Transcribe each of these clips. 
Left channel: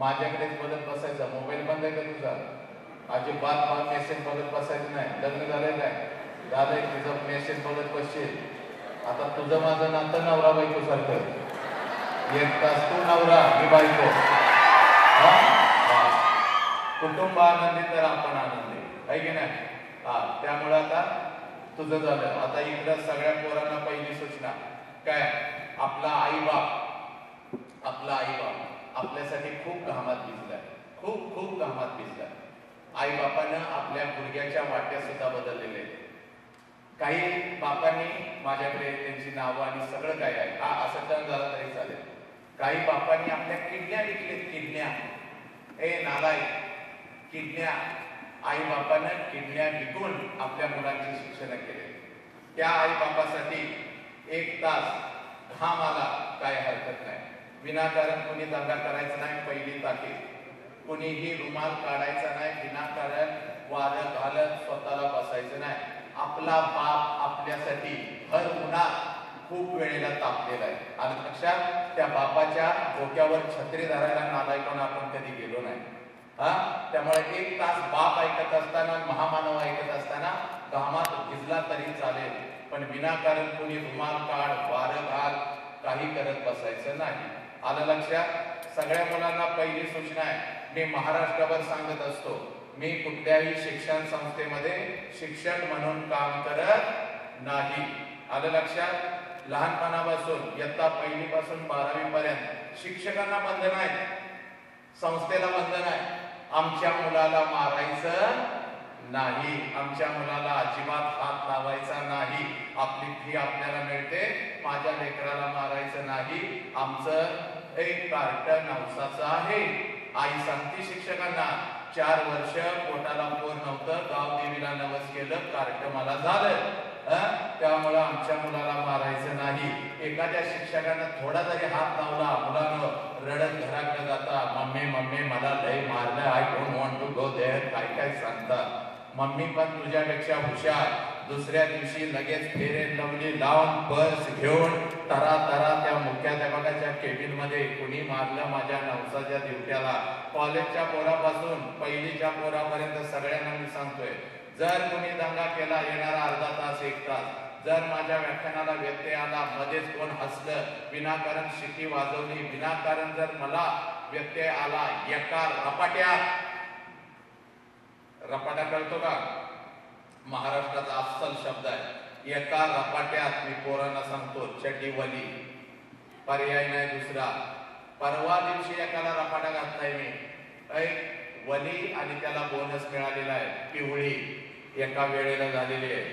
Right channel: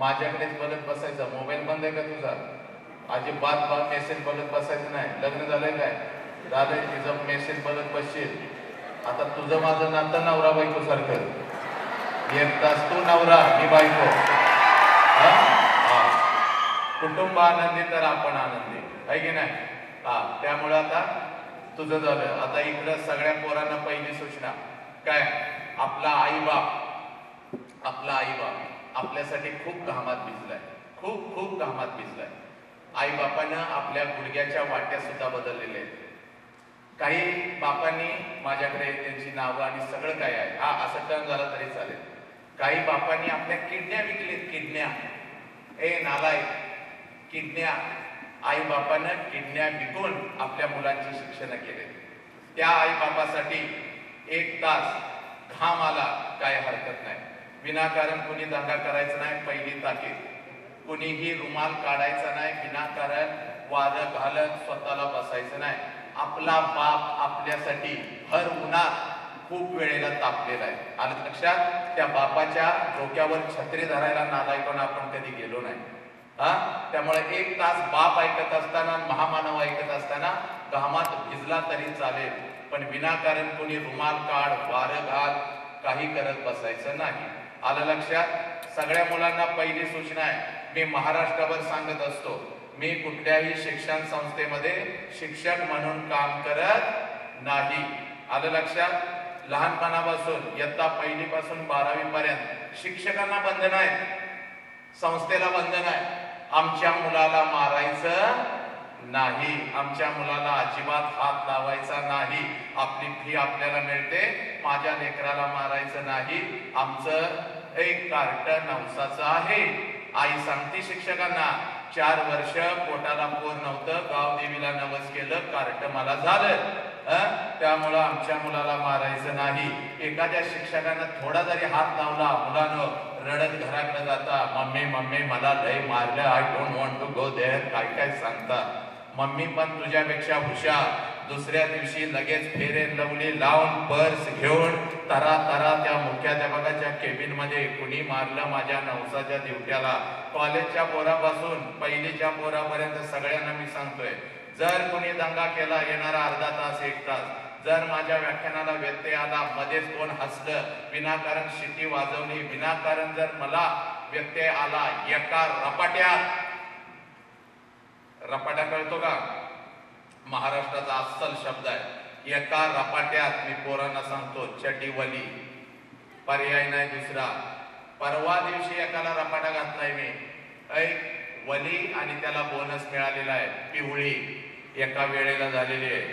माझ्याकडेच बोलत बसायचं. मोबाईल बंद आहे का तुझा? अजिबात मेसेज बोलत बसायचं नाही. लग्न झालंय काय? झालंय. तिचं मेसेज बोलत बसशील. आता तुझं माझं नातं नवरा बायको सारखं. एक तास तू नवरा ही बायको. कुटुंब आनंदी तर आपण आनंदी आहे की नाही? त्यामुळे आता तुझं झालं. आता इकडं सगळ्या पोरांना पहिली सूचना काय? आपला आई बाप आपल्यासाठी खूप घामात भिजलाय, खूप घामात भिजलाय. आई बापानं आपल्या गुडघ्याच्या वाट्या सुद्धा बदललेल्या आहेत. काही बापांनी माझ्याकडे त्यांची नावं आणि सगळं काय आहे असं टर्न झालं तरी चालेल. काही बापांनी आपल्या किडन्या विकलेत. किडन्या नालायक किडन्या. आई बापानं किडन्या विकून आपल्या मुलांची शिक्षण केले. त्या आई बापासाठी एक तास घाम आला काय हरकत नाही. विनाकारण कुणी दंगा करायचा नाही. पहिली ताकीद. कुणीही रुमाल काढायचा नाही. विनाकारण वाद घालत स्वतःला बसायचं नाही. आपला बाप आपल्यासाठी हर उन्हात खूप वेळेला तापलेला आहे. आणि लक्षात, त्या बापाच्या डोक्यावर छत्री धरायला नालायकांना आपण कधी गेलो नाही. त्यामुळे एक तास बाप ऐकत असताना, महामानव ऐकत असताना घामात भिजला तरी चालेल, पण विनाकारण कोणी रुमाल काढ, वारं घाल, काही करत बसायचं नाही. आलं लक्षात? सगळ्या मुलांना पहिली सूचना आहे. मी महाराष्ट्रावर सांगत असतो, मी कुठल्याही शिक्षण संस्थेमध्ये शिक्षक म्हणून काम करत नाही. आलं लक्षात? लहानपणापासून इयत्ता पहिलीपासून 12वी पर्यंत शिक्षकांना बंधन आहे, संस्थेला बंधन आहे. आमच्या मुलाला मारायचं नाही, आमच्या मुलाला अजिबात हात लावायचा नाही. आपली फी आपल्याला मिळते, माझ्या लेकराला मारायचं नाही. आमचं एक कार्टन नवसाचं आहे. आई सांगते शिक्षकांना, 4 वर्ष पोटाला पोर नव्हतं, गाव देवीला नवस केलं, कार्ट मला झालं. त्यामुळं आमच्या मुलाला मारायचं नाही. एखाद्या शिक्षकानं थोडा जरी हात लावला, मुलानं रडत घराकडे जाता, मम्मी मला लय मारलं, I don't want to go there. काय सांगता? मम्मी पण तुझ्यापेक्षा हुशार. दुसऱ्या दिवशी लगेच फेरे लवली लावून पर्स घेऊन तरा त्या मुख्याध्यापकाच्या केबिन मध्ये, कुणी मारलं माझ्या नवसाच्या दिवट्याला. कॉलेजच्या पोरापासून पहिलीच्या पोरापर्यंत सगळ्यांना मी सांगतोय, जर कोणी दंगा केला, येणारा अर्धा तास 1 तास, जर माझ्या व्याख्यानाला व्यत्यय आला, मध्येच कोण हसलं, विनाकारण शिटी वाजवली, विनाकारण जर मला व्यत्यय आला, एका रपाट्या कळतो का? महाराष्ट्राचा अस्सल शब्द आहे. एका रपाट्यात मी पोरांना सांगतो, चड्डीवली, पर्याय नाही दुसरा. परवा दिवशी एकाला रपाटा घातलाय मी, वली, आणि त्याला बोनस मिळालेला आहे, पिवळी, एका वेळेला झालेली आहे.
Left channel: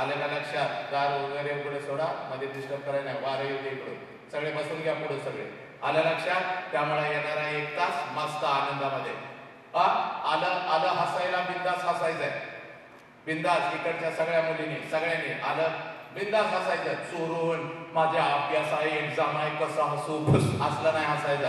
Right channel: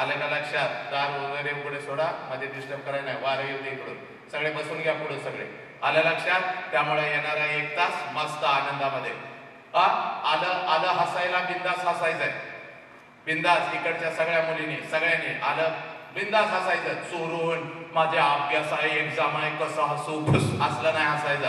आलं का लक्षात? दार वगैरे पुढे सोडा, मध्ये डिस्टर्ब करायला नाही, वारं येऊ दे इकडून, सगळे बसून घ्या पुढे सगळे. आलं लक्षात? त्यामुळे येणारा 1 तास मस्त आनंदामध्ये. आलं हसायला, बिंदास हसायचंय, बिंदास. इकडच्या सगळ्या मुलींनी, सगळ्यांनी आलं बिंदास हसायचं. चोरून माझ्या अभ्यास आहे, एक्झाम आहे, कसं हसू, असलं नाही हसायचं.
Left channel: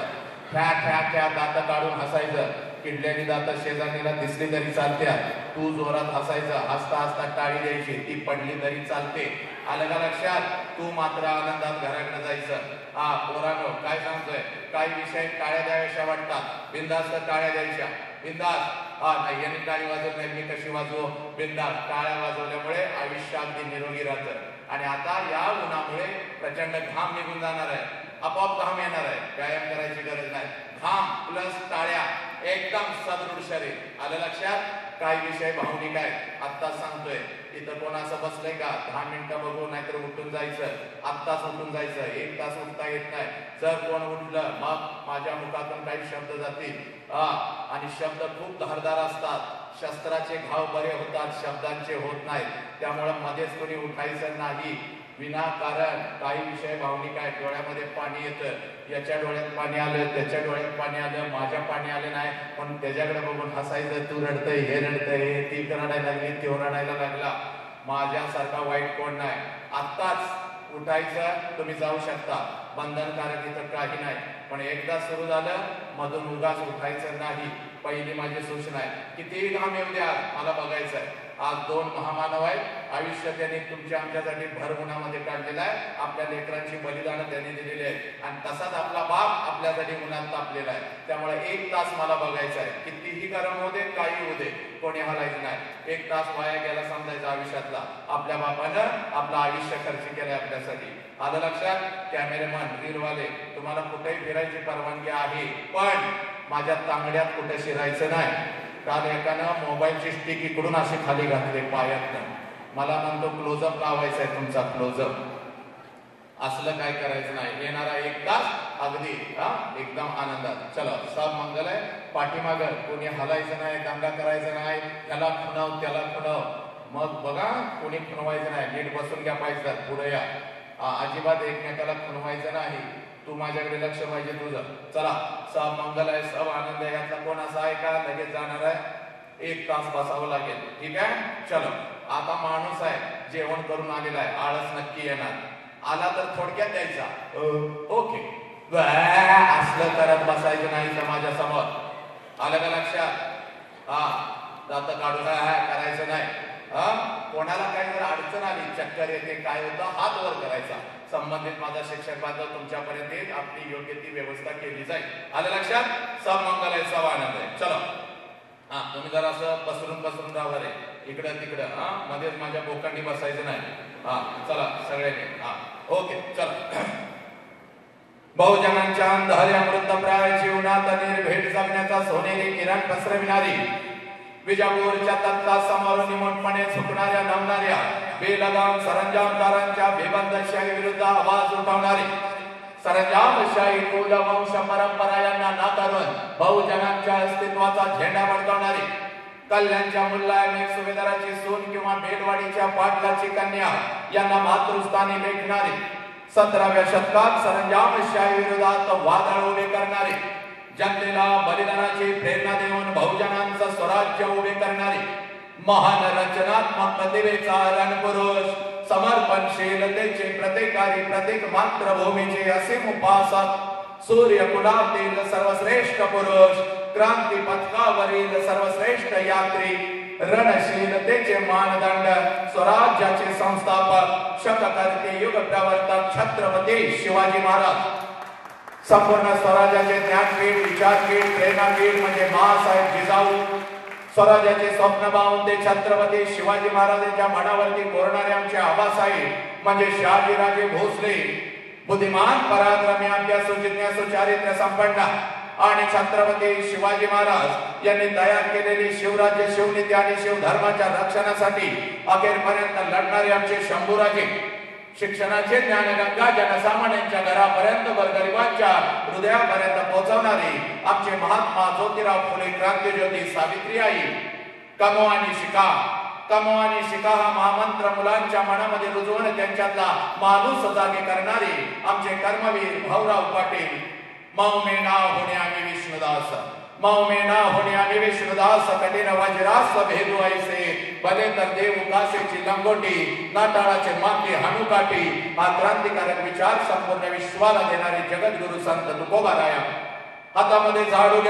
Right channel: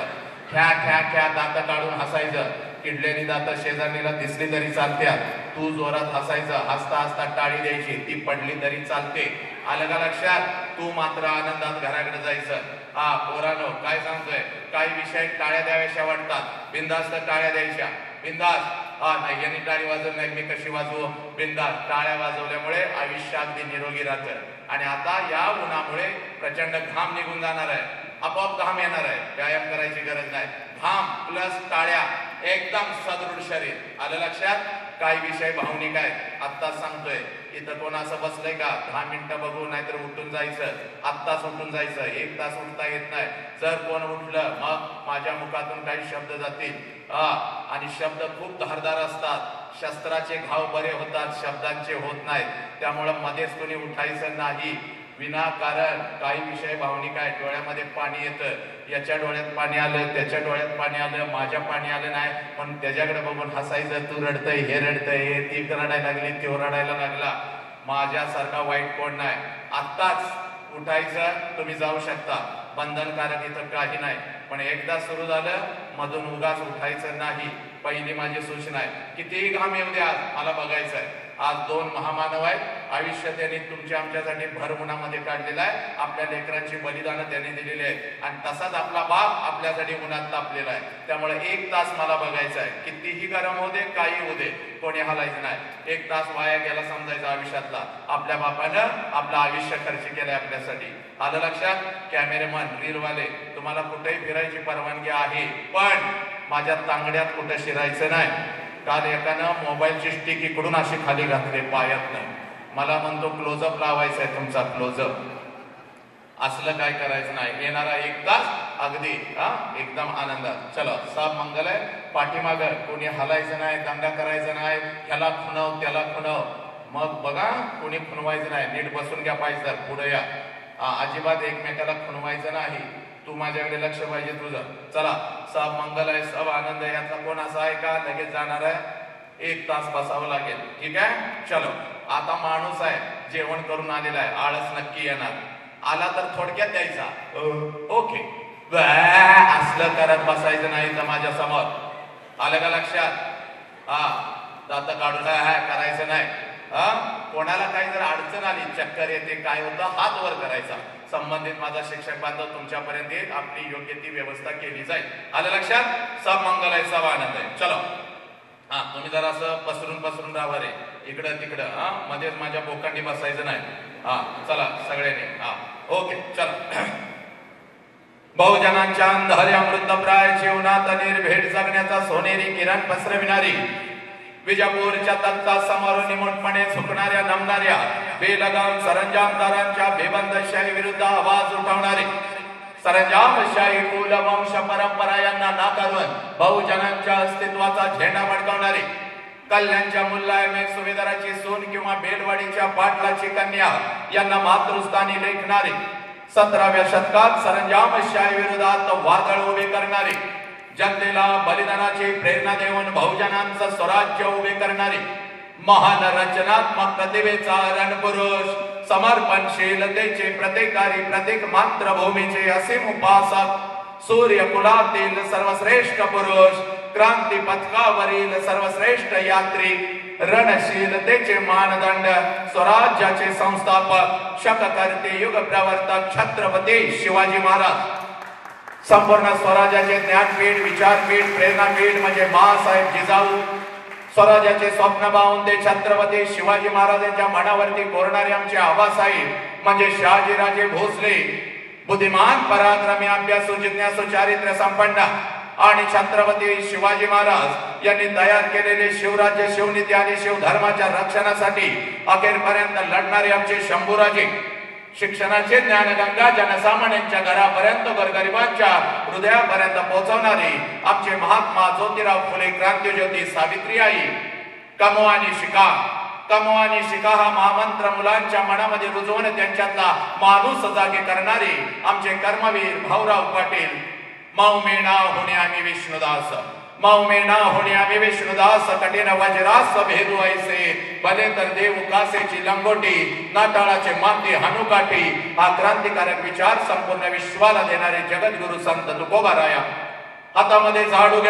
ख्या दात काढून हसायचं. किडलेली दात शेजारणीला दिसली तरी चालत्यात, तू जोरात हसायचं. हसता टाळी द्यायची, ती पडली तरी चालते. आलं का लक्षात? तू मात्र आनंदात घराकडे जायचं. पोरांनो, काय सांगतोय, काही विषय टाळ्या द्याव्याशा वाटतात, बिंदास्त टाळ्या द्यायच्या, बिंदास. नाही यांनी टाळी वाजवली नाही, मी कशी वाजवू? बिंदास. टाळ्या वाजवल्यामुळे आयुष्य अगदी निरोगी राहतं. आणि आता या उन्हामुळे प्रचंड घाम निघून जाणार आहे, आपोआप घाम येणार आहे, व्यायाम करायची गरज नाही. घाम प्लस टाळ्या, एकदम सदृढ शरीर. आलं लक्षात? काही विषय भावनिक आहेत, आत्ता सांगतोय. इथं कोण असं बसलंय का? 10 मिनिटं बघू, नाहीतर उठून जायचं, आत्ताच उठून जायचं. 1 तास उठता येत नाही. जर कोण उठलं, मग माझ्या मुखातून काही शब्द जातील, आणि शब्द खूप धारदार असतात. शस्त्राचे घाव बरे होतात, शब्दांचे होत नाहीत. त्यामुळे मध्येच कोणी उठायचं नाही विनाकारण. काही विषय भावनिक आहे, डोळ्यामध्ये पाणी येतं, याच्या डोळ्यात पाणी आलं, त्याच्या डोळ्यात पाणी आलं, माझ्या पाणी आलं नाही, पण त्याच्याकडे बघून हसायचं. तू रडतय, हे रडतय, ती रडायला लागली, तो रडायला लागला. माझ्यासारखा वाईट कोण नाही. आत्ताच उठायचं, तुम्ही जाऊ शकता, बंधनकारक इथं काही नाही. पण एकदा सुरू झालं, मधून उगाच उठायचं नाही. पहिली माझी सूचना आहे. कितीही घाम येऊ द्या, मला बघायचं आहे. आज दोन महामानव आहेत, आयुष्य त्यांनी तुमच्या आमच्यासाठी भर उन्हामध्ये काढलेलं आहे, आपल्या लेकरांची बलिदानं त्यांनी दिलेली आहेत आणि तसाच आपला बाप आपल्यासाठी उन्हात तापलेला आहे. त्यामुळे 1 तास मला बघायचा आहे, कितीही गरम होते काही होते, कोणी हलायचं नाही. 1 तास वाया गेला समजायचा आयुष्यातला. आपल्या बापानं आपलं आयुष्य खर्च केलंय आपल्यासाठी. आलं लक्षात? कॅमेरेमन, रीलवाले, तुम्हाला कुठेही फिरायची परवानगी आहे, पण माझ्या तांगड्यात कुठे शिरायचं नाही. काल एकानं मोबाईलची स्टिक इकडून अशी खाली घातली पायात नाही. मला म्हणतो क्लोजअप लावायचा आहे तुमचा, क्लोजअप. असलं काय करायचं नाही. येणारा 1 तास अगदी एकदम आनंदात. चलो, सब मंगल आहे. पाठीमाग कोणी हलायचं नाही, दंगा करायचं नाही, त्याला खुणव त्याला खुणव. मग बघा, कोणी खुणवायचं नाही. नीट बसून घ्या पाहिजे, पुढे या. अजिबात एकमेकाला खुणवायचं नाही. तू माझ्याकडे लक्ष पाहिजे तुझं. चला, सब मंगल आहे, सब आनंद आहे. यातला कोण असा आहे का लगेच जाणार आहे? 1 तास बसावं लागेल. ठीक आहे, चलो. आता माणूस आहे, जेवण करून आलेला आहे, आळस नक्की येणार. आला तर थोडक्यात द्यायचा, ओके, असलं करत बसायचं नाही तर माझ्या समोर. आलं का लक्षात? दात काढून करायचं नाही. कोणाला काही जर अडचण आली, चक्कर येते, काय होतं, हात वर करायचा. संबंधित माझा शिक्षक बांधव तुमच्यापर्यंत येईल, आपली योग्य ती व्यवस्था केली जाईल. आलं लक्षात? सब मंगल आहे, सब आनंद आहे. चलो, तुम्ही जरा असं पसरून राहा रे, इकडं तिकडं. मध्ये माझ्या बोकांनी बसायचं नाही. चला सगळ्यांनी. ओके, चला. बहुजनांच्या अंधाऱ्या मृतप्राय जीवनात निर्भेट जगण्याचा सोनेरी किरण पसरविणारी, विजापूरच्या तख्ता समोर निमूटपणे झुकणाऱ्या नमणाऱ्या बेलगाम सरंजामदारांच्या बेबंदशाही विरुद्ध आवाज उठवणारे, सरंजामशाही कुलवंश परंपरा यांना नाकारून बहुजनांच्या अस्तित्वाचा झेंडा फडकवणारे, कल्याणच्या मुल्लामेर सुभेदाराची सून किंवा बेलवाडीच्या पाटलाची कन्या यांना मातृस्थानी लेखणारे, 17व्या शतकात सरंजामशाही विरोधात वादळ उभे करणारे, जनतेला बलिदानाची प्रेरणा देऊन बहुजनांचं स्वराज्य उभे करणारे, महान रचनात्मक प्रतिभेचा रणपुरुष, समर्पणशीलतेचे प्रतीकारी, प्रतीक मातृभूमीचे असीम उपासक, सूर्यकुलातील सर्वश्रेष्ठ पुरुष, क्रांती पथकावरील सर्वश्रेष्ठ यात्री, रणशीलतेचे मानदंड, स्वराज्याचे संस्थापक, शककर्ते, युग प्रवर्तक छत्रपती शिवाजी महाराज. संपूर्ण स्वराज्याचे ज्ञानपीठ, विचारपीठ, प्रेरणापीठ म्हणजे माँसाहेब जिजाऊ. स्वराज्याचे स्वप्न पाहून ते छत्रपती शिवाजी महाराजांच्या मनावरती कोरणारे आमचे आबासाहेब म्हणजे शहाजीराजे भोसले. बुद्धिमान, पराक्रमी, अभ्यासू, जिज्ञासू, चारित्र्य संपन्न आणि छत्रपती शिवाजी महाराज यांनी तयार केलेले शिवराज्य, शिवनीती आणि शिवधर्माच्या रक्षणासाठी अखेरपर्यंत लढणारे आमचे शंभूराजे. शिक्षणाचे ज्ञानगंगा जनसामान्यांच्या घरापर्यंत, गोरगरिबांच्या हृदयापर्यंत पोहोचवणारे आमचे महात्मा ज्योतिराव फुले, क्रांतिज्योती सावित्रीबाई. कमो आणि शिका, कमो आणि शिका हा महामंत्र मुलांच्या मनामध्ये रुजवून त्यांच्यातला माणूस जागे करणारे आमचे कर्मवीर भाऊराव पाटील. मौ में ना होणे आम्ही विष्णुदास, मौ में ना होणे आम्ही विष्णुदास, कठीण वज्रास भेरू ऐसे, भले तर देव कासेची लंगोटी, नाटाळाचे माती हनुकाठी. हा क्रांतिकारक विचार संपूर्ण विश्वाला देणारे जगद्गुरु संत तुकोबाराया हातामध्ये झाडू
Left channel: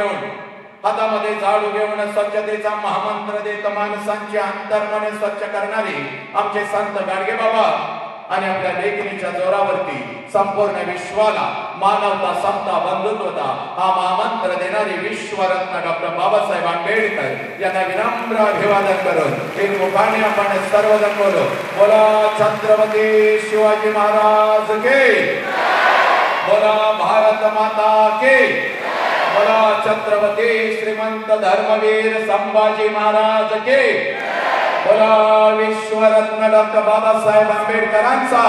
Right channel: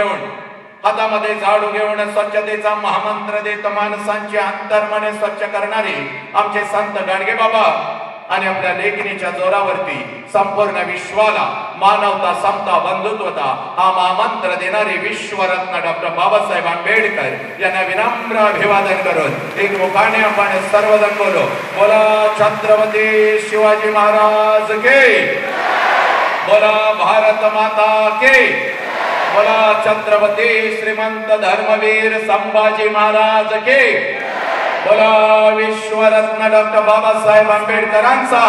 घेऊन स्वच्छतेचा महामंत्र देत माणसांचे अंतर्मन स्वच्छ करणारे आमचे संत गाडगे बाबा आणि आपल्या लेखणीच्या जोरावरती संपूर्ण विश्वाला मानवता, समता, बंधुत्वता हा महामंत्र देणारे विश्वरत्न डॉक्टर बाबासाहेब आंबेडकर यांना विनम्र अभिवादन करून एक मुखाने आपण सर्वजण बोलो, बोला छत्रपती शिवाजी महाराज के, बोला भारत माता के, बोला छत्रपती श्रीमंत धर्मवीर संभाजी महाराज के, बोला विश्वरत्न डॉक्टर बाबासाहेब आंबेडकरांचा.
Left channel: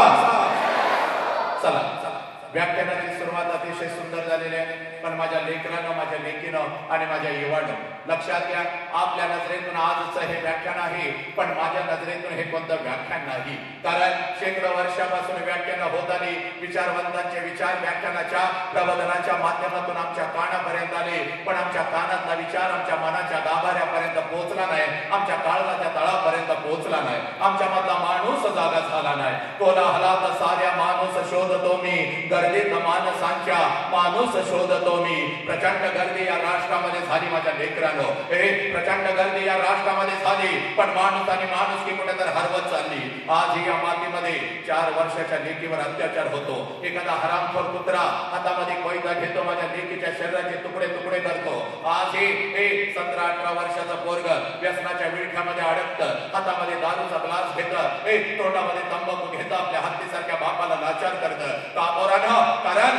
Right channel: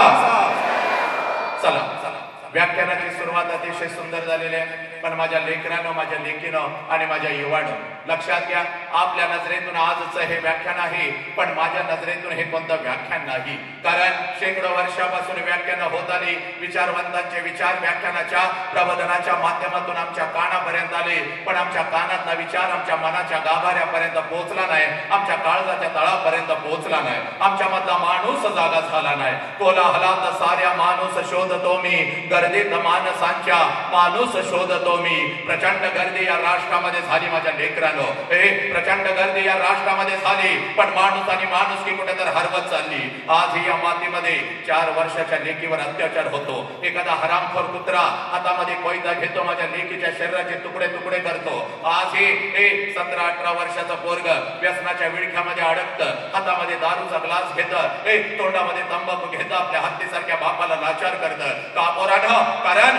चला, व्याख्यानाची सुरुवात अतिशय सुंदर झालेली आहे, पण माझ्या लेकरानं, माझ्या लेकीनं आणि माझ्या युवानं लक्षात घ्या, आपल्या नजरेतून आजचं हे व्याख्यान आहे, पण माझ्या नजरेतून हे कोणतं व्याख्यान नाही. कारण शेकडो वर्षापासून व्याख्यान होत आली, विचारवंतांचे विचार व्याख्यानाच्या प्रबोधनाच्या माध्यमातून आमच्या कानापर्यंत आले. आले, पण आमच्या कानातला विचार आमच्या मनाच्या गाभाऱ्यापर्यंत पोहोचला नाही, आमच्या काळजाच्या तळापर्यंत पोहोचला नाही, आमच्या मधला माणूस जागा झाला नाही. कोलाहलात साऱ्या माणूस शोधतो मी, गर्दीत माणसांच्या माणूस शोधतो मी. प्रचंड गर्दी या राष्ट्रामध्ये झाली माझ्या लेकरांनो, प्रचंड गर्दी या राष्ट्रामध्ये झाली, पण माणूस आणि माणुसकी कुठेतरी हरवत चालली. आज या मातीमध्ये 4 वर्षाच्या लेकीवर अत्याचार होतो. एखादा हरामखोर कुत्रा हातामध्ये कोयता घेतो, माझ्या लेकीच्या शरीराचे तुकडे तुकडे करतो. आज हे 17-18 वर्षाचा पोरग व्यसनाच्या विळख्यामध्ये अडकतं, हातामध्ये दारूचा ग्लास घेतं, तोंडामध्ये तंबाखू घेतं, आपल्या हत्तीसारख्या बापाला लाचार करतं. का पोरांनो? कारण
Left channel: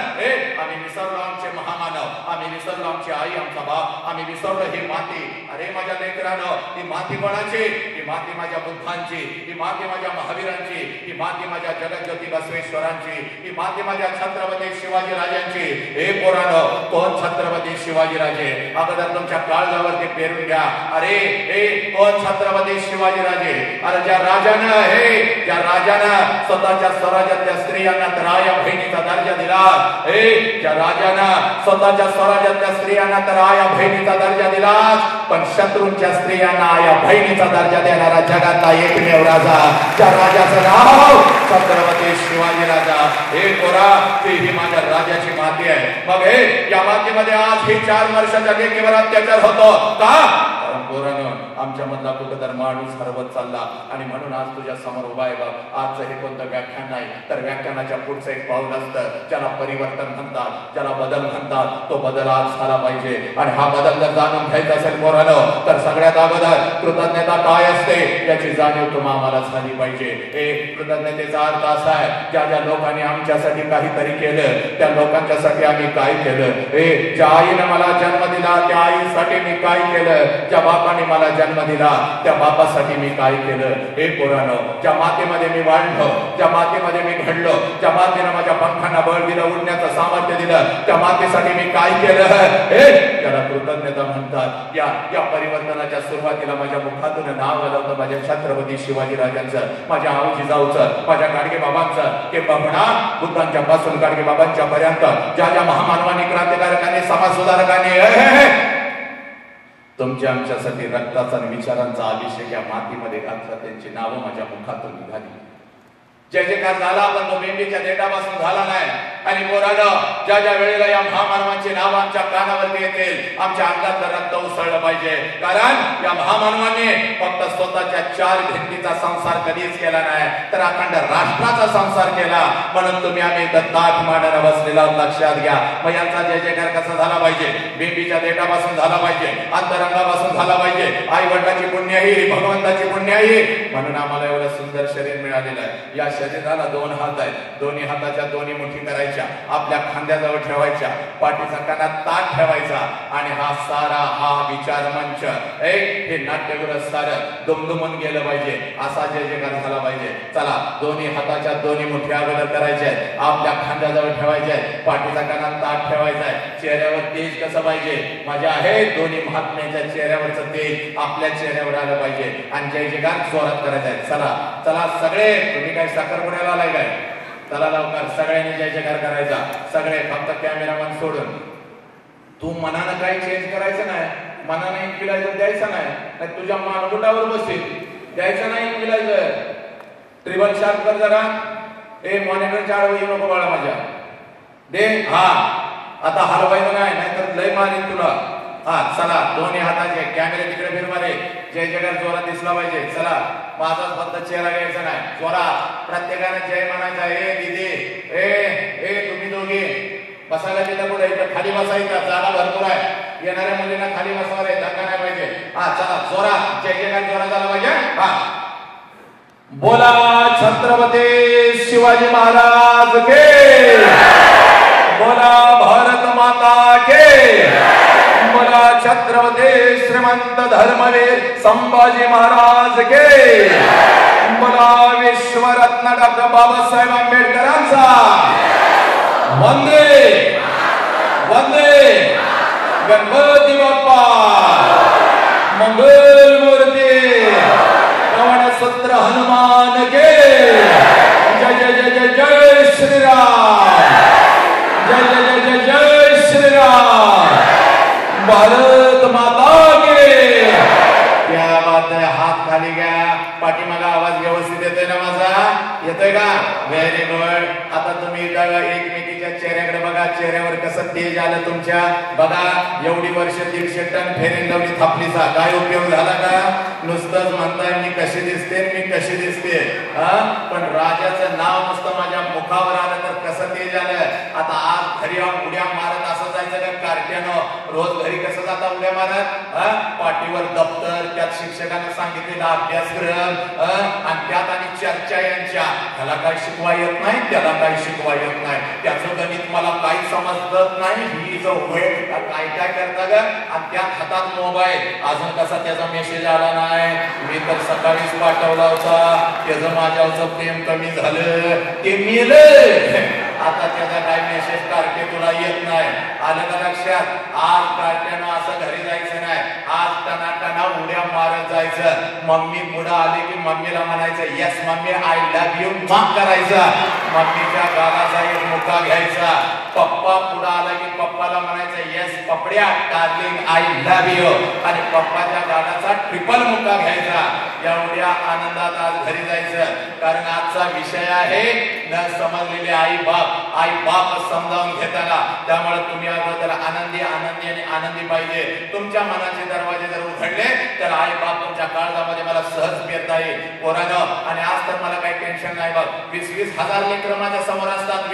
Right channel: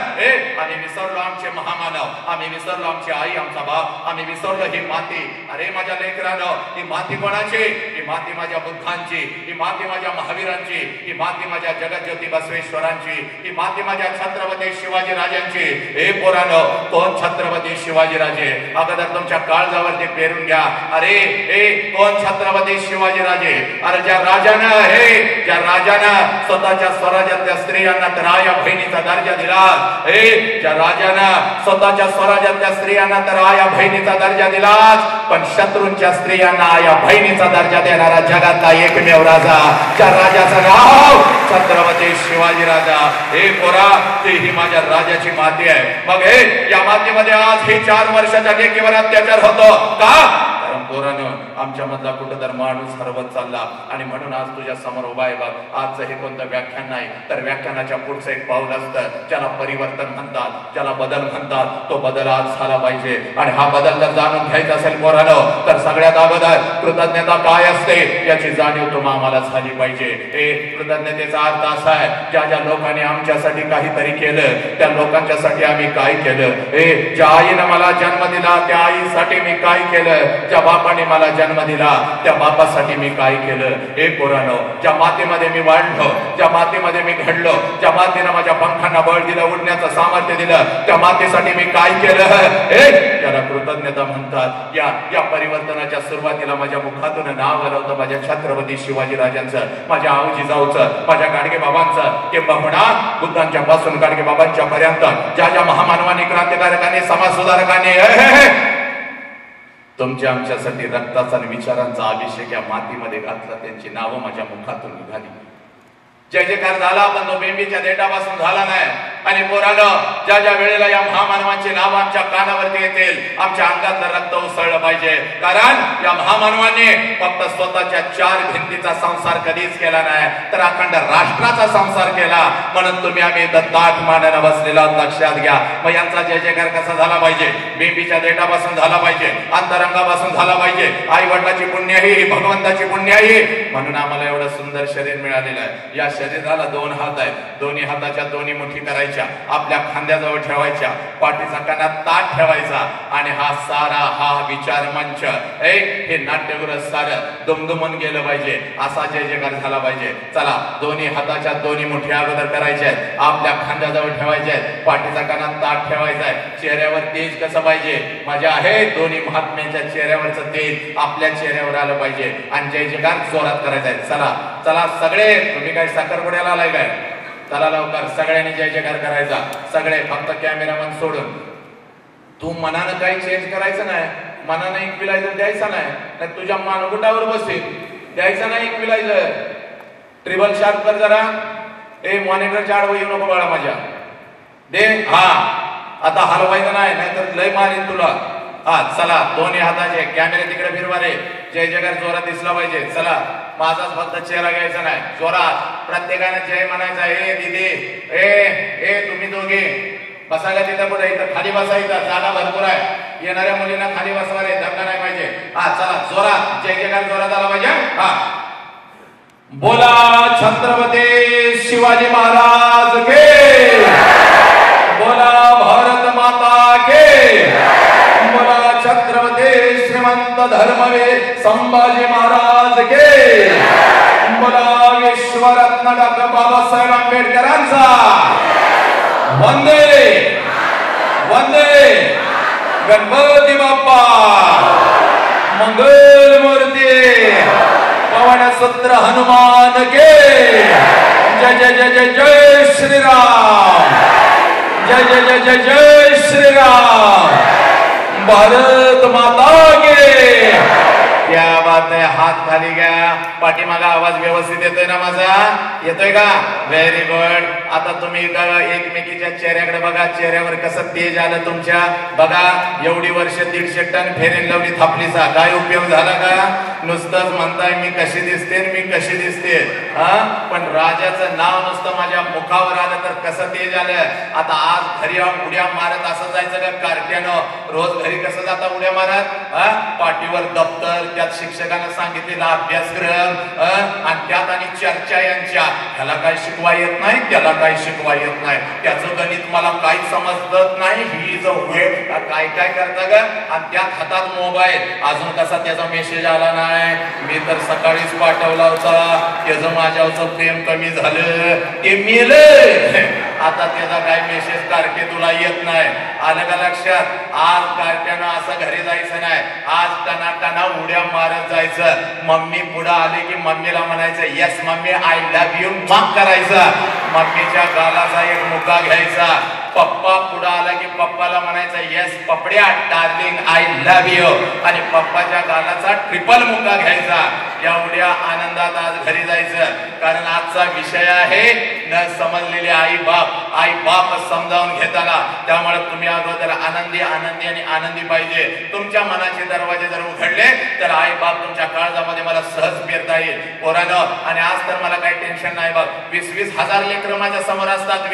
आम्ही विसरलो आमचे महामानव, आम्ही विसरलो आमची आई, आमचा बाप, आम्ही विसरलो ही माती. अरे माझ्या लेकरांनो, ही माती कोणाची? ही माती माझ्या बुद्धांची, ही माती माझ्या महावीरांची, ही माती माझ्या जगज्योती बसवेश्वरांची, ही माती माझ्या छत्रपती शिवाजी राजांची. हे पोरांनो, कोण छत्रपती शिवाजी राजे? अगोदर तुमच्या काळजावरती पेरून घ्या. अरे कोण छत्रपती शिवाजी राजे? अरे ज्या राजानं स्वतःच्या स्वराज्यातल्या स्त्रियांना तर आया बहिणीचा दर्जा दिला, ज्या राजानं स्वतःच्या स्वराज्यातल्या स्त्रियांना तर आया बहिणीचा दर्जा दिला, पण शत्रूंच्या स्त्रियांना आया बहिणीचा दर्जा देणारा जगातला एकमेव राजा, त्या राजाचं नाव छत्रपती शिवाजी राजा. हे पोरा, ही माझ्या राजाची माती आहे. मग या मातीमध्ये आज ही 4 वर्षाच्या लेकीवर अत्याचार होतो का? पोरानं आमच्या मधला कुठेतरी माणूस हरवत चालला, आणि म्हणून आज तुझ्या समोर उभा आहे बघ. आजचं हे कोणतं व्याख्यान नाही, तर व्याख्यानाच्या पुढचं एक पाऊल असतं, ज्याला परिवर्तन म्हणतात, ज्याला बदल म्हणतात. तो बदल आज झाला पाहिजे, आणि हा बदल जर जाणून घ्यायचा असेल पोरानं, तर सगळ्यात अगोदर कृतज्ञता काय असते याची जाणीव तुम्हा आम्हाला झाली पाहिजे. कृतज्ञतेचा अर्थ असा आहे, ज्या ज्या लोकांनी आमच्यासाठी काहीतरी केलं, त्या लोकांच्यासाठी आम्ही काय केलं. ज्या आईनं मला जन्म दिला, त्या आईसाठी मी काय केलं. ज्या बापाने मला जन्म दिला, त्या बापासाठी मी काय केलं. हे पोरांनो, ज्या मातीमध्ये मी वाढलो, ज्या मातीमध्ये मी घडलो, ज्या मातीने माझ्या पंखांना बळ दिलं, उडण्याचं सामर्थ्य दिलं, त्या मातीसाठी मी काय केलं, त्याला कृतज्ञता म्हणतात. या परिवर्तनाच्या सुरुवातीला माझ्या मुखातून नाव आलं होतं माझ्या छत्रपती शिवाजी राजांचं, माझ्या आऊजीजाऊचं, माझ्या गाडगे बाबांचं, किंबहुना बुद्धांच्या पासून गाडगे बाबांच्या पर्यंत ज्या ज्या महामानवांनी, क्रांतिकारकांनी, समाज सुधारकांनी तुमच्या आमच्यासाठी रक्ताचा आणि विचारांचा अभिषेक या मातीमध्ये घातला, त्यांची नावं माझ्या मुखातून निघाली. जय जयकार झाला, पण तो बेंबीच्या देठापासून झाला नाही. आणि पोरानं ज्या ज्या वेळेला या महामानवांची नाव आमच्या कानावरती येतील, आमच्या अंगातलं रक्त उसळलं पाहिजे. कारण या महामानवांनी फक्त स्वतःच्या 4 भिंतीचा संसार कधीच केला नाही, तर अखंड राष्ट्राचा संसार केला. म्हणून तुम्ही आम्ही ताठ मांडणं बसलेला, लक्षात घ्या. मग यांचा जय जयकार कसा झाला पाहिजे? बेंबीच्या देठापासून झाला पाहिजे, अंतरंगापासून झाला पाहिजे. आई वडिलाची पुण्याई, भगवंताची पुण्याई, म्हणून आम्हाला एवढं सुंदर शरीर मिळालेलं आहे. या शरीराला 2 हात आहेत, दोन्ही हाताच्या दोन्ही मुठी करायच्या, आपल्या खांद्याजवळ ठेवायच्या, पाठीचा कानात ताट ठेवायचा, आणि हा सारा हा विचार मंच, हे नाट्यगृह सारं दुमदुमून गेलं पाहिजे. असा जय जयकार झाला पाहिजे. चला, दोन्ही हाताच्या दोन्ही मुठी अगोदर करायच्या आहेत, आपल्या खांद्याजवळ ठेवायच्या आहेत, पाठीचा कानात ताट ठेवायचा आहे. चेहऱ्यावर तेज कसं पाहिजे? माझ्या आहे दोन्ही महात्म्याच्या चेहऱ्यावरचं तेज आपल्या चेहऱ्यावर आलं पाहिजे, आणि जय जयकार जोरात करायचा आहे. चला चला सगळे, तुम्ही काय साखरपुड्याला आलाय काय? चला लवकर सगळ्यांनी जय जयकार करायचा. सगळे, फक्त कॅमेरामन सोडून. तू मनानं काही चेंज करायचं नाही, मनानं इक्विलायझर द्यायचं नाही, तुझ्या मानगुटावर बसेल द्यायचं नाही इक्विलायझर. ट्रिबल शार्प कर जरा. मॉनिटरच्या आडवं येऊ नको बाळा माझ्या. दे. हा, आता हलवायचं नाही, नाहीतर लय मारेल तुला. हा, चला, दोन्ही हाताचे कॅमेरे तिकडे फिरवा रे. जय जयकार जोरात दिसला पाहिजे. चला, माझाच फक्त चेहरा घ्यायचा नाही, जोरात प्रत्येकाने जय म्हणायचा. दीदी, तुम्ही दोघे बसायला तिथं कुठे? इथं खाली बसायचं, जागा भरपूर आहे. येणाऱ्या मुलींना खाली बसवा रे, धक्का नाही पाहिजे. हा, चला, जोरात जय जयकार जोरात आला पाहिजे. हा, बोला छत्रपती शिवाजी महाराज के, बोला भारत माता के, बोला छत्रपती श्रीमंत धर्मवीर संभाजी महाराज के, बोला विश्वरत्न डॉक्टर बाबासाहेब आंबेडकरांचा वंदे वंदे. गणपती बाप्पा मंगल मूर्ती, पवन सुत्र हनुमान के. जय जय जय जय जय श्रीराम, जय जय जय जय जय श्रीराम, भारत माता की क्या बात आहे. हात खाली घ्या. पाठीमागा आवाज व्यवस्थित येतोय ना माझा? येतोय का? Very good. आता तुम्ही एकमेकीच्या चेहऱ्याकडे बघा. चेहऱ्यावर कसं तेज आलं तुमच्या. बघा एवढी वर्ष 150 टन फेरेन लावली थापलीचा काय उपयोग झाला का? नुसतंच म्हणताय मी कशी दिसते मी कशी दिसते. पण राजाचं नाव नुसतं माझ्या मुखावर आलं तर कसं तेज आलं. आता आज घरी उड्या मारत असं जायचं का कारट्यानं? रोज घरी कसं जाता उड्या मारत? पाठीवर दप्तर, त्यात शिक्षकांना सांगितलेला अभ्यासक्रम आणि त्यात आणि चर्चा यांच्या. ह्याला काय शिकवा येत नाही, त्याला काय शिकवा येत नाही, त्याचं गणित मला काही समजत नाही, ही जो काय काय करता ग. आणि त्यात हातात मोबाईल. अजून कसा त्याचा मेसेज आला नाही. मी तर सकाळीच पाठवला होता. त्याचं माझ्यावरचं प्रेम कमी झालं, ते मेलं. आता त्याचा काय मेसेज तारखे तुला येत नाही. आलं का लक्षात? आज तारखेनं असं घरी जायचं नाही. आज टना उड्या मारत जायचं. मम्मी पुढे आले की मम्मीला म्हणायचं yes mummy I love you माफ करायचं. मम्मीच्या गालाचा एक मुका घ्यायचा. पप्पा पुढे आला की पप्पाला म्हणायचं येस पपड्या डार्लिंग आय लव्ह यू. आणि पप्पाच्या गालाचा ट्रिपल मुका घ्यायचा. एवढ्या आनंदात आज घरी जायचं. कारण आजचा विषय आहे न समजलेले आई बाप. आई बाप समजावून घेताना. त्यामुळे तुम्ही अगोदर आनंदी आनंदी आणि आनंदी पाहिजे. तुमच्या मनाचे दरवाजे जर उघडले तर आई बाप तुमच्या काळजामध्ये मला सहज पेरता येईल पोरानं. आणि आज तर मला काही टेन्शन नाही बघ. 20-20 हजार लेकरं माझ्या समोर असतात.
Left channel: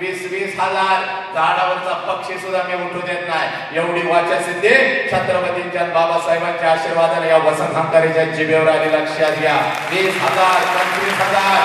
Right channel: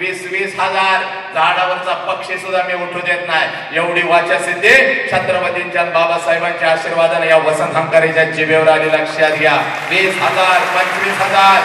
20-20 हजार झाडावरचा पक्षी सुद्धा मी उठू देत नाही. एवढी वाचा सिद्धी छत्रपतींच्या बाबासाहेबांच्या आशीर्वादाने या वसंत हंकारीच्या जिभेवर आली. लक्षात घ्या. 20,000 25,000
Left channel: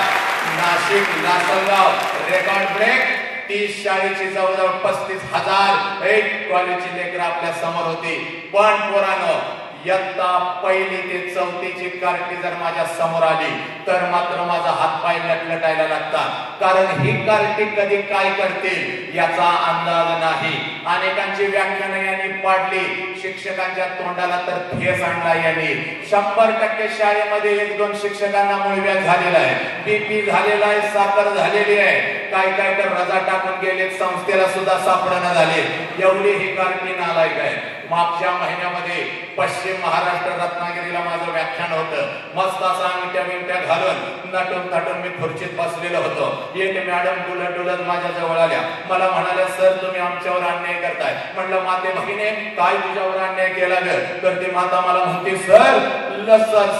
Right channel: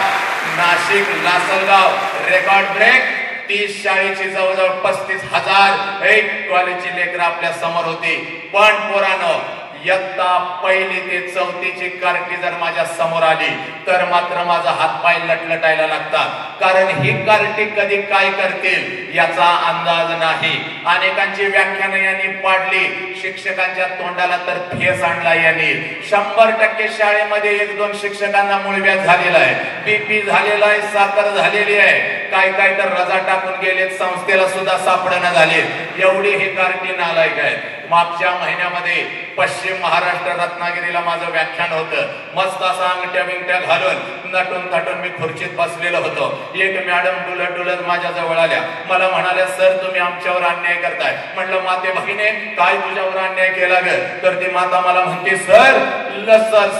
नाशिक लासलगाव रेकॉर्ड ब्रेक. 30 शाळेची जवळजवळ 35,000 एक कॉलेजची लेकरं आपल्या समोर होती. पण पोरानं इयत्ता 1 ते 4 ची कार्टी जर माझ्या समोर आली तर मात्र माझा हातपाय लटलटायला लागतात. कारण ही कार्टी कधी काय करतील याचा अंदाज नाही. अनेकांची व्याख्यानं यांनी पाडली. शिक्षकांच्या तोंडाला तर फेस आणला यांनी. 100% शाळेमध्ये 1-2 शिक्षकांना मूळव्याध झालेला आहे, बीपी झालेला आहे, साखर झालेली आहे. काय काय तर रजा टाकून गेले. संस्थेला सुद्धा सापडणं झाले. एवढी ही कार्टी नालायक आहे. मागच्या महिन्यामध्ये पश्चिम महाराष्ट्र रत्नागिरीला माझं व्याख्यान होतं. मस्त असा अंगठ्या बिंगट्या घालून नटून थटून मी खुर्चीत बसलेलो होतो. एक मॅडम डुलत माझ्या जवळ आल्या. मला म्हणाल्या सर तुम्ही आमच्यावर अन्याय करताय. म्हटलं माते भगिनी काय तुझ्यावर अन्याय केला ग? तर ती माता मला म्हणते सर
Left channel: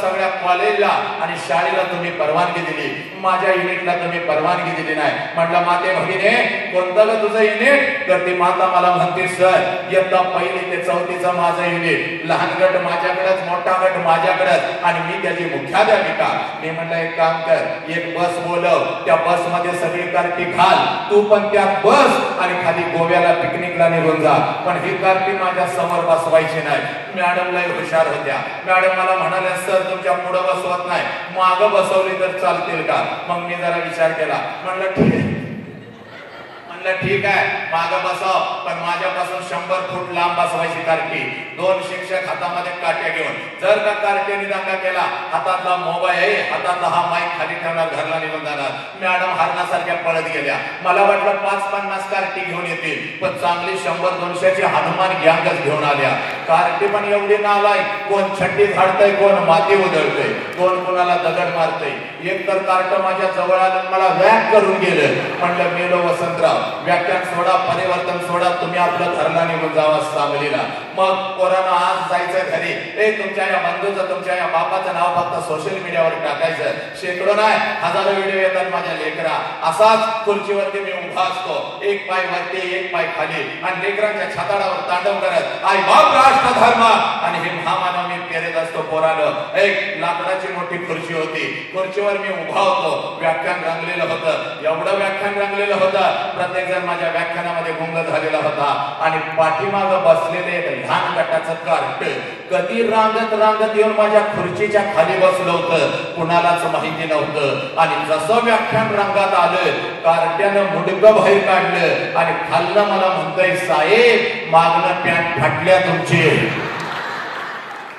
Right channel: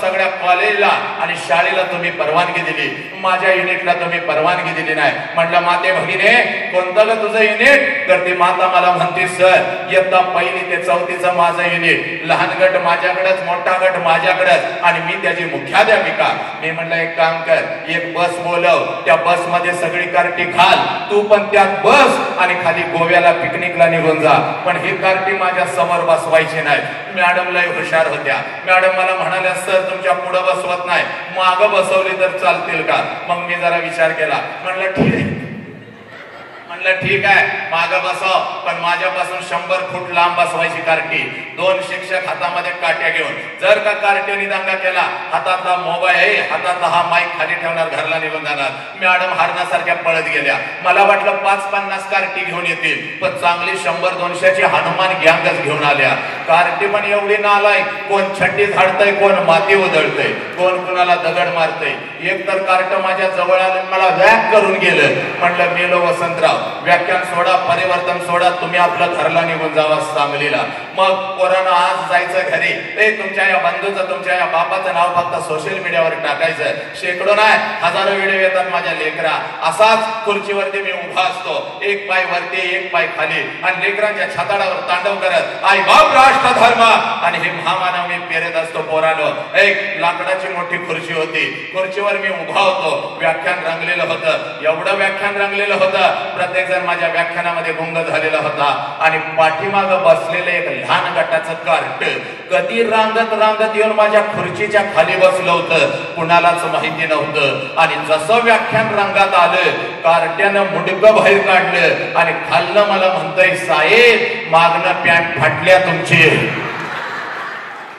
सगळ्या कॉलेजला आणि शाळेला तुम्ही परवानगी दिली, माझ्या युनिटला तुम्ही परवानगी दिली नाही. म्हटलं माते भगिनी कोणतं ग तुझं युनिट? तर ती माता मला म्हणते सर इयत्ता 1 ते 4 माझं युनिट. लहान गट माझ्याकडेच, मोठा गट माझ्याकडेच आणि मी त्याची मुख्याध्यापिका. मी म्हटलं एक काम कर, एक बस बोलव, त्या बस मध्ये सगळी कार्टी घाल, तू पण त्यात बस आणि खाली गोव्याला पिकनिकला निघून जा. पण ही कार्टी माझ्या समोर बसवायची नाही. मॅडम लय हुशार होत्या. मॅडम मला म्हणाल्या सर तुमच्या पुढे बसवत नाही, मागं बसवली तर चालतील का? मग मी जरा विचार केला. म्हणलं ठीक आहे, ठीक आहे मागं बसव, पण माझ्यापासून 100 फूट लांब बसवायची कार्टी. 2 शिक्षक हातामध्ये काट्या घेऊन. जर का कार्टीने दंगा केला, हातातला मोबाईल हातातला हा माईक खाली ठेवणार, घरला निघून जाणार. मॅडम हरणासारख्या पळत गेल्या. मला वाटलं 5-50 कार्टी घेऊन येतील, पण चांगली 100-200ची हनुमान गँगच घेऊन आल्या. कार्टी पण एवढी नालायक, कोण छड्डी झाडतय, कोण माती उधळतय, कोण कुणाला दगड मारतय. एक तर कार्ट माझ्या जवळ आलं, मला वॅक करून गेलं. म्हणलं गेलो वसंतराव, व्याख्यान सोडा, परिवर्तन सोडा, तुम्ही आपलं घरला निघून जावा सांगलीला. मग कोरोना आज जायचं घरी. तुमच्या या बंधूचं, तुमच्या या बापाचं नाव फक्त सोशल मीडियावर टाकायचं. शेकडो नाही हजारो व्हिडिओ येतात माझ्या लेकरा. असाच खुर्चीवरती मी उभा असतो, एक पाय वरती एक पाय खाली, आणि लेकरांच्या छाताडावर तांडव करत आई बाप राष्ट्र धर्म आणि हे महामानव मी पेरत असतो. पोरानो एक लाकडाची मोठी खुर्ची होती, खुर्चीवर मी उभा होतो. व्याख्यान रंगलेलं होतं, एवढं व्याख्यान रंगलेलं होतं, प्रत्येक जण माझ्या व्याख्यानामध्ये गुंग झालेला होता. आणि पाठीमाग बसलेले एक लहान गटाचं कार्ट कधी रांगत येऊन माझ्या खुर्चीच्या खाली बसलं होतं, कुणालाच माहिती नव्हतं. आणि जसं व्याख्यान रंगात आलं, कार्ट्यानं मुंडकं बाहेर काढलं आणि खाल्लं मला म्हणतंय साहेब मागणं पॅन्ट फाटल्या तुमची.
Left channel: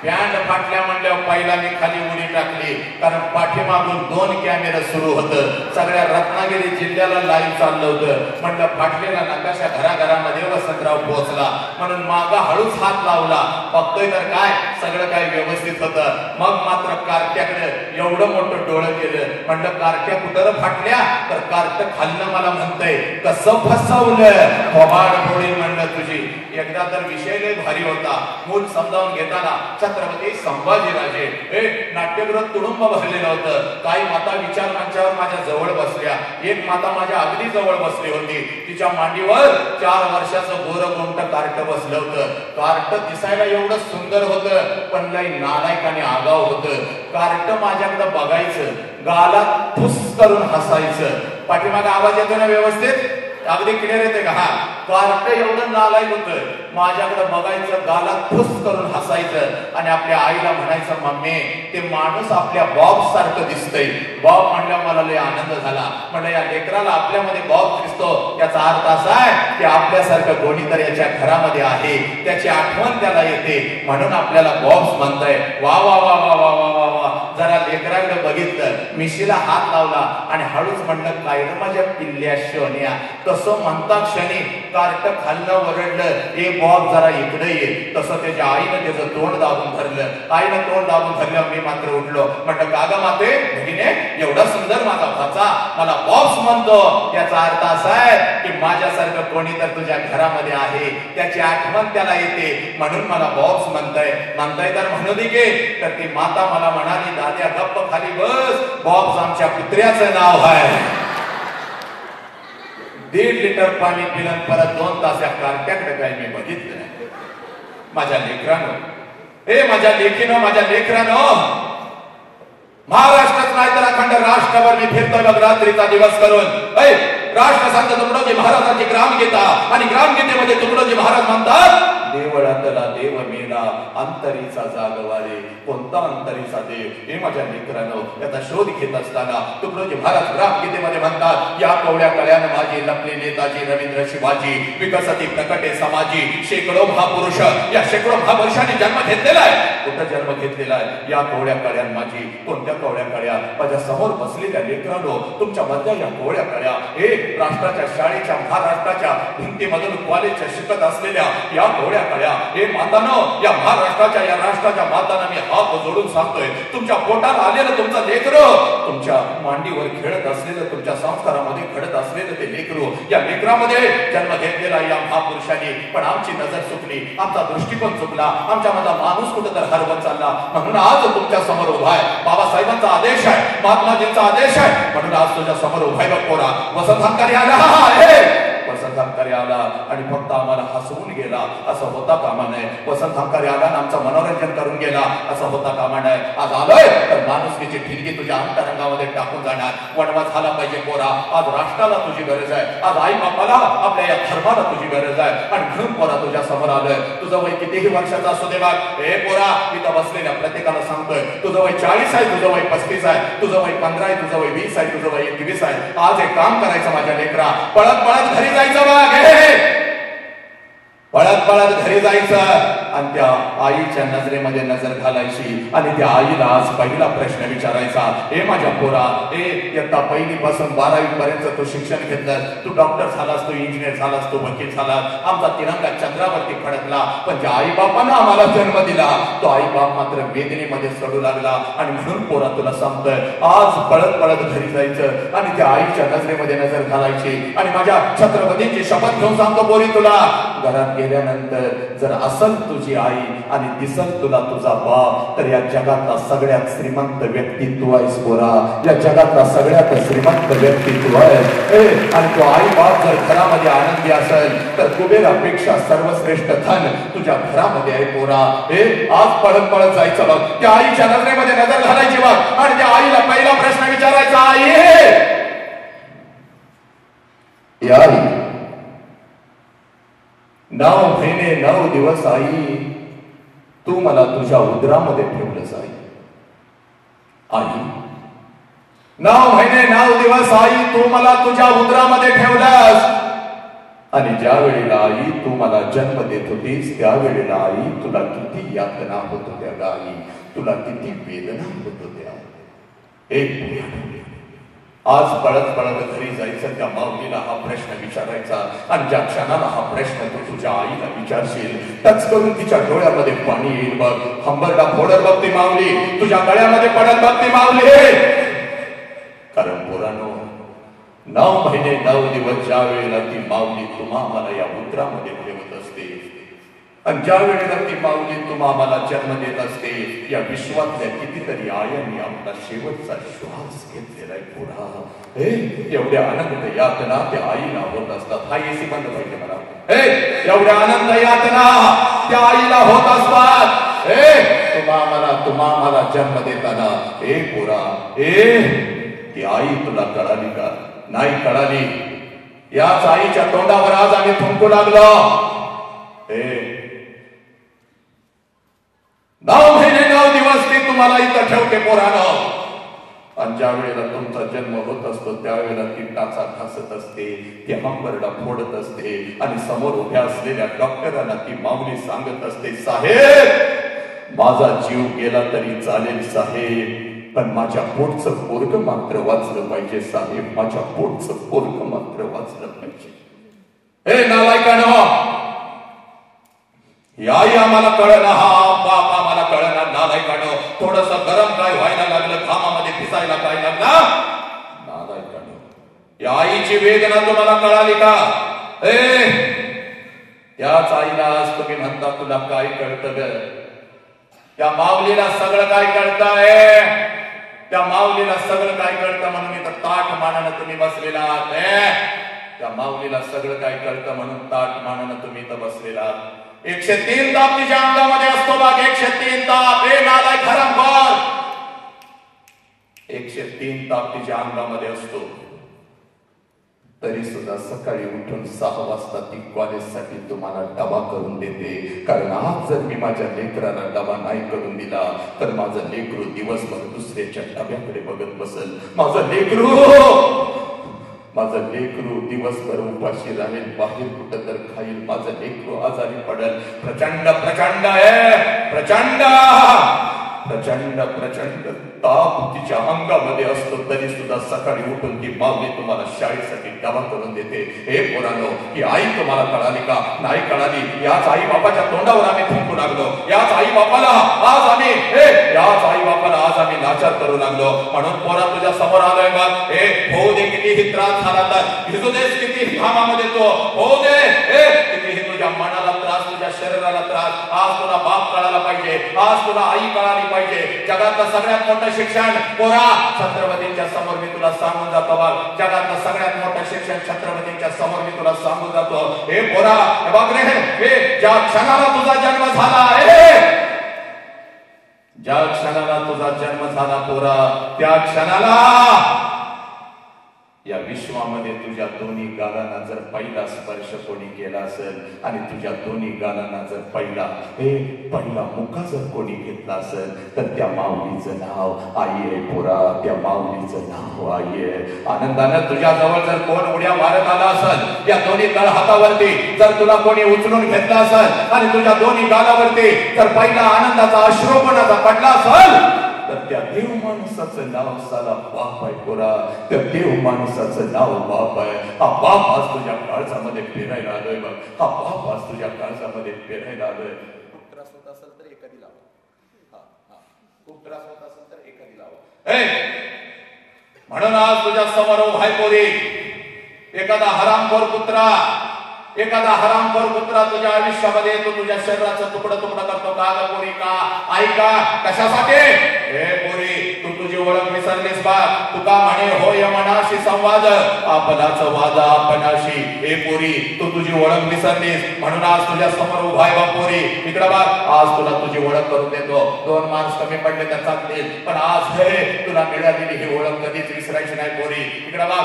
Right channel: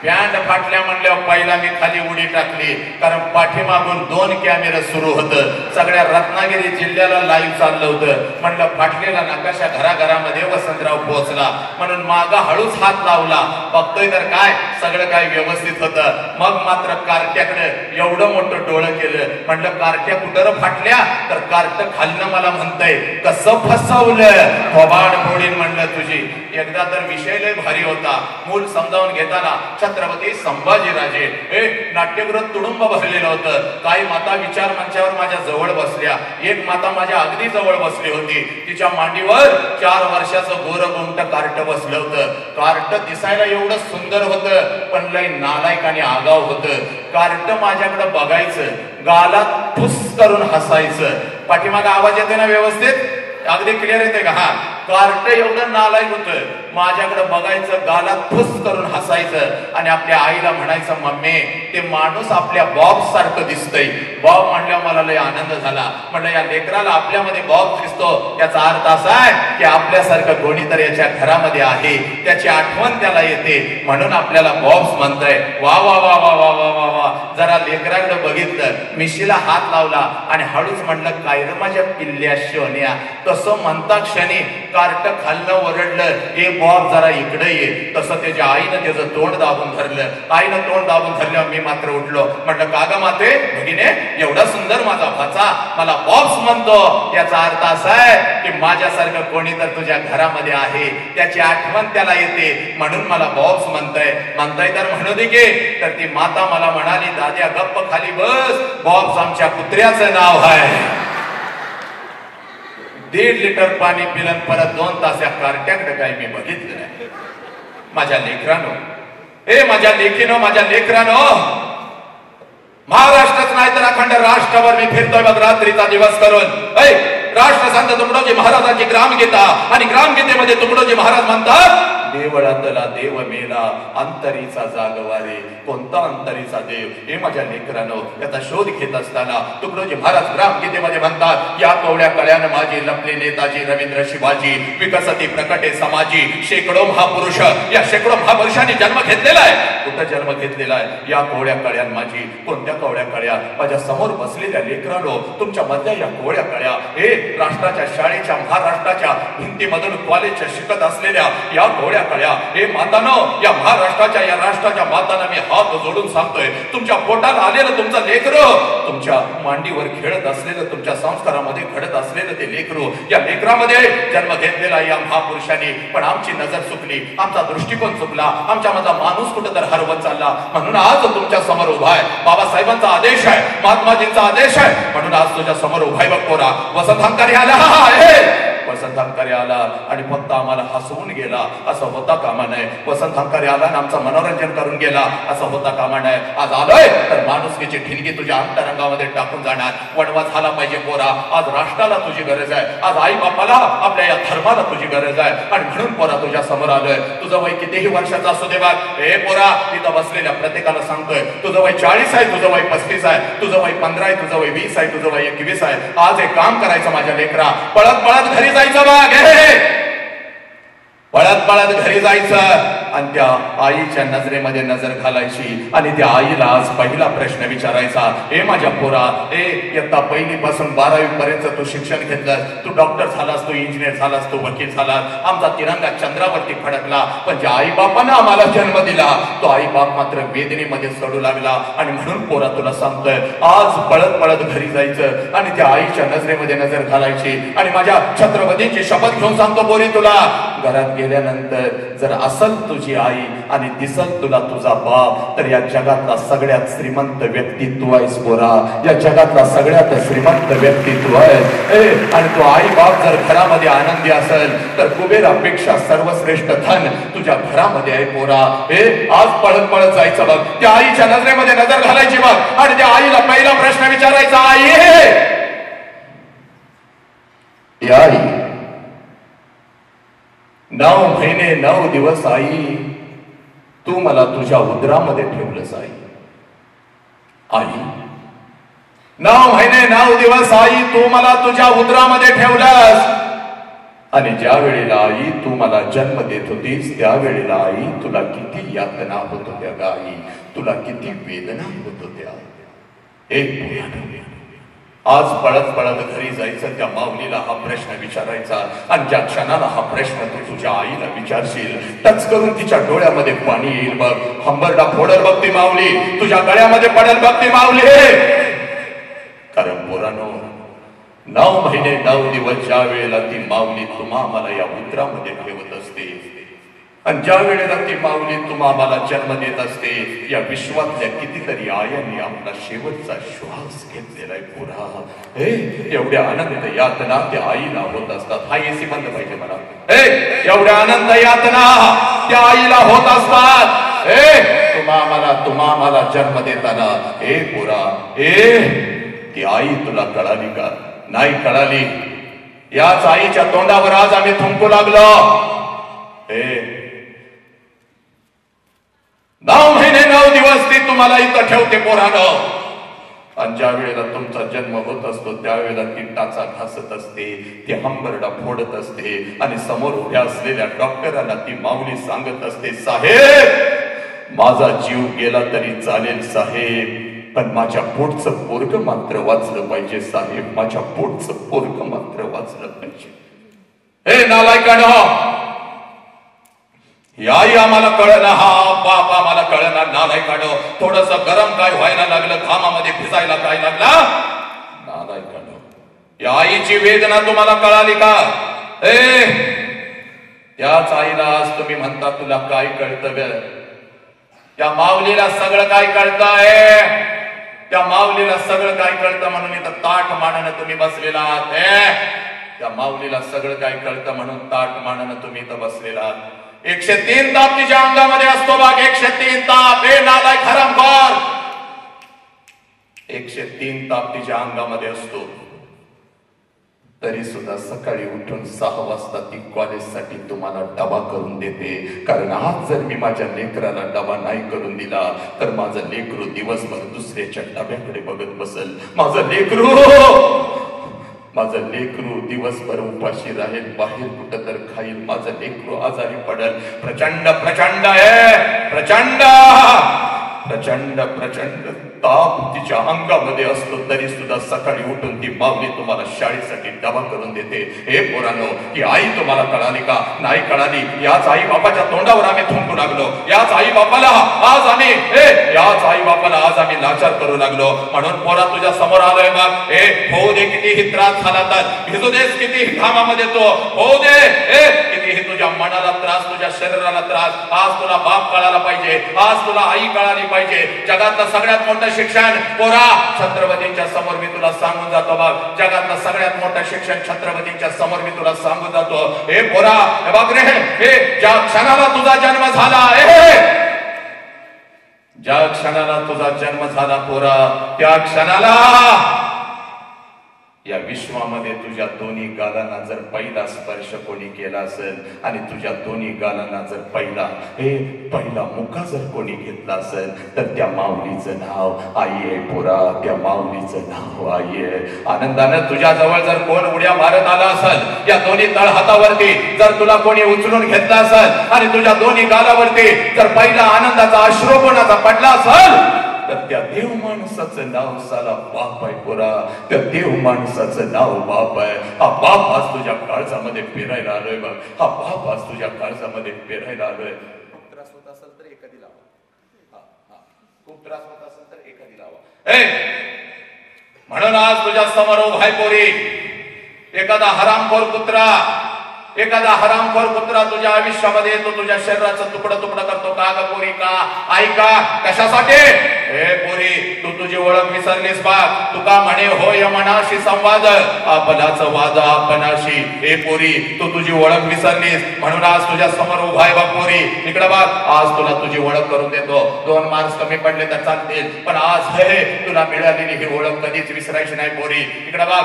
बँड फाटल्या म्हणल्यावर पहिल्यांदा खाली उडी टाकली, कारण पाठीमागून 2 कॅमेरे सुरू होतं. सगळ्या रत्नागिरी जिल्ह्याला लाईव्ह चाललं होतं. म्हणलं फाटलेला नकाशा घराघरामध्ये वसंतराव पोहोचला, म्हणून मागा हळूच हात लावला. बघतोय तर काय सगळं काय व्यवस्थित होतं. मग मात्र कार्ट्याकडे एवढं मोठं डोळं केलं. म्हणलं कार्ट्या कुठं फाटल्या, तर कार्ट खाल्लं मला म्हणतंय कसं फसवलं, थोबाड फोडीन म्हणलं तुझी. एकदा तर विषय लय भारी होता. मूल समजावून घेताना छत्रपती संभाजीराजे हे नाट्यगृह तुडुंब बसलेलं होतं. काही माता विचार मंचावर माझ्या जवळ बसल्या. एक माता माझ्या अगदी जवळ बसली होती. तिच्या मांडीवर 4 वर्षाचं गोरगुंट कार्ट बसलं होतं. कार्ट दिसायला एवढं सुंदर होतं, पण लय नालायक आणि आगाव होतं. कार्ट माझ्याकडे बघायचं, गालात फुस करून हसायचं. पाठीमागे आवाज येते ना व्यवस्थित, अगदी क्लिअर येते का? हा, कार्ट एवढं नालायक होतं. माझ्याकडे बघायचं, गालात फुस करून हसायचं आणि आपल्या आईला म्हणायचं, मम्मी ते माणूस आपल्या बॉब सारखं दिसतंय. बॉब म्हणल्या मला लय आनंद झाला. म्हणलं या लेकराला आपल्यामध्ये बॉब दिसतो, याचा अर्थ असा आहे की आपल्यासारखं कोणीतरी याच्या घरामध्ये आहे, त्याची आठवण त्याला येते, म्हणून आपल्याला बॉब्स म्हणताय. वा वा वा वा वा वा वा वा. जरा लेकराकडे बघितलं, मिशीला हात लावला आणि हळूच म्हणलं, काय रे माझ्या पिल्ल्या शोन्या. तसं म्हणता क्षणी कार्ट खाल्लं, ओरडलं, ए बॉब जरा इकडे ये. तसं त्याच्या आईनं त्याचं तोंड दाबून धरलं. आईनं तोंड दाबून धरल्यावर मी मात्र उठलो. म्हटलं का ग माते, भगिने एवढा सुंदर माझा भाचा मला बॉब्स म्हणतो, याचा अर्थ असा आहे की माझ्यासारखं कोणी तर तुझ्या घरामध्ये आहे, त्याची आठवण त्याला येते, म्हणून मला बॉब्स म्हणताय तर म्हणू दे की. तर ती माता मला म्हणाली, दाद्या गप्प खाली बस, बॉब्स आमच्या कुत्र्याचं नाव आहे. 1.5 लिटर पाणी पिलं, परत 2 तास या कार्ट्याकडे काही मी बघितलं नाही. माझ्या लेकरानो, हे माझ्या लेकीनो, माझ्या लेकरानो, महाराष्ट्रच नाही तर अखंड राष्ट्रावर मी फिरतोय बघ रात्रीचा दिवस करून. राष्ट्रसंत तुकडोजी महाराजांची ग्रामगीता, आणि ग्रामगीतेमध्ये तुकडोजी महाराज म्हणतात, देवळातला देव मेला, अंतरीचा जागवारे. कोणता अंतरीचा देव? हे माझ्या लेकरानो, त्याचा शोध घेत असताना तुकडोजी महाराज ग्रामगीतेमध्ये म्हणतात, या कवड्या कळ्यानं माझी लपले नेताजी रवींद्र शिवाजी, विकसती प्रकटे समाजी. शेकडो महापुरुष, या शेकडो महापुरुषांनी जन्म घेतलेला आहे. कुठं जन्म घेतलेला आहे? या कवड्या कळ्यान माझी. कोणत्या कवड्या कळ्या? माझ्या समोर बसलेल्या लेकरानो, तुमच्या मधल्या या कवड्या कळ्या, हे राष्ट्राच्या शाळेच्या, महाराष्ट्राच्या भिंतीमधून कॉलेजच्या शिकत असलेल्या या कवड्या कळ्या. हे मातानो, या महाराष्ट्राच्या, या राष्ट्राच्या मातांना मी हात जोडून सांगतोय, तुमच्या पोटाला आलेलं तुमचं लेकरू, तुमच्या मांडीवर खेळत असलेलं, तुमच्या संस्कारामध्ये घडत असलेलं ते लेकरू, या लेकरामध्ये जन्म घेतलेला या महापुरुषांनी. पण आमची नजर चुकली, आमचा दृष्टिकोन चुकला, आमच्या माझा माणूस कुठं तर हरवत चालला. म्हणून आज तुमच्या समोर उभा आहे. बाबासाहेबांचा आदेश आहे, महात्माजींचा आदेश आहे, म्हणून आज तुझ्या समोर उभा आहे. बघ पोरा, वसंत हंकारी आला, वसंत हंकारी आला आणि फक्त आम्हाला हसवून गेला असं होता कामा नये. वसंत हंकारी आला आणि आमचं मनोरंजन करून गेला असं होता कामा नये. आज आलोय तर माणुसकीची ठिणगी तुझ्या अंतरंगामध्ये टाकून जाणार. वणवा झाला पाहिजे पोरा. आज राष्ट्राला तुझी गरज आहे, आज आई बापाला, आपल्या या धर्माला तुझी गरज आहे, आणि म्हणून पोरा तुझ्या समोर आलोय. तुझं वय कितीही वर्षाचा असू दे, हे पोरा तिथं बसलेल्या प्रत्येकाला सांगतोय, तुझं वय 40 आहे, तुझं वय 35 आहे, तुझं वय 15 आहे, तुझं वय 20 आहे, तुझं वय 21 आहे. आज एक काम करायचं माझ्या लेकरा, पळत पळत घरी जायचं बघ, पळत पळत घरी जायचं आणि त्या आईच्या नजरेमध्ये नजर घालायची आणि त्या आईला आज पहिला प्रश्न विचारायचा, हे माझ्या पोरा, हे इयत्ता 1ली पासून 12वी पर्यंत तू शिक्षण घेतलं, तू डॉक्टर झालास, तू इंजिनियर झालास, तू वकील झालास, आमचा तिरंगा चंद्रावरती फडकला, पण ज्या आई बापानं आम्हाला जन्म दिला तो आई बाप मात्र वेदनेमध्ये सडू लागला. आणि म्हणून पोरा तुला सांगतोय, आज पळत पळत घरी जायचं आणि त्या आईच्या नजरेमध्ये नजर घालायची. आणि माझ्या छत्रपतींची शपथ घेऊन सांगतो पोरी, तुला घरात गेल्यानंतर जर असल तुझी आई आणि दिसल तुला तुझा बाप, तर या जगातला सगळ्यात श्रीमंत व्यक्ती तू आहेस पोरा. या जगातला सगळ्यात श्रीमंत व्यक्ती तू आहेस. आणि तो आई बाप जर घरामध्ये आनंदी असेल तर कुबेरापेक्षा सर्वश्रेष्ठ धन तुझ्या घरामध्ये आहे पोरा. हे आज पळत पळत जायचं बघ, त्या आईच्या नजरेमध्ये नजर घालायची बघ आणि त्या आईला पहिला प्रश्न विचारायचा, आई आई 9 महिने 9 दिवस आई तू मला तुझ्या उदरामध्ये ठेवलंस. आई 9 महिने 9 दिवस आई तू मला तुझ्या उदरामध्ये ठेवलंस. आणि ज्या वेळेला आई तू मला जन्म देत होतीस त्यावेळेला आई तुला किती यातना होत होत्या ग आई, तुला किती वेदना होत होत्या. आज पळत पळत घरी जायचं, त्या माऊलीला हा प्रश्न विचारायचा आणि ज्या क्षणाला हा प्रश्न तू तुझ्या आईला विचारशील टच करून तिच्या डोळ्यामध्ये पाणी येईल बघ. हंबरडा फोडल बघ ती माऊली, तुझ्या गळ्यामध्ये पडल बघ ती माऊली. कारण पोरांनो 9 महिने 9 दिवस ज्या वेळेला ती माऊली तुम्हा मला या उतरामध्ये ठेवत असते आणि ज्या वेळेला ती माऊली तुम्हा मला जन्म देत असते, या विश्वातल्या कितीतरी आयांनी आपला शेवटचा श्वास घेतलेला आहे पुरा. एवढ्या आनंद यातना त्या आईला होत असतात. हा एसी बंद पाहिजे मला. एवढ्या आनंद यातना त्या आईला होत असतात. तुम्हा मला जन्म देताना पुरा ती आई तुला कळाली का? नाही कळाली. याच आईच्या तोंडावर आज आम्ही थुंकू लागलो. 9 महिने 9 दिवस ती तुम्हाला इथं ठेवते पोरानं. आणि ज्या वेळेला तुमचा जन्म होत असतो त्यावेळेला ती टाचा घासत असते, ती हंबरडा फोडत असते आणि समोर उभ्या असलेल्या डॉक्टरांना ती माऊली सांगत असते, साहेब माझा जीव गेला तरी चालेल साहेब, पण माझ्या पोटचं पोरग मात्र वाचलं पाहिजे साहेब, माझ्या पोटचं पोरग मात्र वाचलं पाहिजे. नालायकानं आई आम्हाला कळना, हा बाप आम्हाला कळना. नालायकानं थोडस गरम काय व्हायला लागलं, घामामध्ये भिजायला काय लागला. नालायकानं या आईची वेदना तुम्हाला कळाली का? याच आईला आज तुम्ही म्हणता तुला काय कळतं? त्या माऊलीला सगळं काय कळतंय, त्या माऊलीला सगळं काय कळतं म्हणून इथं ताट मानानं तुम्ही बसलेला आहात. त्या माऊलीला सगळं काय कळतं म्हणून ताट मानानं तुम्ही इथं बसलेला आहात. 103 ताप तिच्या अंगामध्ये असतो बाग. 103 ताप. नालायक हरामखोर. 103 ताप तिच्या अंगामध्ये असतो. तरी सुद्धा सकाळी उठून 6 वाजता ती कॉलेजसाठी तुम्हाला डबा करून देते. कारण आज जर मी माझ्या लेकराला डबा नाही करून दिला तर माझं लेकरू दिवसभर दुसऱ्याच्या डब्याकडे बघत बसल. माझं लेकरू दिवसभर उपाशी राहील, बाहेर कुठं तर खाईल, माझं लेकरू आजारी पडेल. प्रचंड प्रचंड आहे, प्रचंड प्रचंड प्रचंड ताप तिच्या अंगामध्ये असतो. तरी सुद्धा सकाळी उठून ती माऊली तुम्हाला शाळेसाठी डबा करून देते. पोरांनो ती आई तुम्हाला कळाली का? नाही कळाली. याच आई बापाच्या तोंडावर आम्ही थुंकू लागलो. याच आई बापाला आज आम्ही नाचार करू लागलो. म्हणून पोरा तुझ्या समोर आलोय बघ. होऊ दे कितीही त्रास झाला तर, भिजू देस कितीही घामामध्ये तो, होऊ दे कितीही तुझ्या मनाला त्रास, तुझ्या शरीराला त्रास. आज तुला बाप कळाला पाहिजे, आज तुला आई कळाली पाहिजे. जगातलं सगळ्यात मोठं शिक्षण पोरा छत्रपतींच्या समोर मी तुला सांगून जातो बघ. जगातलं सगळ्यात मोठं शिक्षण छत्रपतींच्या समोर मी तुला सांगून जातो. पोरा बघ रे, ज्या क्षणाला तुझा जन्म झाला, ज्या क्षणाला तुझा जन्म झाला पोरा, त्या क्षणाला या विश्वामध्ये तुझ्या दोन्ही गालांना जर पहिला स्पर्श कोणी केला असेल आणि तुझ्या दोन्ही गालांना जर पहिला मुका जर कोणी घेतला असेल तर त्या माऊलीचं नाव आई आहे पोरा. त्या माऊलीचं नाव आई आहे. आनंदानं तुझ्या जवळ जर कोण उड्या मारत आला असेल, या दोन्ही तळ हातावरती जर तुला कोणी उचलून घेतला असेल आणि तुझ्या दोन्ही गालावरती जर पहिला आनंदाचा अश्रू कोणाचा पडला असेल तर त्या देव माणसाचं नाव साला बाप आहे पोरा. त्या देव माणसाचं नाव बाप आहे. हा बाप आज तुझ्या काळजामध्ये पेरायला आलोय बघ. हा बाप आज तुझ्या काळजामध्ये पेरायला आलोय. खूप त्रास होत असेल तर एखादी लावा. खूप त्रास होत असेल तर एखादी लावा. म्हणून आज तुझ्या समोर उभाय पोरी. एखादा हरामखोर पुत्रा तुझ्या आयुष्यामध्ये येतो, तुझ्या शरीराचं तुकडं करतो का ग पोरी? का आई का? कशासाठी? पोरी तू तुझी ओळख विसरलीस बा. तुका म्हणे होय मनाशी संवाद, आपणाचं वाद आपणाशी. पोरी तू तुझी ओळख विसरलीस म्हणून आज तुझ्या समोर उभाय बा पोरी. इकडे बघ, आज तुला तुझी ओळख करून देतो. 2 मार्क्स कमी पडले तर चालतील, पण आज तुला मिळालेली ही ओळख कधीच विसरायची नाही पोरी. इकडे बघ,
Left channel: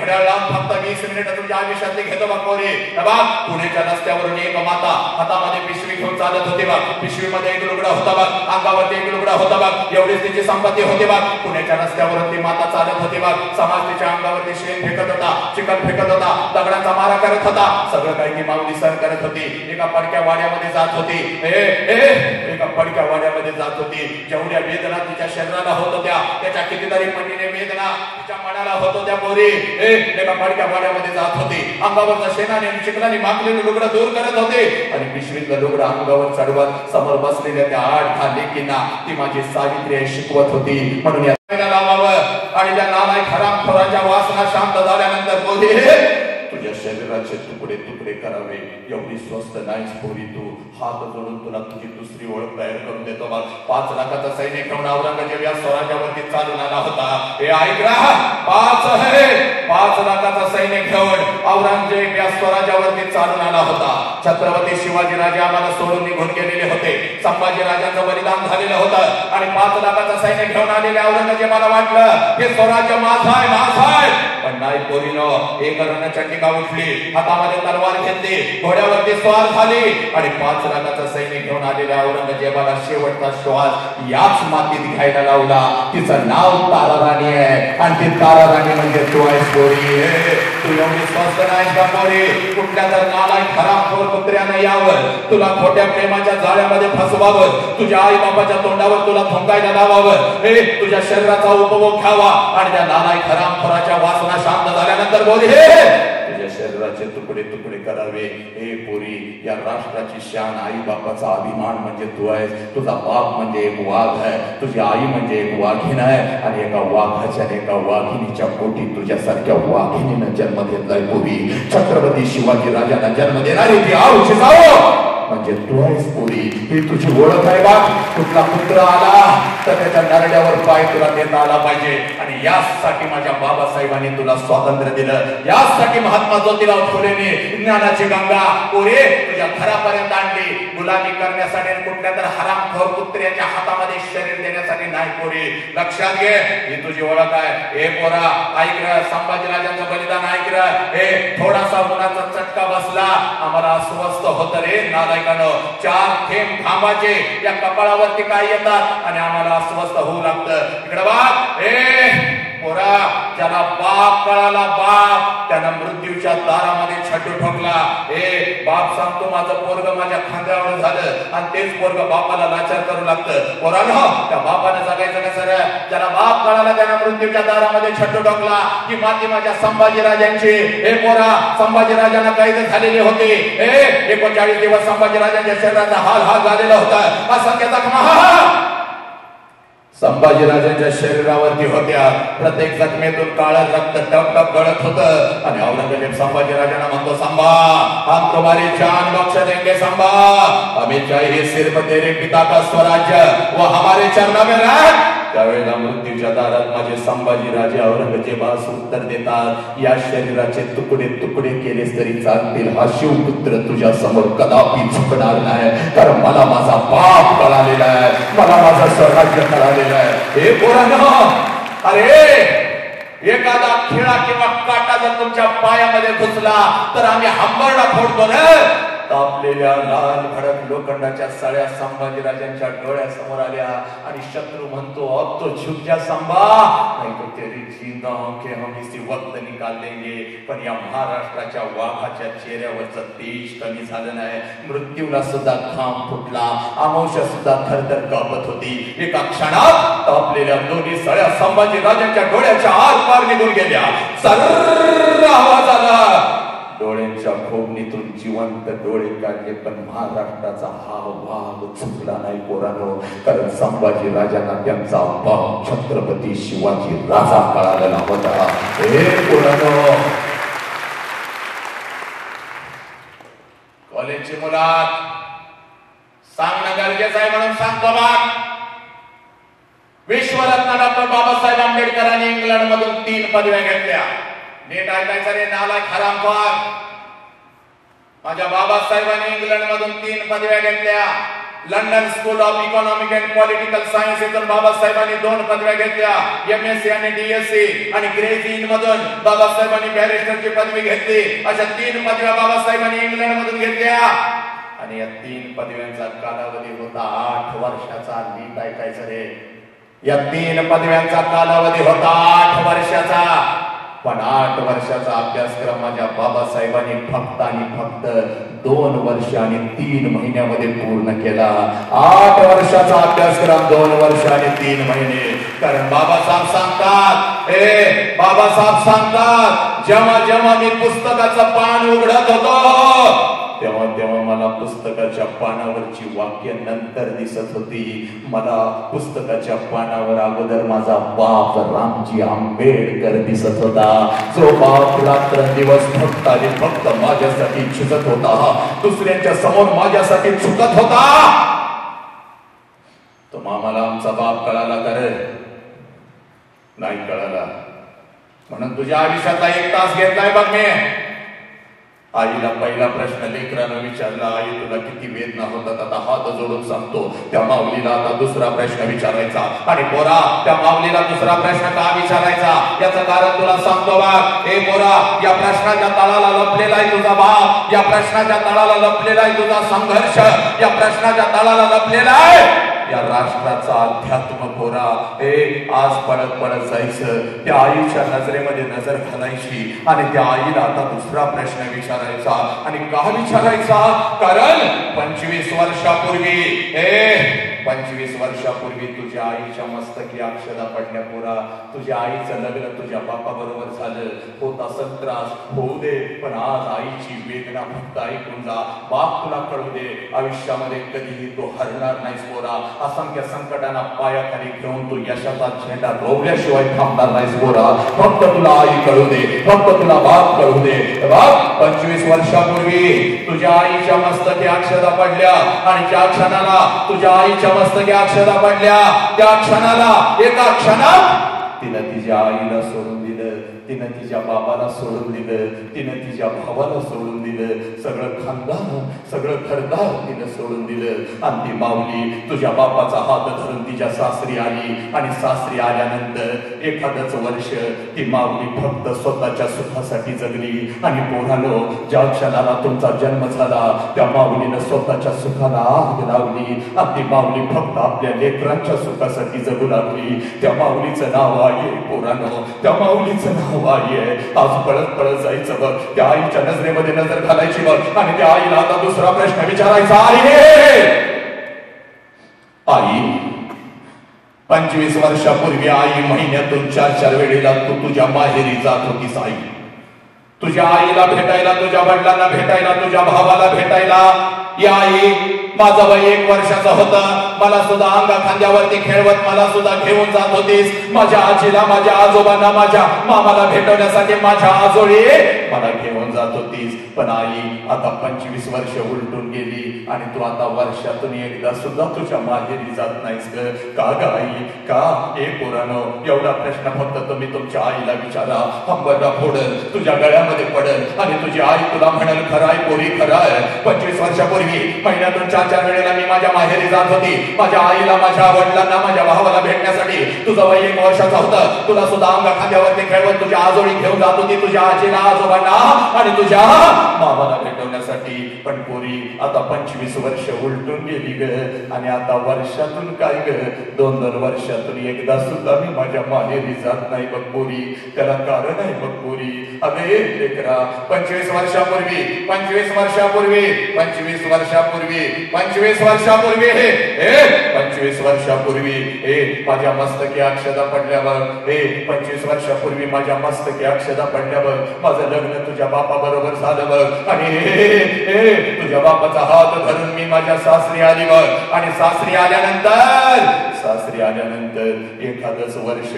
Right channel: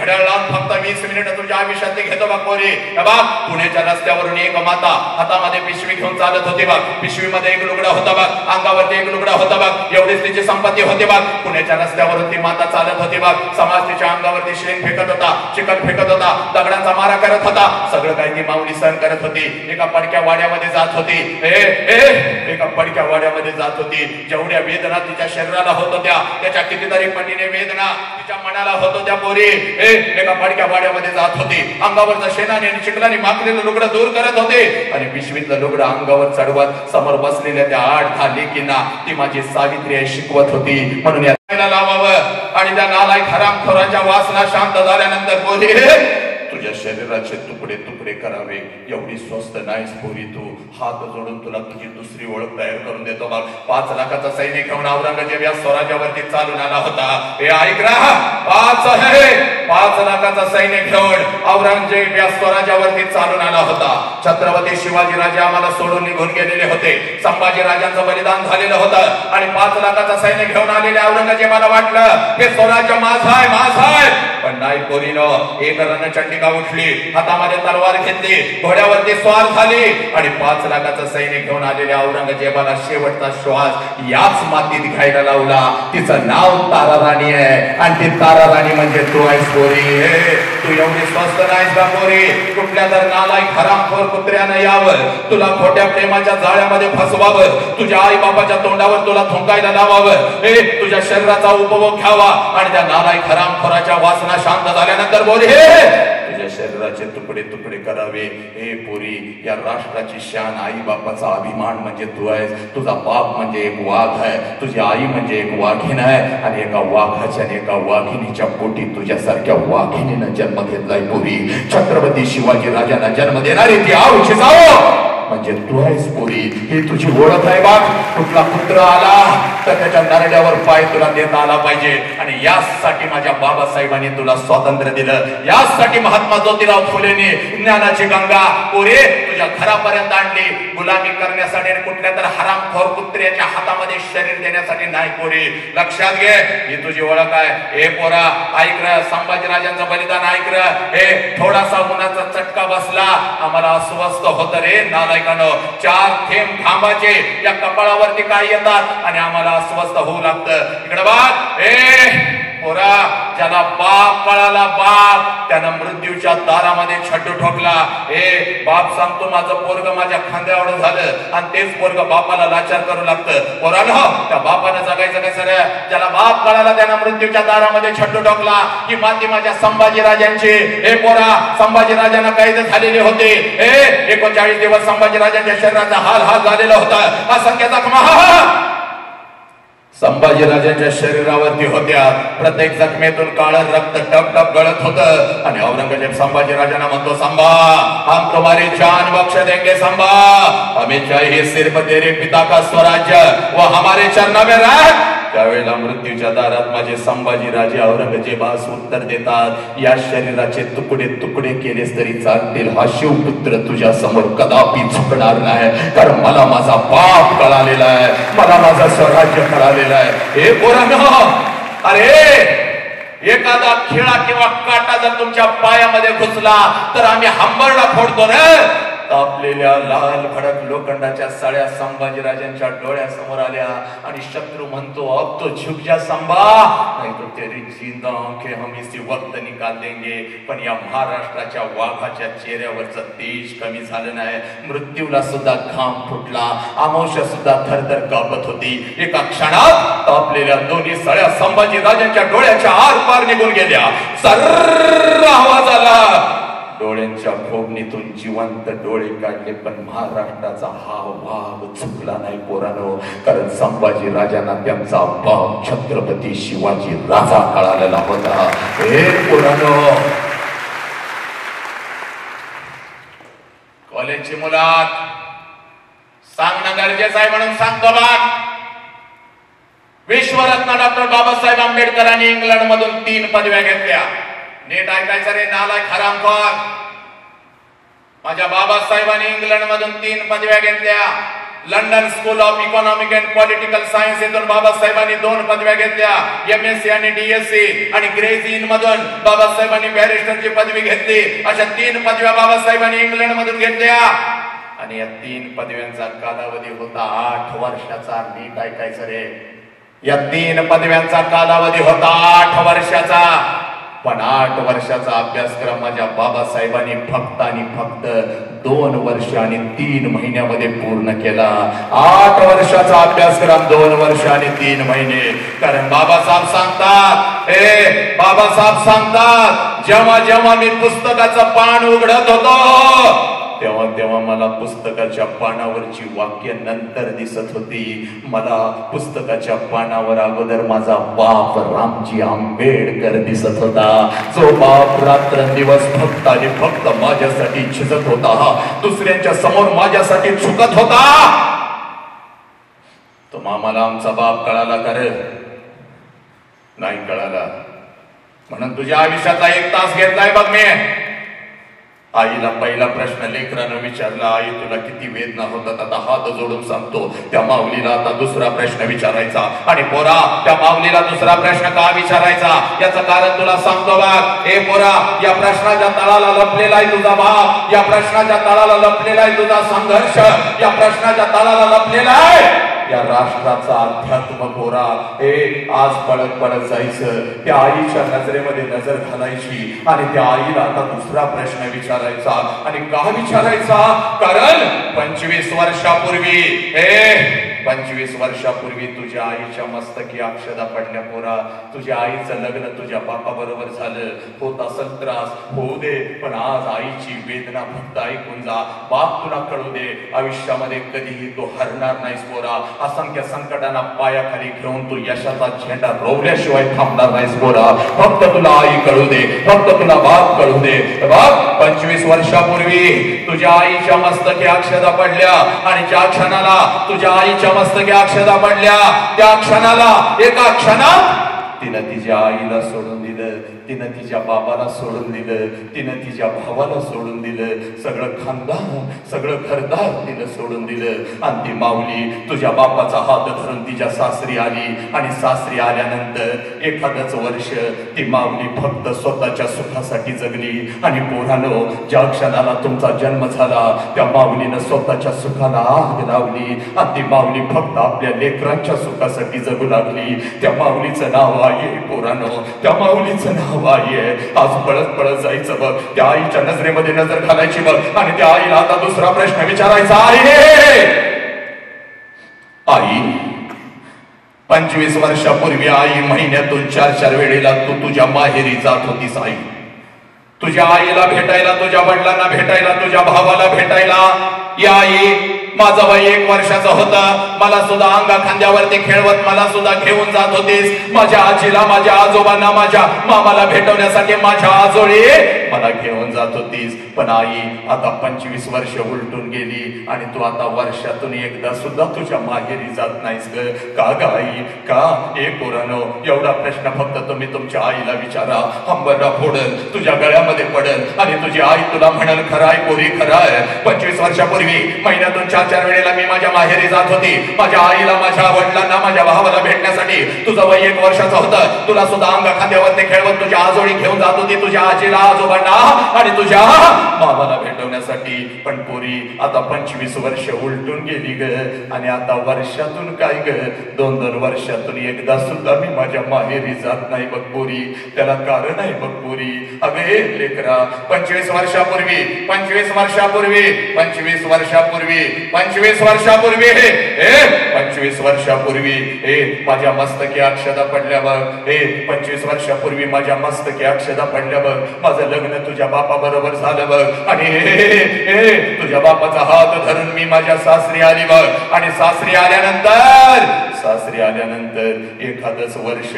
घड्याळ लावून फक्त 20 मिनिटं तुझ्या आयुष्यातली घेतो बा पोरी. पुण्याच्या रस्त्यावरून एक माता हातामध्ये पिशवी घेऊन चालत होती बा. पिशवीमध्ये एक लुगडं होतं बघ, अंगावरती एक लुगडं होतं बघ, एवढीच तिची संपत्ती होती बघ. पुण्याच्या रस्त्यावरती माता चालत होती बघ. समाज तिच्या अंगावरती शेण फेकत होता, चिकन फेकत होता, दगडांचा मारा करत होता. सगळं काही ती माऊली सहन करत होती. एका पडक्या वाड्यामध्ये जात होती. एका पडक्या वाड्यामध्ये जात होती. जेवढ्या वेदना तिच्या शरीराला होत होत्या त्याच्या कितीतरी पटीने वेदना तिच्या मनाला होत होत्या. पोरी एका पडक्या वाड्यामध्ये जात होती. अंगावरचा शेणाने आणि चिखलाने माखलेलं लुगडं दूर करत होते आणि पिशवीतलं लुगडं अंगावर चढवत समोर बसलेल्या त्या 8-10 लेकींना ती माझी सावित्री आई शिकवत होती. म्हणून या लावावं आणि त्या नालायक हरामखोराच्या वासना शांत झाल्यानंतर बोली तुझ्या शरीराचे तुकडे तुकडे करावे एवढी स्वस्त नाहीस पोरी तू. हात जोडून तुला तुझी दुसरी ओळख तयार करून देतो बघ. 5 लाखाचा सैनिक घेऊन औरंगजेब या स्वराज्यावरती चालून आला होता. हे ऐक रा, 5 लाखाचा सैनिक घेऊन औरंगजेब या स्वराज्यावरती चालून आला होता. छत्रपती शिवाजी राजे आम्हाला सोडून निघून गेलेले होते. संभाजी राजांचं बलिदान झालेलं होतं आणि 5 लाखाचा सैनिक घेऊन आलेल्या औरंगजेबाला वाटलं हे स्वराज्य माझं आहे, माझं आहे. पण नाही पोरीनं, एक रणचंडिका उठली, हातामध्ये तलवार घेतली, घोड्यावरती स्वार झाली आणि 5 लाखाचा सैनिक घेऊन आलेल्या औरंगजेबाला शेवटचा श्वास याच मातीत घ्यायला लावला. तिचं नाव तारा राणी आहे आणि ती तारा राणी म्हणजे तू आहेस पोरी. तू एवढी स्वस्त नाहीस का पोरी? कुठल्या तर नालायक हरामखोर कुत्र्यानं यावं, तुला खोट्या प्रेमाच्या जाळ्यामध्ये फसवावं, तुझ्या आई बापाच्या तोंडावर तुला थुंकायला लावावं, तुझ्या शरीराचा उपभोग घ्यावा आणि त्या नालायक हरामखोराच्या वासना शांत झाल्यानंतर बोल तुझ्या शरीराचे तुकडे तुकडे करावे. हे पोरी, या राष्ट्राची शान, आई बापाचा अभिमान म्हणजे तू आहेस. तुझा बाप म्हणजे एक वाघ आहे, तुझी आई म्हणजे एक वाघीण आहे आणि एका वाघाच्या आणि एका वाघिणीच्या पोटी तुझ्यासारख्या वाघिणीनं जन्म घेतलाय पोरी. छत्रपती शिवाजी राजांना जन्म देणारी ती आऊची जाओ म्हणजे तू आहेस पोरी. ही तुझी ओळख आहे बा. कुठला पुत्र आला तर त्याच्या नरड्यावर पाय तुला देता आला पाहिजे आणि यासाठी माझ्या बाबासाहेबांनी तुला स्वातंत्र्य दिलं. यासाठी महात्मा ज्योतिराव फुलेने ज्ञानाची गंगा पोरे तुझ्या घरापर्यंत आणली. गुलामी करण्यासाठी आणि कुठल्या तर हरामखोर कुत्र्याच्या हातामध्ये शरीर देण्यासाठी नाही पोरी. लक्षात घे, ही तुझी ओळख आहे. हे पोरा ऐक र, संभाजीराजांचं बलिदान ऐक र. हे थोडासा उन्हाचा चटका बसला आम्हाला अस्वस्थ होत रे नालायकानो. 4 थेंब घामाचे या कपाळावरती काय येतात आणि आम्हाला अस्वस्थ होऊ लागतं. इकडे बघ पोरा, ज्याला बाप कळाला बाप त्यानं मृत्यूच्या दारामध्ये छड्डू ठोकला. बाप सांगतो माझं पोरग माझ्या खांद्यावर झालं आणि तेच पोरग बापाला लाचार करू लागतं. पोरानो, त्या बापाने जगायचं कसं रे? ज्याला बाप कळाला त्यानं मृत्यूच्या दारामध्ये छड्डू ठोकला. ही माती माझ्या संभाजी राजांची. हे पोरा, संभाजी राजांना कैद झालेले होते. 39 दिवस संभाजी राजांच्या शरीराचा हाल झालेला होता. असंख्य जखमा संभाजीराजांच्या शरीरावरती होत्या. प्रत्येक जखमेतून काळं रक्त टप टप गळत होतं आणि औरंगजेब संभाजीराजांना म्हणतो, संभा हम तुम्हारी जान बख्श देंगे संभा, हमें चाहिए सिर्फ तेरे पिता का स्वराज्य वो हमारे चरणों में रख. त्यावेळेला मृत्यूच्या दारात माझे संभाजीराजे औरंगजेबास उत्तर देतात, या शरीराचे तुकडे तुकडे केलेस तरी चालतील. हा शिवपुत्र तुझ्या समोर कदापि झुकणार नाही, कारण मला माझा बाप कळालेला आहे, मला माझं स्वराज्य कळालेलं आहे. हे पोरांनो, अरे एखादा खिळा किंवा काटा जर तुमच्या पायामध्ये घुसला तर आम्ही हंबरडा फोडतो रे. तापलेल्या लाल भडक लोखंडाच्या सळ्या संभाजीराजांच्या डोळ्यासमोर आल्या आणि शत्रू म्हणतो, अब तो झुक जा संभा, नहीं तो तेरी जिंदा आंखें हम इसी वक्त निकाल देंगे. पण या महाराष्ट्राच्या वाघाच्या चेहऱ्यावरचं तेज कमी झालं नाही. मृत्यूला सुद्धा घाम फुटला, आमोशा सुद्धा थरथर कापत होती. एका क्षणात तापलेल्या दोन्ही सळ्या संभाजीराजांच्या डोळ्याच्या आर पार निघून गेल्या. सर्र आवाज आला. डोळ्यांच्या खोबणीतून जिवंत डोळे काढले, पण महाराष्ट्राचा हा वाघ चुकला नाही पोरांनो, कारण संभाजी राजांना त्यांचा बाप छत्रपती शिवाजी राजा कळालेला होता. हे पोरांनो, कॉलेजची मुलात सांगणं गरजेचं आहे म्हणून सांगतो बा. विश्वरत्न डॉक्टर बाबासाहेब आंबेडकरांनी इंग्लंड मधून 3 पदव्या घेतल्या. नीट ऐकायचं रे नालायक हरामखोर. माझ्या बाबासाहेबांनी इंग्लंड मधून 3 पदव्या घेतल्या. London school of economic and political science येथून बाबासाहेबांनी 2 पदव्या घेतल्या, MSc आणि DSc. आणि ग्रेज इन मधून बाबासाहेबांनी बॅरिस्टरची पदवी घेतली. अशा 3 पदव्या बाबासाहेबांनी इंग्लंड मधून घेतल्या. आणि या 3 पदव्यांचा कालावधी होता 8 वर्षाचा. नीट ऐकायचं रे, या 3 पदव्यांचा कालावधी होता 8 वर्षाचा. पण 8 वर्षाचा अभ्यासक्रम माझ्या बाबासाहेबांनी फक्त आणि फक्त 2 वर्ष आणि 3 महिन्यामध्ये पूर्ण केला. 8 वर्षाचा अभ्यासक्रम 2 वर्ष आणि 3 महिने. कारण बाबासाहेब सांगतात जेव्हा जेव्हा मी पुस्तकाचं पान उघडत होतो तेव्हा तेव्हा मला पुस्तकाच्या पानावरची वाक्य नंतर दिसत होती. मला पुस्तकाच्या पानावर अगोदर माझा बाप रामजी आंबेडकर दिसत होता. जो बाप रात्रंदिवस फक्त आणि फक्त माझ्यासाठी झिजत होता, दुसऱ्यांच्या समोर माझ्यासाठी झुकत होता. तो मामाला आमचा बाप कळाला का रे? नाही कळाला. म्हणून तुझ्या आयुष्यातला 1 तास घेतलाय बघ मी. आईला पहिला प्रश्न लेकरानं विचारला, आई तुला किती वेदना होतात? आता हात जोडून सांगतो. त्या माऊलीला आता दुसरा प्रश्न विचारायचा. आणि पोरा, त्या माऊलीला दुसरा प्रश्न का विचारायचा याचं कारण तुला सांगतो बघ. ए पोरा, या प्रश्नाच्या तळाला लपलेला आहे तुझा बाप, या प्रश्नाच्या तळाला लपलेला आहे तुझा संघर्ष, या प्रश्नाच्या तळाला लपलेला आहे या राष्ट्राचा अध्यात्म. पोरा, हे आज पळत पळत जायचं, त्या आईच्या नजरेमध्ये नजर घालायची आणि त्या आईला आता दुसरा प्रश्न विचारायचा. आणि का विचारायचा? कारण 25 वर्षापूर्वी 25 वर्षापूर्वी तुझ्या आईच्या मस्तकी अक्षदा पडल्या. पोरा, तुझ्या आईचं लग्न तुझ्या बापा बरोबर झालं. होत असेल त्रास, होऊ दे, पण आज आईची वेदना फक्त ऐकून जा. बाप तुला कळू दे, आयुष्यामध्ये कधीही तो हरणार नाहीस. पोरा, असंख्य संकटांना पायाखाली घेऊन तू यशाचा झेंडा रोवल्याशिवाय थांबणार नाहीस. पोरा, फक्त तुला आई कळू दे, फक्त तुला बाप कळू दे. बाप, 25 वर्षापूर्वी तुझ्या आईच्या मस्तकी अक्षदा पडल्या आणि ज्या क्षणाला तुझ्या आईच्या मस्तकी अक्षदा पडल्या त्या क्षणाला, एका क्षणात तिनं तिच्या आईला सोडून दिलं, तिनं तिच्या बाबाला सोडून दिलं, तिनं तिच्या भावाला सोडून दिलं, सगळं खानदान, सगळं घरदार तिनं सोडून दिलं. आणि ती माऊली तुझ्या बापाचा हात धरून तिच्या सासरी आली. आणि सासरी आल्यानंतर एखादच वर्ष ती माऊली फक्त स्वतःच्या सुखासाठी जगली. आणि पोरानो, ज्या क्षणाला तुमचा जन्म झाला त्या माऊलीनं स्वतःच्या सुखाला आग लावली. आणि ती माऊली फक्त आपल्या लेकरांच्या सुखासाठी जगू लागली. त्या माऊलीचं नाव आहे पोरानो, त्या माऊलीचं नाव आहे. आज पळत पळत जायचं बघ, त्या आईच्या नजरेमध्ये नजर घालायची बघ. आणि त्या आईला आता दुसरा प्रश्न विचारायचा आहे. आई, 25 वर्षापूर्वी आई महिन्यातून 4 वेळेला तू तुझ्या माहेरी जात होतीस. आई, तुझ्या आईला भेटायला, तुझ्या वडिलांना भेटायला, तुझ्या भावाला भेटायला. या आई, माझं वय 1 वर्षाचा होता, मला सुद्धा अंगा खांद्यावरती खेळवत मला सुद्धा घेऊन जात होतीस. माझ्या आजीला, माझ्या आजोबांना, माझ्या मामाला भेटवण्यासाठी माझ्या आजोळी मला घेऊन जात होतीस. पण आई, आता 25 वर्ष उलटून गेली आणि तू आता वर्षातून एकदा सुद्धा तुझ्या माहेरी जात नाहीस ग. का ग आई, का? हे पोरानो, एवढा प्रश्न फक्त तुम्ही तुमच्या आईला विचारा. हंबरला फोडल, तुझ्या गळ्यामध्ये पडल आणि तुझी आई तुला म्हणल, खराय पोरी खराय, 25 वर्षापूर्वी महिन्यातून 4 वेळेला मी माझ्या माहेरी जात होती. माझ्या आईला, माझ्या वडिलांना, माझ्या भावाला भेटण्यासाठी. तुझं वय 1 वर्षाचं होतं, तुला सुद्धा अंगा खांद्यावरती खेळवत तुझ्या आजोळी घेऊन जात होती, तुझ्या आजीला, आजोबांना आणि तुझ्या मामाला भेटवण्यासाठी. पण पोरी, आता 25 वर्ष उलटून गेली ग. आणि आता वर्षातून काय ग, 2-2 वर्षातून एकदा सुद्धा मी माझ्या माहेरी जात नाही बघ पोरी. त्याला कारण आहे बघ पोरी. अगे लेकरा, 25 वर्षापूर्वी 25 वर्षापूर्वी 25 वर्षापूर्वी 25 वर्षापूर्वी 25 वर्षापूर्वी माझ्या मस्तकी अक्षदा पडल्यावर 25 वर्षापूर्वी माझ्या मस्तकी अक्षदा पडल्यावर माझं लग्न तुझ्या बापा बरोबर झालं बघ. आणि तुझ्या बापाचा हात धरून मी माझ्या सासरी आली बघ. आणि सासरी आल्यानंतर एखादच वर्ष,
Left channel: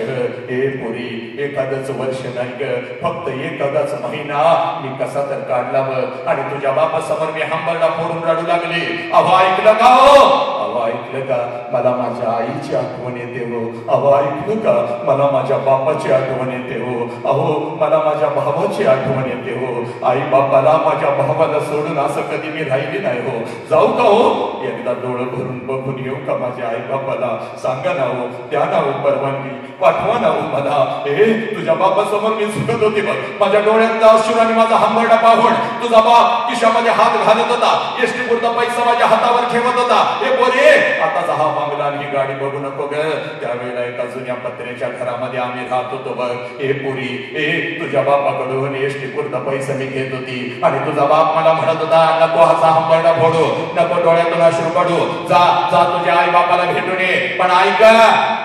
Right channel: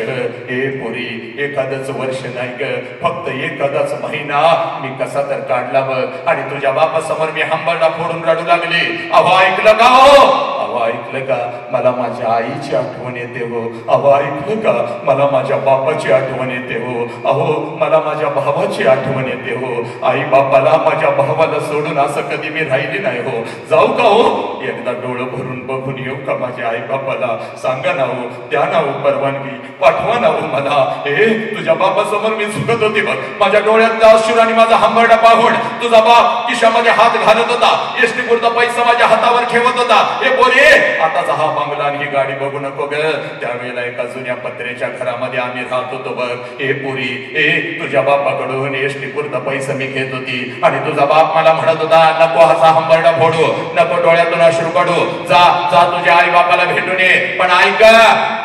पोरी, एखादच वर्ष नाही ग, फक्त एखादाच महिना मी कसा तर काढला बघ. आणि तुझ्या बापासमोर मी हंबरडा फोडून रडू लागली. अहो ऐकलं का? हो, अहो ऐकलं ऐकलं का मला माझ्या आईची आठवण येते हो. अहो ऐकलं का मला माझ्या बापाची आठवण येते हो. अहो मला माझ्या भावाची आठवण येते हो. आई बापाला माझ्या भावाला सोडून असं कधी मी राहिली नाही हो. जाऊ का हो एकदा डोळं भरून बघून येऊ का माझ्या आई बापाला. सांगा ना हो, द्या ना हो परवानगी, पाठवा ना हो मला. हे तुझ्या बापासमोर मी झुकत होती बघ, माझ्या डोळ्यातला अश्रू आणि माझा हंबरडा पाहून तुझा बाप खिशामध्ये हात घालत होता, एसटी पुरता पैसा माझ्या हातावर ठेवत होता. हे बोले आताचा हा बंगला आणि ही गाडी बघू नको ग. त्यावेळेला एका जुन्या पत्र्याच्या घरामध्ये आम्ही राहत होतो बघ. हे पोरी हे तुझ्या बापाकडून एसटी पुरता पैसा मी घेत होती आणि तुझा बाप मला म्हणत होता नको असा हंबरडा फोडू, नको डोळ्यातून अश्रू काढू, जा जा तुझ्या आई बापाला भेटून ये. पण ऐक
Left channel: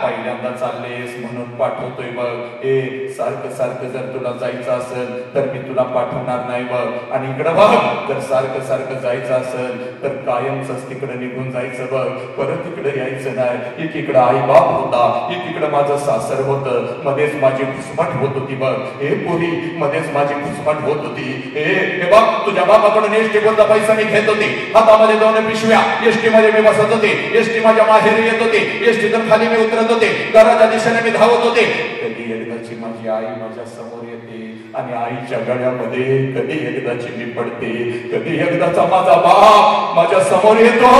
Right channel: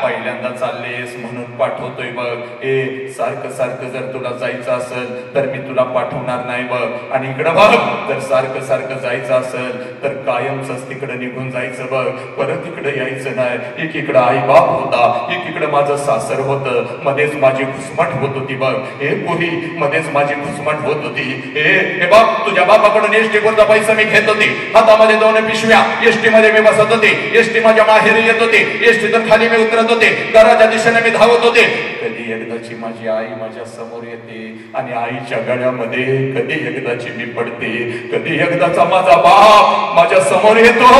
पहिल्यांदा चाललेस म्हणून पाठवतोय बघ. ए सारखं सारखं जर तुला जायचं असेल तर मी तुला पाठवणार नाही बघ. आणि इकडं बघ जर सारखं सारखं जायचं असेल तर कायमच तिकडे निघून जायचं बघ, परत इकडे यायचं नाही. एकीकडं आई बाप होता, एकीकडं माझं सासर होतं, मध्येच माझी घुसमट होत होती बघ. हे पोरी मध्येच माझी घुसमट होत होती. हे बघ तुझ्या बापाकडून एसटी पुरता पैसा मी घेत होती, हातामध्ये 2 पिशव्या, एसटी मध्ये मी बसत होते, एसटी माझ्या माहेरी येत होते, एसटी तर खाली मी उतरत होते, घराच्या दिशेने मी धावत होते. कधी एकदाची माझी आई माझ्या समोर येते आणि आईच्या गळ्यामध्ये कधी एकदाची मी पडते, कधी एकदाचा माझा बाप माझ्या समोर येतो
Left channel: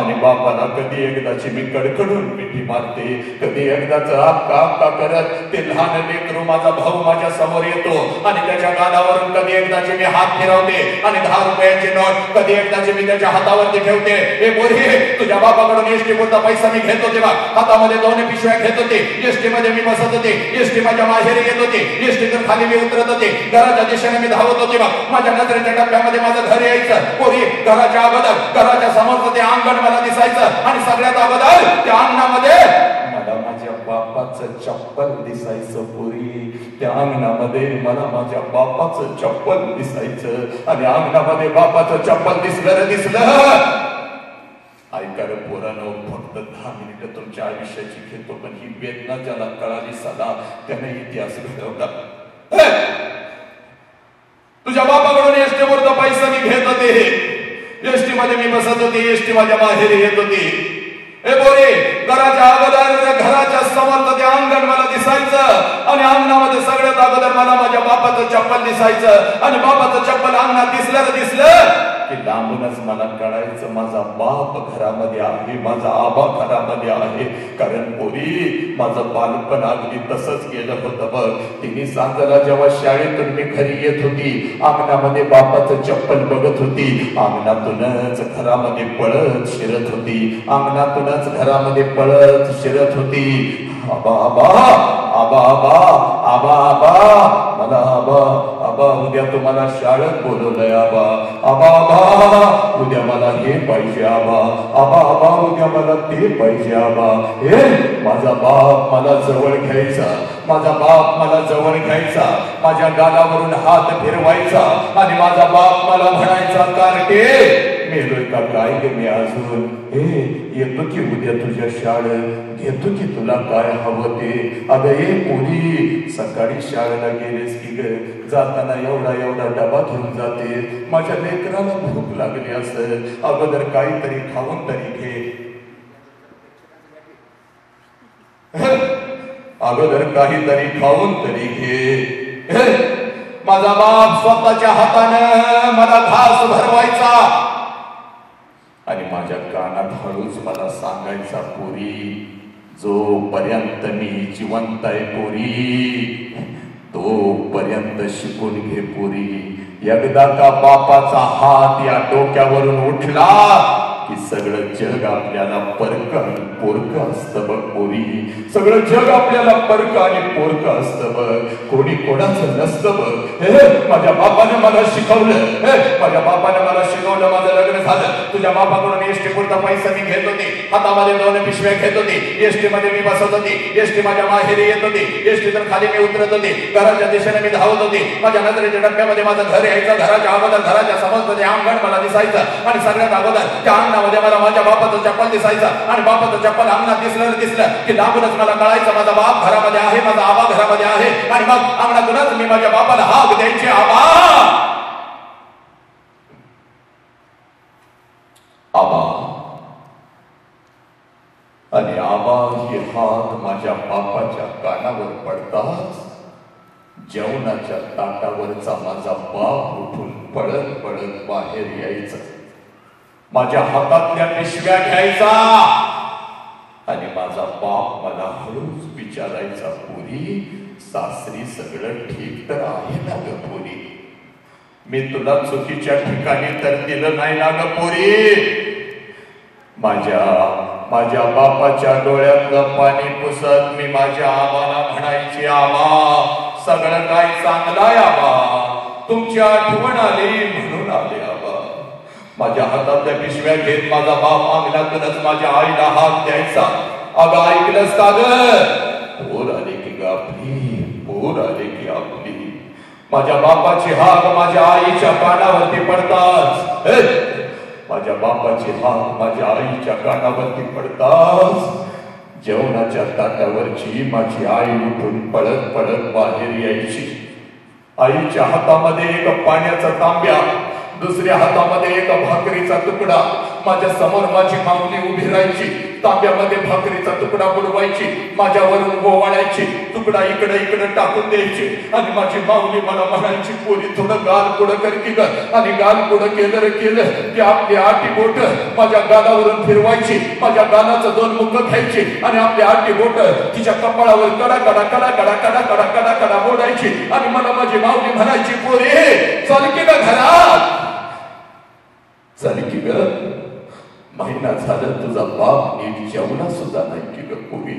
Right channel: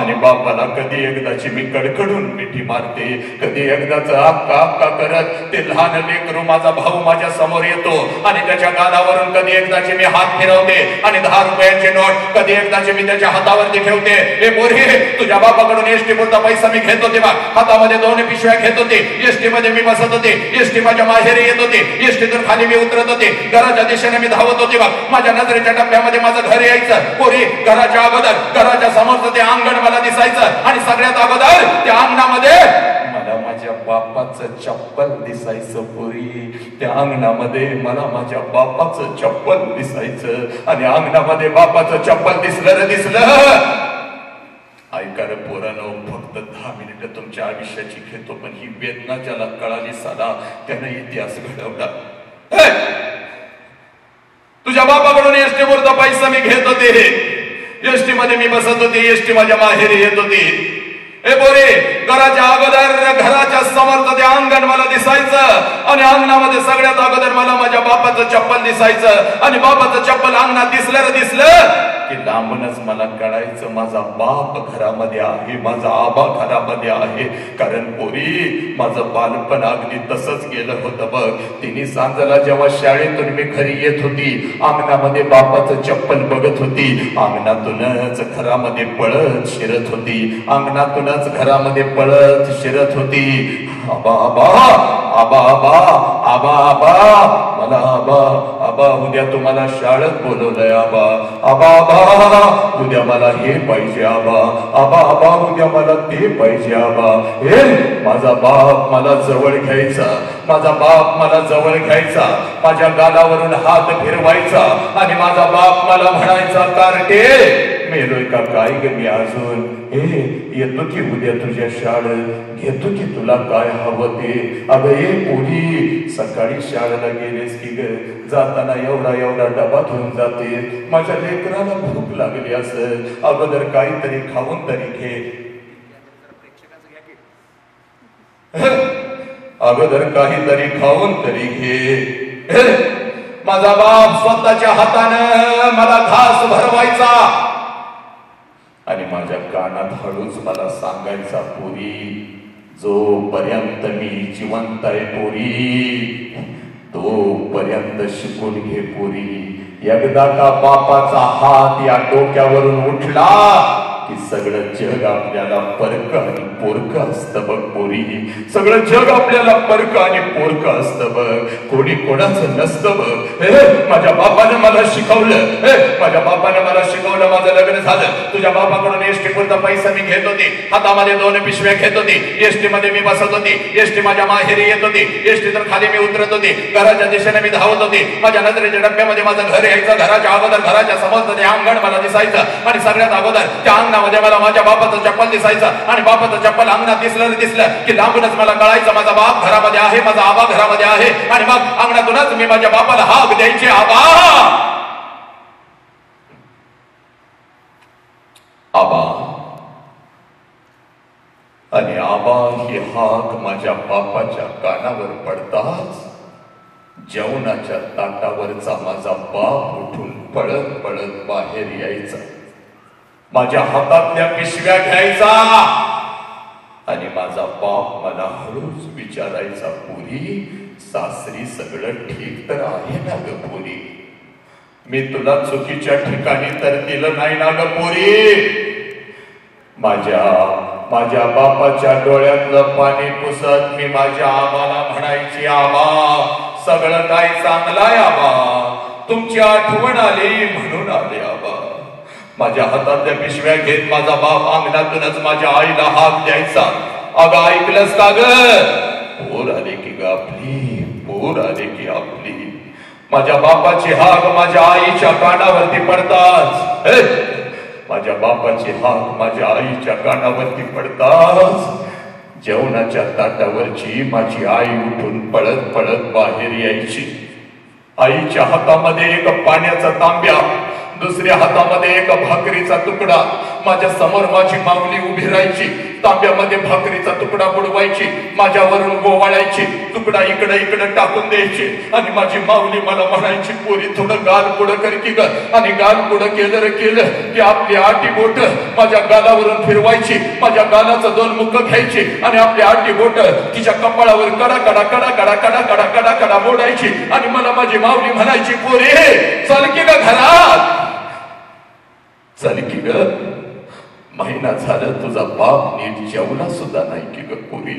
आणि बापाला कधी एकदाची मी कडकडून मिठी मारते, कधी एकदाच आक्का आक्का करत ते लहान लेकरू माझा भाऊ माझ्या समोर येतो आणि त्याच्या कानावरून कधी एकदाची मी हात फिरवते आणि 10 रुपयांची नोट कधी एकदाची मी त्याच्या हातावरती ठेवते. हे पोरी तुझ्या बापाकडून एसटी पुरता पैसा मी घेत होते बा, हातामध्ये 2 पिशव्या घेत होते, एसटी मध्ये मी बसत होते, एसटी माझ्या माहेरी येत होते, एसटीतून खाली मी उतरत होते, घराच्या दिशेने मी धावत होते बा. माझ्या नजरेच्या टप्प्यामध्ये माझं घर यायचं. पोरी घराच्या अगोदर घराच्या समोरचं ते अंगण मला दिसायचं आणि सगळ्यात अगोदर त्या अंगणामध्ये मला माझ्या बापाचं चप्पल दिसायचं. पोरी त्या अंगणामध्ये मला माझ्या बापाचं चप्पल दिसायचं आणि अंगणामध्ये बापाचं चप्पल दिसलं. ऐका रे पोरांनो, फक्त 10 मिनिटं तुमच्या आयुष्याची घेतो, पण ही वेदना ज्याला कळाली साधा त्याने इतिहास घडवला. तुझ्या बापाकडून एसटी पुरता पैसा मी घेत होते, एसटी मध्ये मी बसत होते, एसटी माझ्या माहेरी येत होती. हे बोरे घराच्या अगोदर घराच्या समोरचं ते अंगण मला दिसायचं आणि अंगणामध्ये सगळ्यात अगोदर मला माझ्या बापाचं चप्पल दिसायचं आणि बापाचं चप्पल अंगणात दिसलं की लांबूनच मला कळायचं माझा बाप घरामध्ये आहे, माझा आबा घरामध्ये आहे. कारण पोरी माझं बालपण अगदी तसंच गेलं होतं बघ. तिन्ही सांजाला जेव्हा शाळेतून मी घरी येत होती, अंगणामध्ये बापाचं चप्पल बघत होती, अंगणातूनच घरामध्ये पळत शिरत होती, अंगणातूनच घरामध्ये पळत शिरत होती. आबा आबा आबा आबा आबा आबा मला आबा आबा उद्या तुम्हाला शाळेत बोलवलंय आबा आबा आबा उद्या मला हे पाहिजे आबा आबा आबा उद्या मला ते पाहिजे आबा. हे माझा बाप मला जवळ घ्यायचा, माझा बाप मला जवळ घ्यायचा, माझ्या गालावरून हात फिरवायचा आणि माझा बाप मला म्हणायचा कार्टे मेलोय का काय ग मी अजून. हे येतो की उद्या तुझ्या शाळेत, घेतो की तुला काय हवं ते. अगं ए पोरी सकाळी शाळेला गेलेस की ग, जाताना एवढा डबा घेऊन जाते. माझ्या लेकराला भूक लागली असेल, अगोदर काहीतरी खाऊन तरी घे, अगोदर काहीतरी खाऊन तरी घे. माझा बाप स्वतःच्या हातानं मला घास भरवायचा आणि माझ्या कानात हळूच मला सांगायचा पोरी जोपर्यंत मी जिवंत आहे पोरी तोपर्यंत शिकून घे पोरी. एकदा का बापाचा हात या डोक्यावरून उठला की सगळं जग आपल्याला परक आणि पोरक असतं बघ पोरी. सगळं जग आपल्याला परक आणि पोरक असतं बघ, कोणी कोणाचं नसतं बघ. माझ्या बापानं मला शिकवलं, माझ्या बापानं मला शिकवलं, माझं लग्न झालं. तुझ्या बापाकडून एसटी पुरता पैसा मी घेत होते, हातामध्ये 2 पिशव्या घेत होते, एसटी मध्ये मी बसत होते, एसटी माझ्या माहेरी येत होते, एसटी तर खाली मी उतरत होते, घराच्या दिशेने मी धावत होते. माझ्या नजरेच्या डब्यामध्ये माझं घर यायचं, घराच्या अगोदर घराच्या समोरचं ते अंगण मला दिसायचं आणि सगळ्यात अगोदर त्या अंगणामध्ये मला माझ्या बापाचं चप्पल दिसायचं आणि बापाचं चप्पल अंगणात दिसलं की लांबूनच मला कळायचं माझा बाप घरामध्ये आहे, माझा आबा घरामध्ये आहे. आणि मग अंगणातूनच मी माझ्या बापाला हाक द्यायचे, आबा आबा. आणि आबा ही हाक माझ्या बापाच्या कानावर पडताच जेवणाच्या ताटावरचा माझा बाप उठून पळत पळत बाहेर यायचा, माझ्या हातातल्या पिशव्या घ्यायचा आणि माझा बाप मला हळूच विचारायचा, पुरी सासरी सगळं ठीक तर आहे ना ग पुरी? मी तुला चुकीच्या ठिकाणी तर दिलं नाही ना ग पुरी? माझ्या बापाच्या डोळ्यातलं पाणी पुसत मी माझ्या आबाला म्हणायची, आबा सगळं काय चांगलं आहे आबा, तुमची आठवण आली म्हणून आले आबा. माझ्या हातातल्या पिशव्या घेत माझा बाप अंगणातूनच माझ्या आईला हात द्यायचा, अगं ऐकलंस का ग? पोर आले की ग आपली, पोर आले की आपली. माझ्या बापाची हाक माझ्या आईच्या कानावरती पडताच, माझ्या बापाची हाक माझ्या आईच्या कानावरती पडताच जेवणाच्या ताटावरची माझी आई उठून पळत पळत बाहेर यायची. आईच्या हातामध्ये एक पाण्याचा तांब्या, दुसऱ्या हातामध्ये एक भाकरीचा तुकडा. माझ्या समोर माझी माऊली उभी राहायची, तांब्यामध्ये भाकरीचा तुकडा बुडवायची, माझ्यावरून गोवाळायची, तुकडा इकडे इकडे टाकून द्यायची आणि माझी माऊली मला म्हणायची, पोरी थोडं गाल पुढं कर की ग. आणि गाल पुढं केलं की आपली आटी बोट माझ्या गालावरून फिरवायची, माझ्या गालाचं 2 मुख घ्यायची आणि आपली आटी बोट तिच्या कपाळावर कडा कडा कडा कडा कडा कडा कडा कडा मोडायची आणि मला माझी माऊली म्हणायची, पोरी चल की ग घरात, चल की ग. महिना झाला तुझा बाप नीट जेवला सुद्धा नाही की ग पुरी.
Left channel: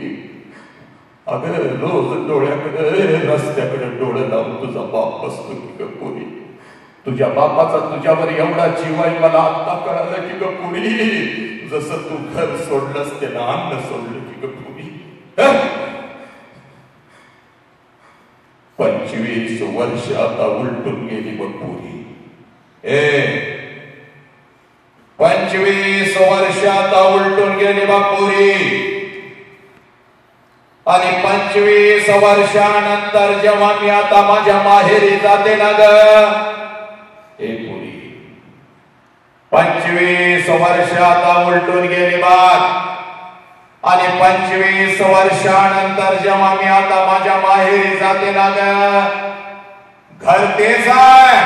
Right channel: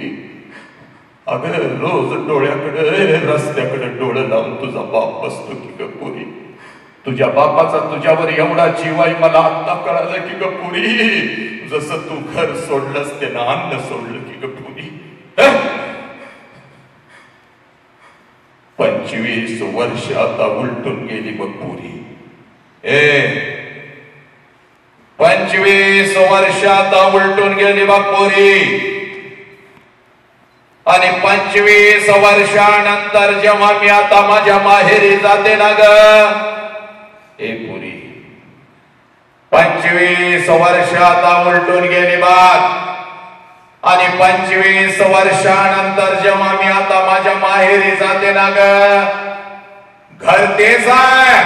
अगं रोज डोळ्याकडे रस्त्याकडे डोळं लावून तुझा बाप बसतो की ग पुरी. तुझ्या बापाचा तुझ्यावर एवढा जीव आहे मला आता कळालं की ग पुरी. जसं तू घर सोडलंस त्यानं अन्न सोडलं की ग पुरी. 25 वर्ष आता उलटून गेली बघ पुरी. 25 वर्ष आता उलटून गेली बघ पुरी. आणि 25 वर्षानंतर जेव्हा मी आता माझ्या माहेरी जाते ना ग पुरी, 25 वर्ष आता उलटून गेली बघ. आणि 25 वर्षानंतर जेव्हा मी आता माझ्या माहेरी जाते ना ग, घर तेच आहे,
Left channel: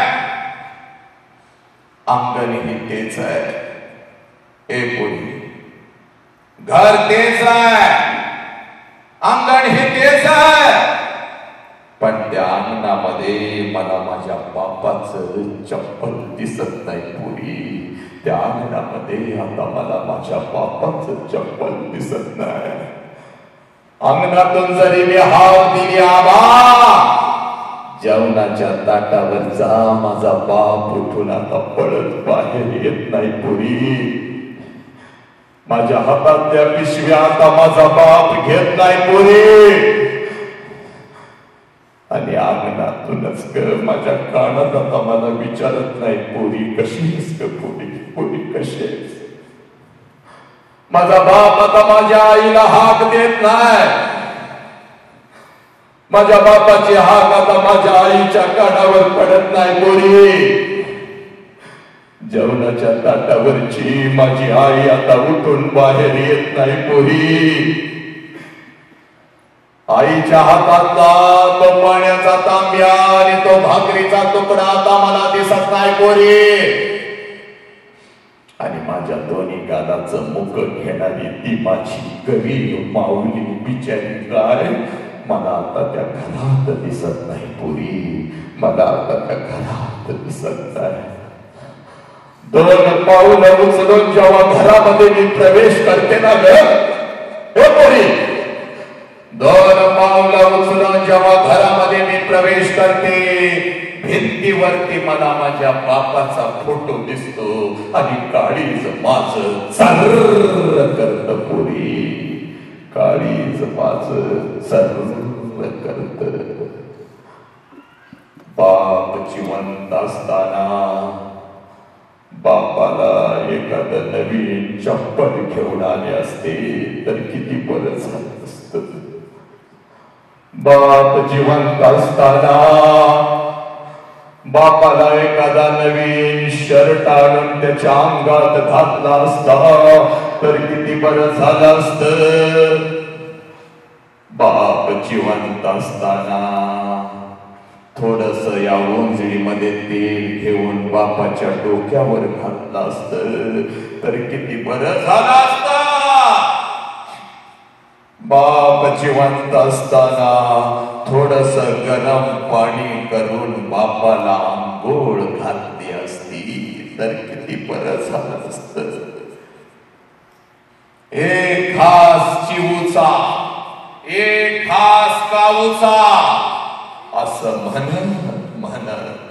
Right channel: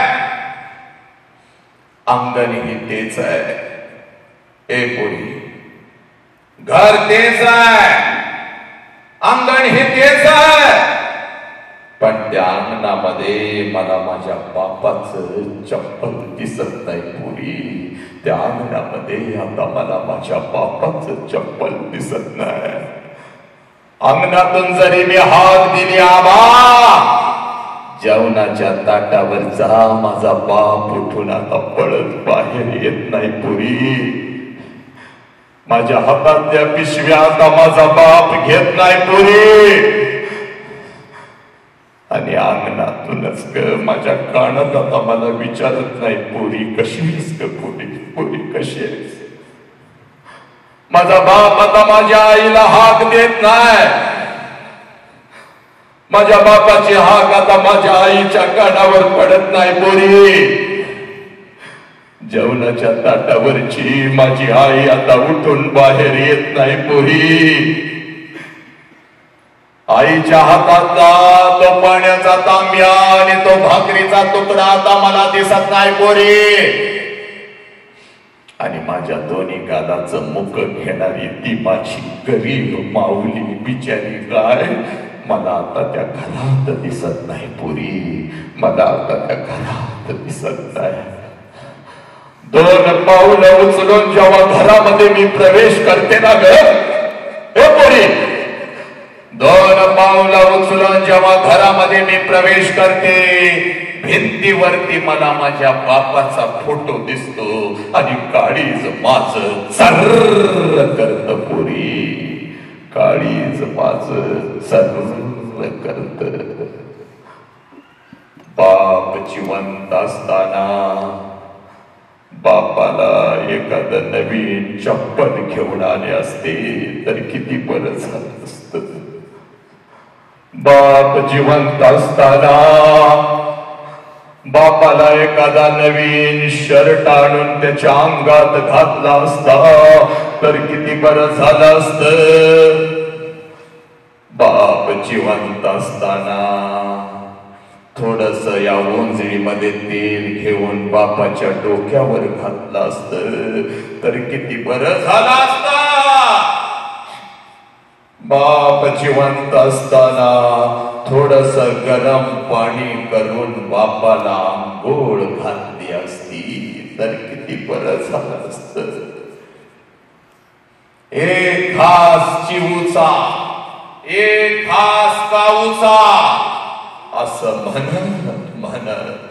अंगण ही तेच आहे. पुरी घर तेच आहे, अंगण हे तेच आहे, पण त्या अंगणामध्ये मला माझ्या बापाचं चप्पल दिसत नाही पुरी. त्या अंगणामध्ये आता मला माझ्या बापाचं चप्पल दिसत नाही. अंगणातून जरी मी हाक दिली आबा, जेवणाच्या ताटावरचा माझा बाप उठून आता पळत बाहेर येत नाही पुरी. माझ्या हातातल्या पिशव्या आता माझा बाप घेत नाही पुरी. आणि अंगणातूनच ग माझ्या कानात आता मला विचारत नाही, पुरी कशी आहेस ग पुरी, पुरी कशी आहेस. माझा बाप आता माझ्या आईला हाक देत नाही. माझ्या बापाची हाक आता माझ्या आईच्या कानावर पडत नाही पुरी. जेवणाच्या ताटावरची माझी आई आता उठून बाहेर येत नाही पुरी. आईच्या हातातला तो पाण्याचा तांब्या आणि तो भाकरीचा तुकडा आता मला दिसत नाही पुरी. आणि माझ्या दोन्ही गालाचं मुख घेणारी ती माझी गरीब माऊली बिचारी काय मला आता त्या घरात दिसत नाही पुरी. मला आता त्या घरात दिसत नाही. 2 पाऊलं उचलून जेव्हा घरामध्ये मी प्रवेश करते ना ग पुरी, 2 पाऊलं उचलून जेव्हा घरामध्ये मी प्रवेश करते, भिंतीवरती मला माझ्या बापाचा फोटो दिसतो आणि काळीज माझ सर्र करत पुरी. काळीज माझ सर्र करत. बाप जिवंत असताना बापाला एखादं नवीन चप्पल घेऊन आले असते तर किती बरं झालं असत. बाप जिवंत असताना बापाला एखादा नवीन शर्ट आणून त्याच्या अंगात घातला असता तर किती बरं झालं असतं. बाप जिवंत असताना थोडस या ओंजळीमध्ये तेल घेऊन बापाच्या डोक्यावर घातलं असतं तर किती बरं झालं असतं. बाप जिवंत असताना थोडस गरम पाणी करून बापाला आंघोळ घातली असती तर किती बरं झालं असतं. एक घास चिवूचा एक घास काऊचा असं म्हणत म्हणत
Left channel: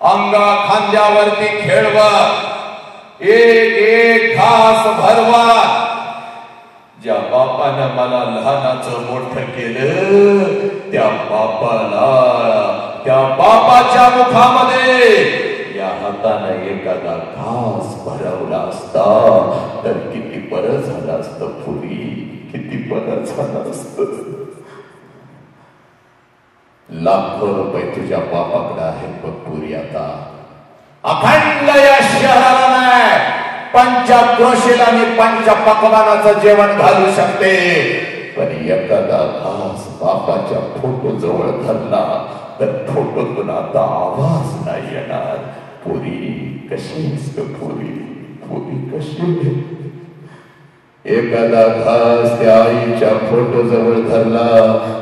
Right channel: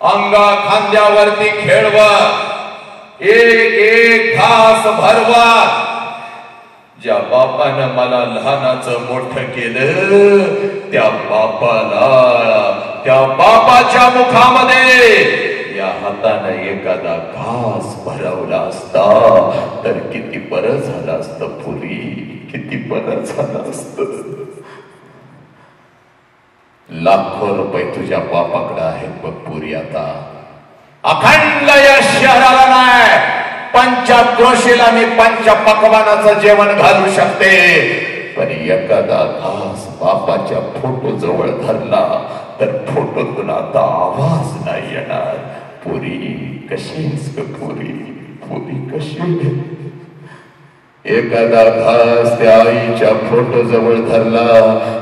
अंगा खांद्यावरती खेळवत एक घास भरवत ज्या बापानं मला लहानाचं मोठं केलं त्या बापाच्या मुखामध्ये या हाताने एखादा घास भरवला असता तर किती बरं झालं असतं. पुरी किती बरं झालं असतं. लाखो रुपये तुझ्या बापाकडे आहेत बघ पुरी. आता अखंड या शहराला नाही पंचक्रोशीला मी पंचपक्वानाचं जेवण घालू शकते पण एखादा घास बापाच्या फोटो जवळ धरला तर फोटोतून आता आवाज नाही येणार. पुरी कशीच पुरी पुरी कशी. एखादा घास त्या आईच्या फोटो जवळ धरला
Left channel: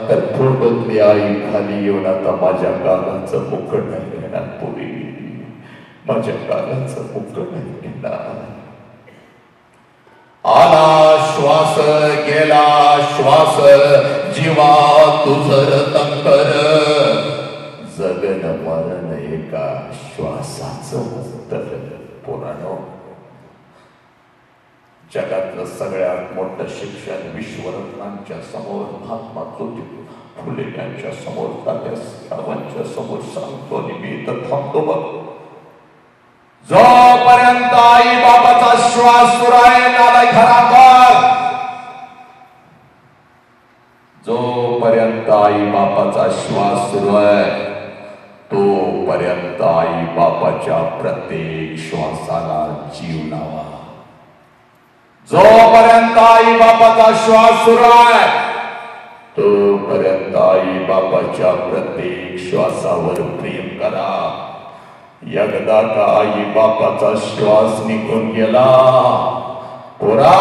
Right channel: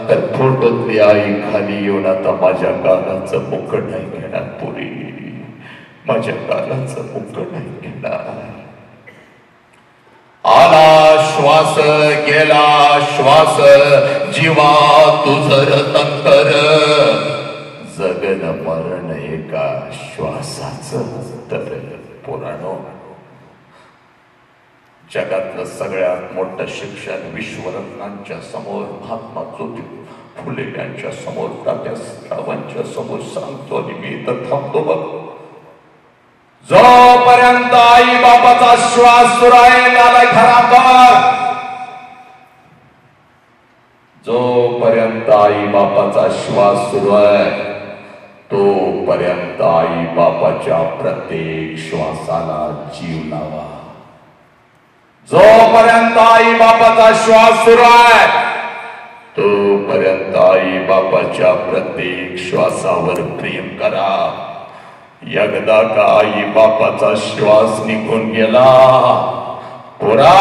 तर फोटोतली आई खाली येऊन आता माझ्या गालाचं मुकट नाही घेणार. पुरी माझ्या गालाचं मुकट नाही घेणार. आला श्वास गेला श्वास जीवा तुझर तंकर जगन मरण एका श्वासाचं तर पुराण. जगातलं सगळ्यात मोठं शिक्षण विश्वरत्नांच्या समोर महात्मा ज्योतिबा फुले यांच्या समोर तात्यासाहेबांच्या समोर सांगतो आणि मी इथं थांबतो बघ. जोपर्यंत आई बाबाचा श्वास सुरू आहे नाला खरा कर. जोपर्यंत आई बापाचा श्वास सुरू आहे तोपर्यंत आई बापाच्या प्रत्येक श्वासाला जीव लावा. जोपर्यंत आई बापाचा श्वास सुरू आहे तोपर्यंत आई बापाच्या प्रत्येक श्वासावर प्रेम करा. एकदा का आई बापाचा श्वास निघून गेला पोरा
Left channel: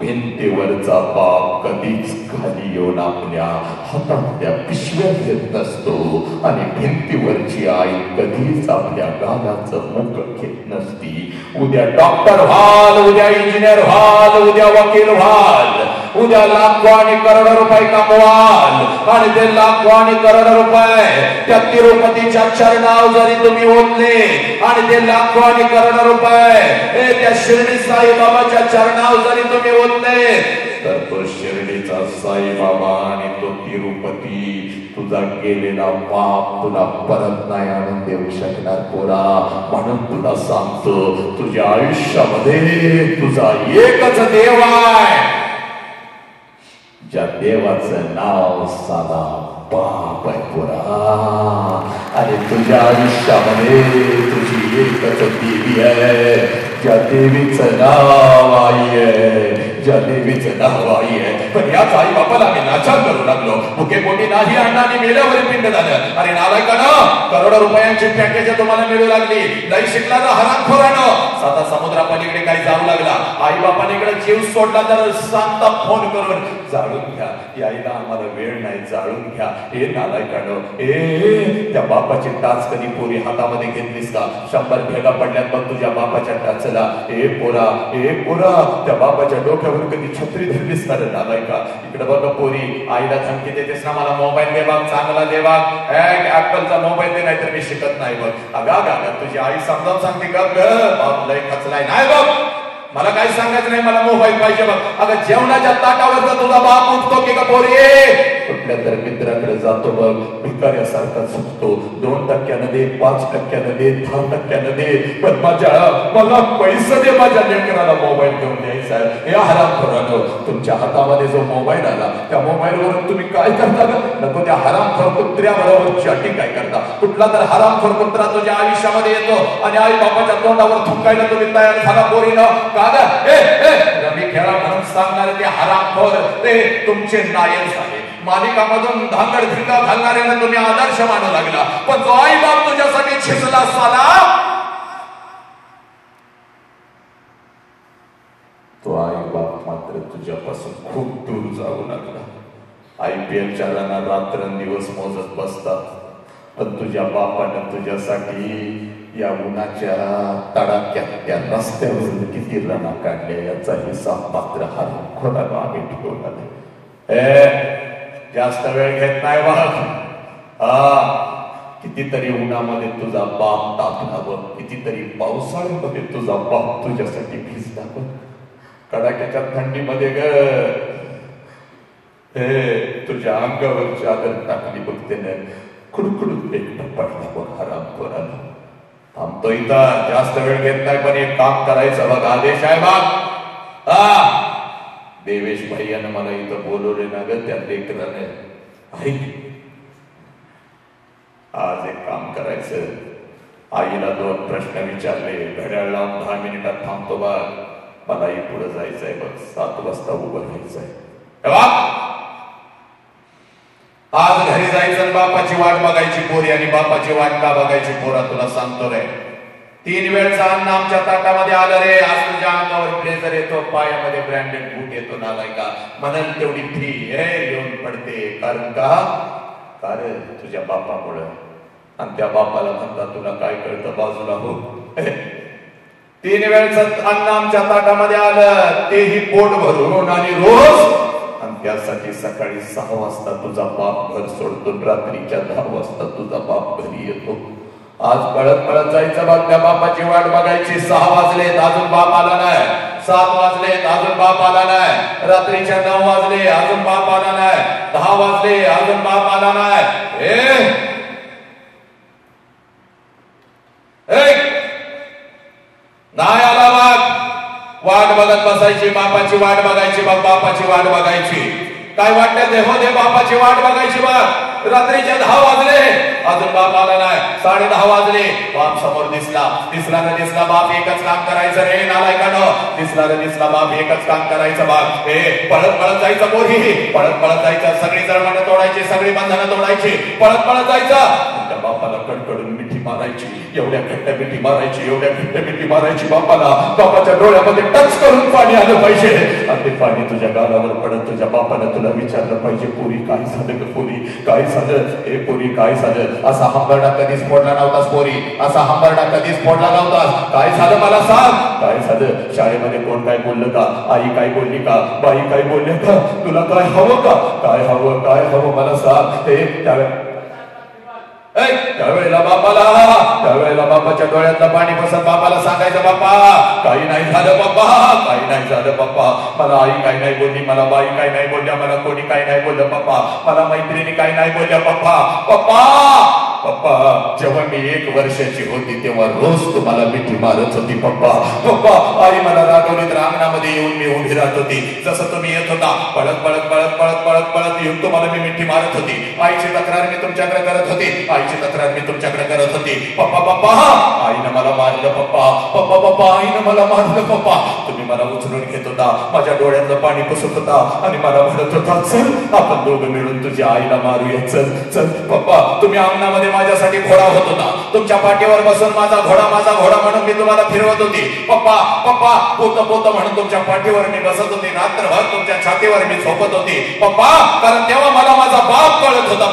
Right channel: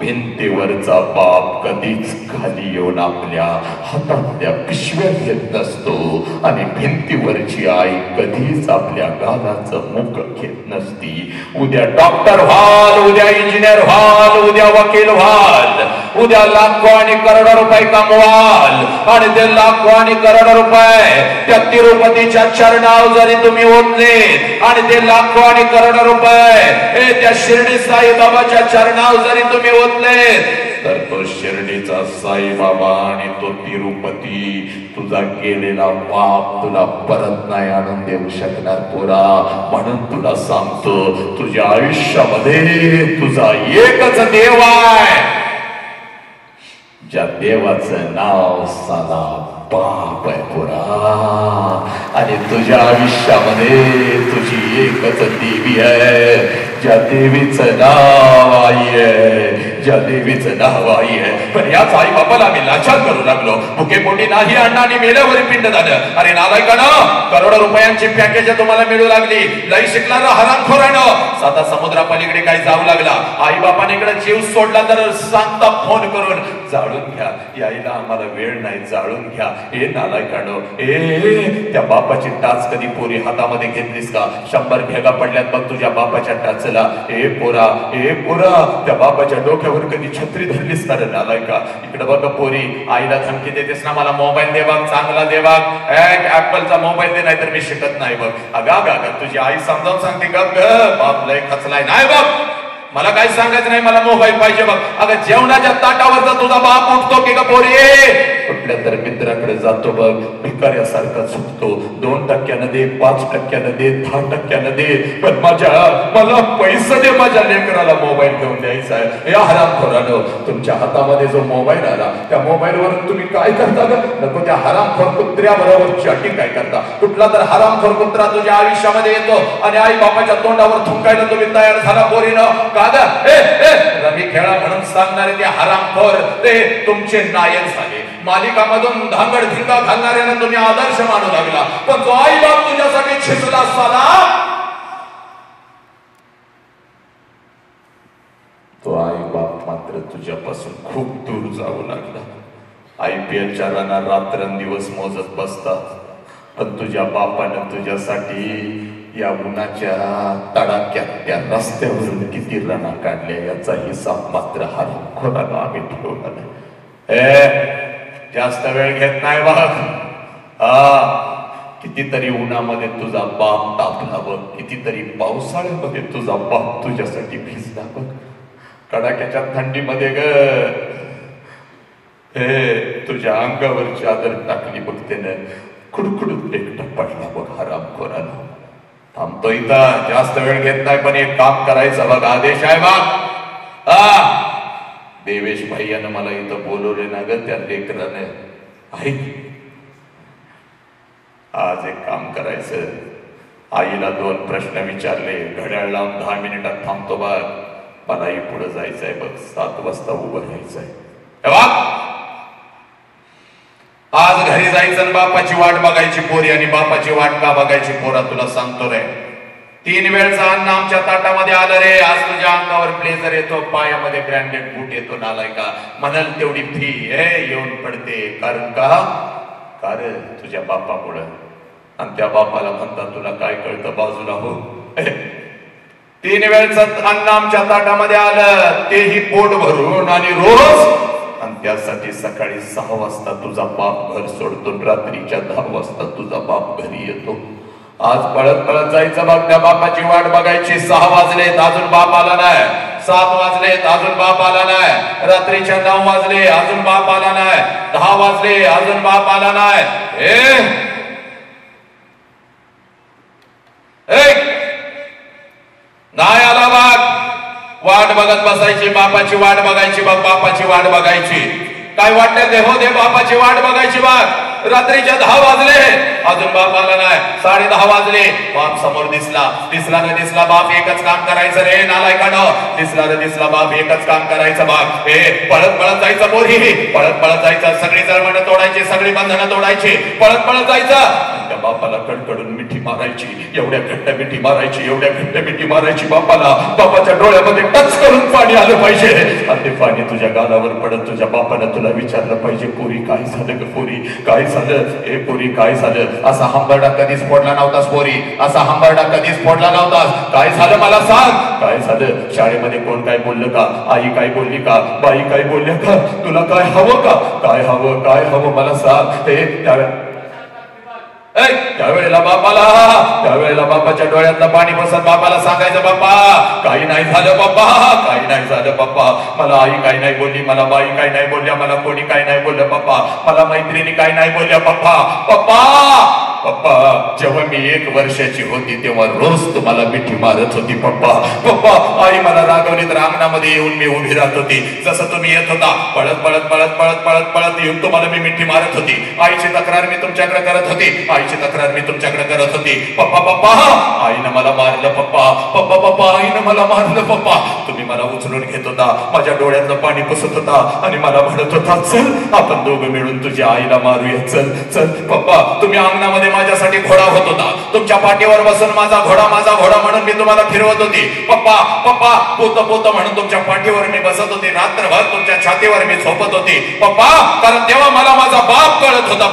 भिंतीवरचा बाप कधीच खाली येऊन आपल्या हातातल्या पिशव्या घेत नसतो आणि भिंतीवरची आई कधीच आपल्या गालाचं मुख घेत नसती. उद्या डॉक्टर व्हाल, उद्या इंजिनियर व्हाल, उद्या वकील व्हाल, उद्या लाखो आणि करोडो रुपये कमवाल आणि ते लाखो आणि करोडो रुपये त्या तिरुपतीच्या चरणावर जरी तुम्ही ओतले आणि ते लाखो आणि करोडो रुपये त्या शिर्डी साईबाबाच्या चरणावर जरी तुम्ही ओतले तर तो शिर्डीचा साईबाबा आणि तो तिरुपती तुझा केलेला पाप तुला परत नाही आणून देऊ शकणार पोरा. म्हणून तुला सांगतो तुझ्या आयुष्यामध्ये तुझा एकच देव आहे ज्या देवाचं नाव साधा बाप आहे पोरा. आणि तुझ्या आयुष्यामध्ये तुझी एकच देवी आहे ज्या देवीचं नाव आई आहे, ज्या देवीचं नाव आई आहे. पण याच आई बापाला मी लाचार करू लागलो. भुके पोटी नाही अण्णांनी मेल्यावर पिंड झालं. अरे नालायकानं करोडो रुपयांची पॅकेज तुम्हाला मिळू लागली. लई शिकणारा हरामखोरानं साधा समुद्रापलीकडे काही जाऊ लागला. आई बापाने इकडे जीव सोडला तर सांगता फोन करून जाळून घ्या. यायला आम्हाला वेळ नाही जाळून घ्या. हे नालायकानं त्या बापाची टाच कधी पोरी हातामध्ये घेतलीस का? 100 भेगा पडल्यात बघ तुझ्या बापाच्या टाचला. ए पोरा त्या बापाच्या डोक्यावर कधी छत्री धरलीस का रे नालायका? इकडे बघ पोरी आईला धमकी देतेस ना मला मोबाईल दे बघ, चांगला दे बघ, ऍपलचा मोबाईल दे नाही तर मी शिकत नाही बघ. अगा तुझी आई समजावून सांगते का बाप लय खचलाय नाही बघ मला काही सांगायचं नाही, मला मोबाईल पाहिजे बघ. अगं जेवणाच्या ताटावरचा तुझा बाप उठतो की का पोरे? कुठल्या तर मित्राकडे जातो बघ, भिकाऱ्यासारखा सुटतो. 2% दे, 5% दे, 10% दे, पण मला पैसे दे, माझ्या लेकराला मोबाईल घेऊन द्यायचा आहे. या हरामखोरानो, तुमच्या हातामध्ये जो मोबाईल आला त्या मोबाईलवर तुम्ही काय करता ग? नको त्या हरामखोर कुत्र्याबरोबर चॅटिंग काय करता? कुठला तर हरामखोर कुत्रा तुझ्या आयुष्यामध्ये येतो आणि आई बापाच्या तोंडावर थुंकायला तुम्ही तयार झाला पोरीनं. रमी खेळा म्हणून सांगणारे ते हरामखोर ते तुमचे नायक झाले. मालिकामधून धांगड धिंगा घालणाऱ्यांना तुम्ही आदर्श मानू लागला, पण जो आई बाप तुझ्यासाठी छिसला साला, तो आई बाप मात्र तुझ्यापासून खूप दूर जाऊ लागला. IPLच्या रनात रात्रंदिवस मोजत बसतात, पण तुझ्या बापानं तुझ्यासाठी या उन्हाच्या तडाक्यात त्या रस्त्यावरून किती रणा काढल्या याचा हिसाब मात्र हरामखोरानं आम्ही ठेवला. जास्त वेळ घेत नाही बघ. कितीतरी उन्हामध्ये तुझा बाप तापला बघ, कितीतरी पावसाळ्यामध्ये तुझा बाप तुझ्यासाठी भिजला बघ. कडाक्याच्या थंडीमध्ये ग तुझ्या अंगावर चादर टाकली बघ, त्यानं कुडकुडून एकटं पडला बघ हरामखोरानं. थांबतो इथं, जास्त वेळ घेत नाही, पण एक काम करायचं बघ. आदेश आहे बघ. देवेश भैयानं मला इथं बोलवले ना ग त्या लेकराने. आज एक काम करायचं, आईला 2 प्रश्न विचारले, घड्याळ लावून 10 मिनिटात थांबतो बघ. मलाही पुढे जायचंय बघ, 7 वाजता उभं राहायचंय. आज घरी जायचं, बापाची वाट बघायची पोरी. आणि बापाची वाट का बघायची पोरा, तुला सांगतो रे. 3 वेळचा अन्न आमच्या ताटामध्ये आलं रे. आज तुझ्या अंगावर ब्लेझर येतो, पायामध्ये ब्रँडेड बूट येतो, नालाय का म्हणाल तेवढी फी येऊन पडते. कारण तुझ्या बापामुळं. आणि त्या बापाला म्हणता तुला काय कळतं, बाजूला हो. 3 वेळचं अन्न आमच्या ताटामध्ये आलं, तेही पोट भरून आणि रोज. आणि त्यासाठी सकाळी 6 वाजता तुझा बाप घर सोडतो, रात्रीच्या 10 वाजता तुझा बाप घरी येतो. आज पळत पळत जायचं बघ, त्या बापाची वाट बघायची. 6 वाजलेत अजून बाप आला नाही, 7 वाजलेत अजून बाप आला नाही, रात्रीच्या 9 वाजले अजून बाप आला नाही, 10 वाजले अजून बाप आला नाही. नाही आला बघ, वाट बघत बसायची, बापाची वाट बघायची बघ, बापाची वाट बघायची. काय वाटत दे हो दे, बापाची वाट बघायची बघ. रात्रीच्या 10 वाजले अजून बाप आला नाही, 10:30 वाजले, बाप समोर दिसला न दिसला बाप एकच काम करायचं रे नालायकानं. दिसला बाप एकच काम करायचं बाप. पळत पळत जायचं पोरी, पळत पळत जायचं. सगळी जळमणं तोडायची, सगळी बंधनं तोडायची, पळत पळत जायचं. त्या बापाला कडकडून मिठी मारायची, एवढ्या घट्ट मिठी मारायची, एवढ्या घट्ट मिठी मारायची बापाला. बापाच्या डोळ्यामध्ये टच करून पाणी आलं पाहिजे. आणि ते पाणी तुझ्या गालावर पडत तुझ्या बापानं तुला विचारलं पाहिजे, पोरी काय झालं ग पोरी, काय झालं? पोरी काय झालं? असा हंबरडा कधीच फोडला नव्हतास पोरी, असा हंबरडा कधीच फोडला नव्हतास. काय झालं मला सांग, काय झालं? शाळेमध्ये कोण काय बोललं का? आई काय बोलली का? बाई काय बोलले का? तुला काय हवं का? काय हवं मला सांग. त्यावेळेला बापाच्या डोळ्यातलं पाणी बसत बापाला सांगायचं, बाप्पा काही नाही झालं, बाप्पा काही नाही झालं, बाप्पा मला आई काही नाही बोलली, मला बाई काही नाही बोलल्या, मला कोणी काही नाही बोललं बाप्पा, मला मैत्रिणी काही नाही बोलल्या बाप्पा. पप्पा जेव्हा मी 1 वर्षाची होती तेव्हा रोज तुम्हाला मिठी मारत होती पप्पा. आई मला रागवली तर अंगणामध्ये येऊन मी उभी राहत होती. जसं तुम्ही येत होता पळत पळत पळत पळत पळत पळत येऊन तुम्हाला मी मिठी मारत होती. आईची तक्रार मी तुमच्याकडे करत होती, पप्पा आईनं मला मारलं पप्पा आईनं मला मारलं पप्पा. तुम्ही मला उचलून घेत होता, माझ्या डोळ्यातलं पाणी पुसत होता आणि मला म्हणत होता, चल आपण दोघं मिळून तुझ्या आईला मारूया, चल चल. पप्पा तुम्ही अंगणामध्ये माझ्यासाठी घोडा होत होता, तुमच्या पाठीवर बसून माझा घोडा म्हणून मी तुम्हाला फिरवत होती. पप्पा पोत म्हणून तुमच्या पाठीवर मी बसत होते, रात्रभर तुमच्या छातीवर मी झोपत होती पप्पा, कारण तेव्हा मला माझा बाप कळत होता.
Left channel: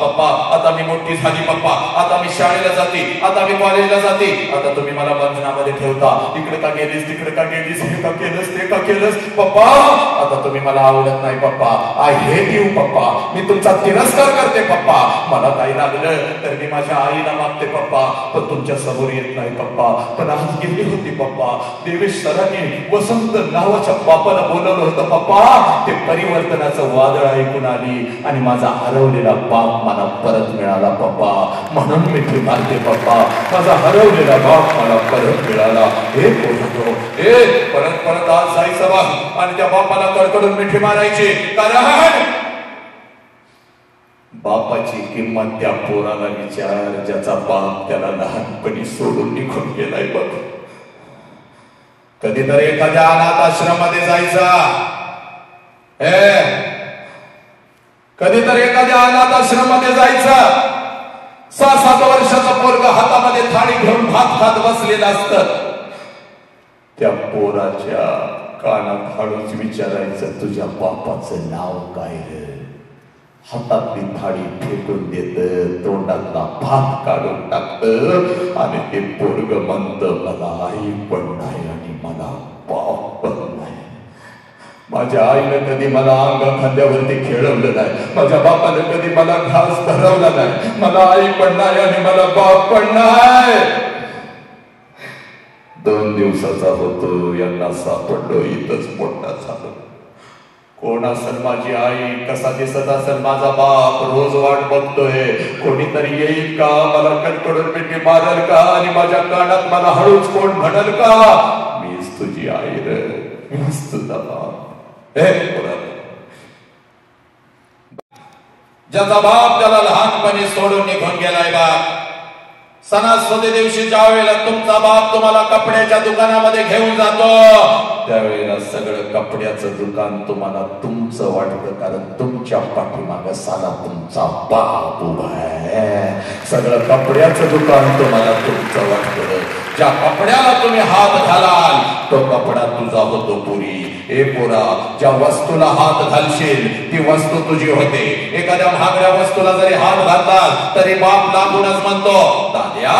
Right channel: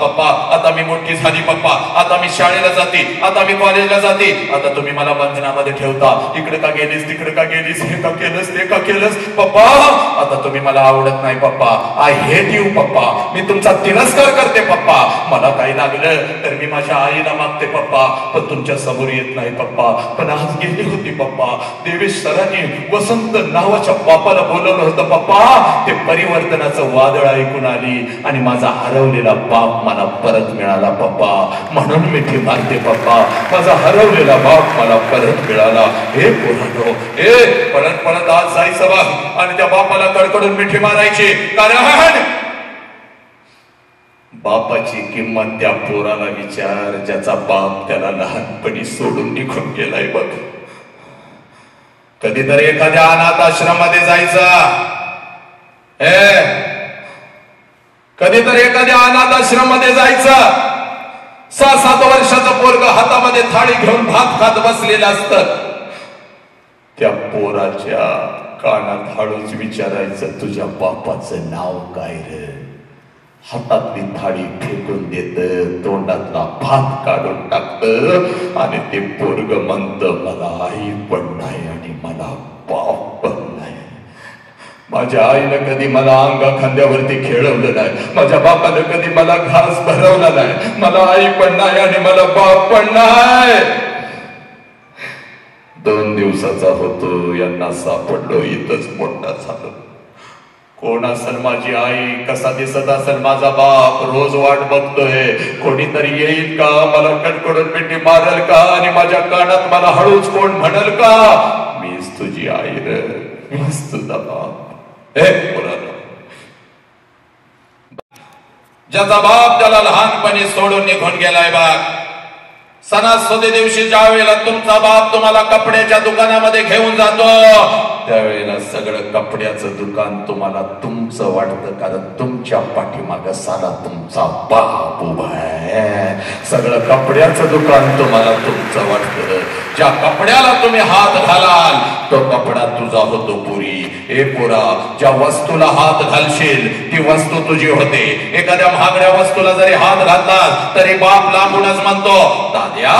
पप्पा आता मी मोठी झाली पप्पा, आता मी शाळेला जाते, आता मी कॉलेजला जाते, आता तुम्ही मला बंधनामध्ये ठेवता. इकडे का गेलीस, तिकडे का गेलीस, हे का केलंस, ते का केलंस पप्पा. आता तुम्ही मला आवडत नाही पप्पा, आय हेट यू पप्पा, मी तुमचा तिरस्कार करते पप्पा. पप्पा, मला काही लागलं तर मी माझ्या आईला मागते पप्पा, पण तुमच्या समोर येत नाही पप्पा. पण आज गेली होती पप्पा, देवेश सरांनी वसंत नावाच्या बापाला बोलवलं होतं पप्पा. ते परिवर्तनाचं वादळ ऐकून आली आणि माझा हरवलेला बाप मला परत मिळाला पप्पा. म्हणून मिठी मारते पप्पा, माझा हरवलेला बाप मला परत मिळाला. हे पोरांनो, हे परत परत आज जायचं बा आणि त्या बापाला कडकडून मिठी मारायची. कारण बापाची किंमत त्या पोराला विचार, ज्याचा बाप त्याला लहानपणी सोडून निघून गेलाय बघ. कधीतरी एखाद्या अनाथ आश्रमामध्ये जायचं, कधीतरी एखाद्या अनाथ आश्रमामध्ये जायचं. 6-7 वर्षाचं पोरग हातामध्ये थाळी घेऊन भात खात बसलेलं असतं. त्या पोराच्या कानात हळूच विचारायचं, तुझ्या बापाचं नाव काय रे? हातातली थाळी फेकून देत, तोंडातला भात काढून टाकत आणि ते पोरग म्हणत, मला आई पण नाही आणि मला बाप पण नाही. माझ्या आईनं कधी मला अंगा खांद्यावरती खेळवलं नाही, माझ्या बापानं कधी मला घास भरवला नाही. मला आई पण नाही आणि मला बाप पण नाही. 2 दिवसाचा होतो, यांना सापडलो, इथंच मोठा झालो. कोण असेल माझी आई, कसा दिसत असेल माझा बाप, रोज वाट बघतोय कोणीतरी येईल का, मला कडकडून पिठी मारल का आणि माझ्या कानात मला हळूच कोण म्हणल का, मीच तुझी आई रे, मीच तुझा बाप. ज्याचा बाप त्याला लहानपणी सोडून निघून गेलाय बा, सणासुदी दिवशी ज्या वेळेला तुमचा बाप तुम्हाला कपड्याच्या दुकानामध्ये घेऊन जातो, त्यावेळेला सगळं कपड्याचं दुकान तुम्हाला तुमचं वाटतं, कारण तुमच्या पाठीमागं साला तुमचा बाप उभा आहे. सगळं कपड्याचं दुकान तुम्हाला तुमचं वाटतं. ज्या कपड्याला तुम्ही हात घालाल तो कपडा तुझा होतो पुरी. ए पोरा, ज्या वस्तूला हात घालशील ती वस्तू तुझी होते. एखाद्या महागड्या वस्तूला जरी हात घालतात तरी बाप लांबूनच म्हणतो, दाद्या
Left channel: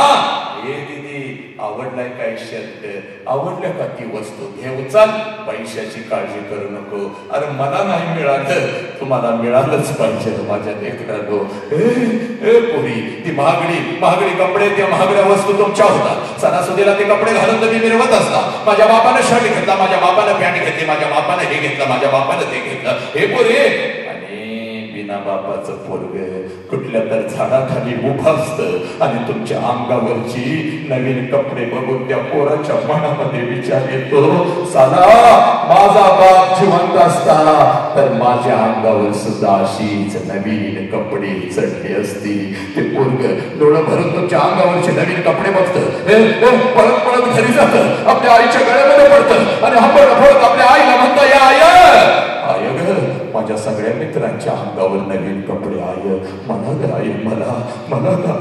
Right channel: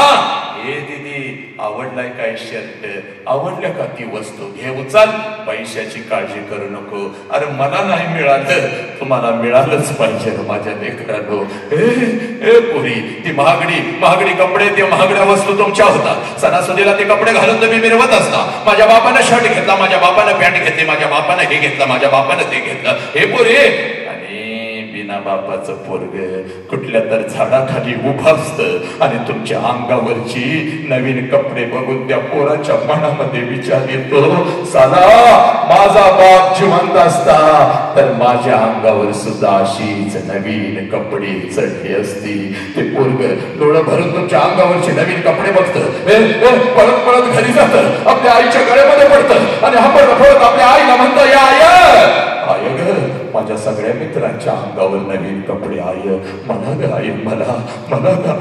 हे दीदी आवडलाय काय शर्ट, आवडल्या का ती वस्तू, घे उचल, पैशाची काळजी करू नको. अरे मला नाही मिळालं, तुम्हाला मिळालंच पाहिजे माझ्या लेकरांनो. ए पोरी, ती महागडी कपडे, त्या महागड्या वस्तू तुमच्या होतात. सणासुदीला ते कपडे घालून तुम्ही मिरवत असता. माझ्या बापानं शर्ट घेतला, माझ्या बापानं पॅन्ट घेतली, माझ्या बापानं हे घेतलं, माझ्या बापानं ते घेतलं. हे पोरी, बापाचं पोरग कुठल्या तर झाडाखाली उभा असतं आणि तुमच्या अंगावरची नवीन कपडे बघून त्या पोराच्या मनामध्ये विचार येतो, साला माझा बाप जिवंत असता तर माझ्या अंगावर सुद्धा अशीच नवीन कपडे चढले असती. ते पोरग डोळं भरून तुमच्या अंगावरचे नवीन कपडे बघतं, पळत पळत घरी जातं, आपल्या आईच्या गळ्यामध्ये पडतं आणि हपळत आपल्या आईला म्हणतं, या आय ग, माझ्या सगळ्या मित्रांच्या अंगावर नवीन कपडे, आय मला ग, आई मला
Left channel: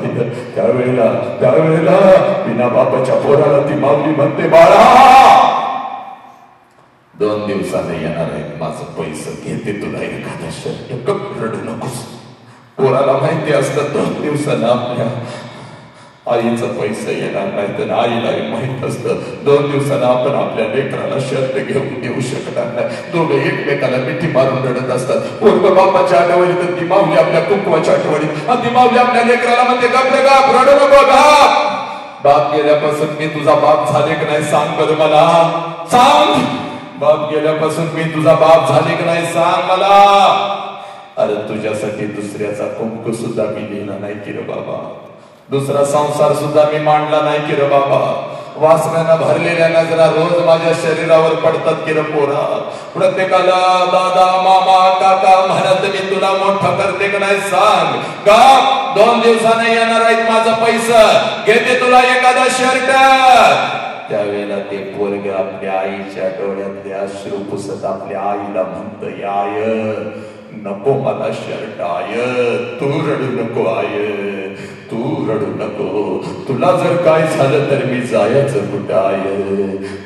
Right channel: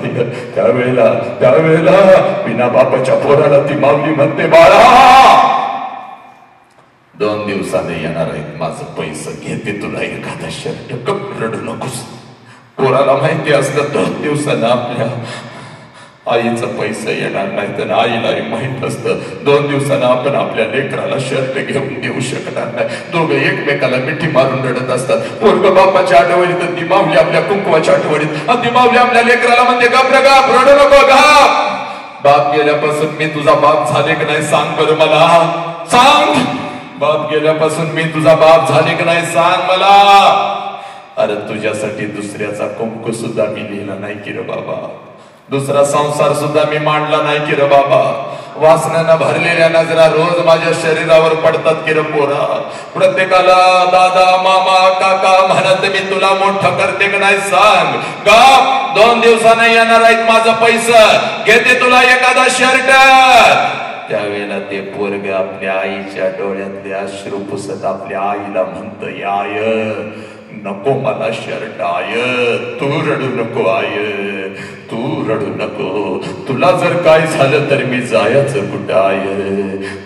ग. त्यावेळेला बिना बापाच्या पोराला ती माऊली म्हणते, बाळा 2 दिवसाने येणार आहेत माझं पैसे, घेते तुला एखादा शर्ट, रडू नकोस. पोराला माहिती असतं 2 दिवसानं आपल्या आईचं पैसे येणार नाही, तर आईलाही माहित असतं 2 दिवसानं आपण आपल्या लेकराला शर्ट घेऊन देऊ शकणार नाही. दोघं एकमेकाला मिठी मारून रडत असतात. पोरग बापाच्या आठवणीत, ती माऊली आपल्या कुंकवाच्या आठवणीत, आणि ती माऊली आपल्या लेकराला म्हणते, गप रडू नको गप. बाप गेल्यापासून मी तुझा बाप झाले की नाही सांग बरं मला, सांग. बाप गेल्यापासून मी तुझा बाप झाले की नाही सांग मला. अरे तुझ्यासाठी दुसऱ्याचा कुंकू सुद्धा मी लिहिला नाही की रे बाबा, दुसरा संसार सुद्धा मी मांडला नाही की रे बाबा. वासनानं भरलेल्या नजरा रोज माझ्या शरीरावर पडतात की रे पोरा. प्रत्येकाला दादा मामा काका म्हणत मी तुला मोठं करते की नाही सांग. का 2 दिवसाने येणार आहेत माझं पैसा, घेते तुला एखादा शर्ट. त्यावेळेला ते पोरग आपल्या आईच्या डोळ्यातले अश्रू पुसत आपल्या आईला म्हणत, आय नको मला शर्ट, आय तू रडू नको, आय तू रडू नको. तुला जर काय झालं तर मी जायचं कुठं, आय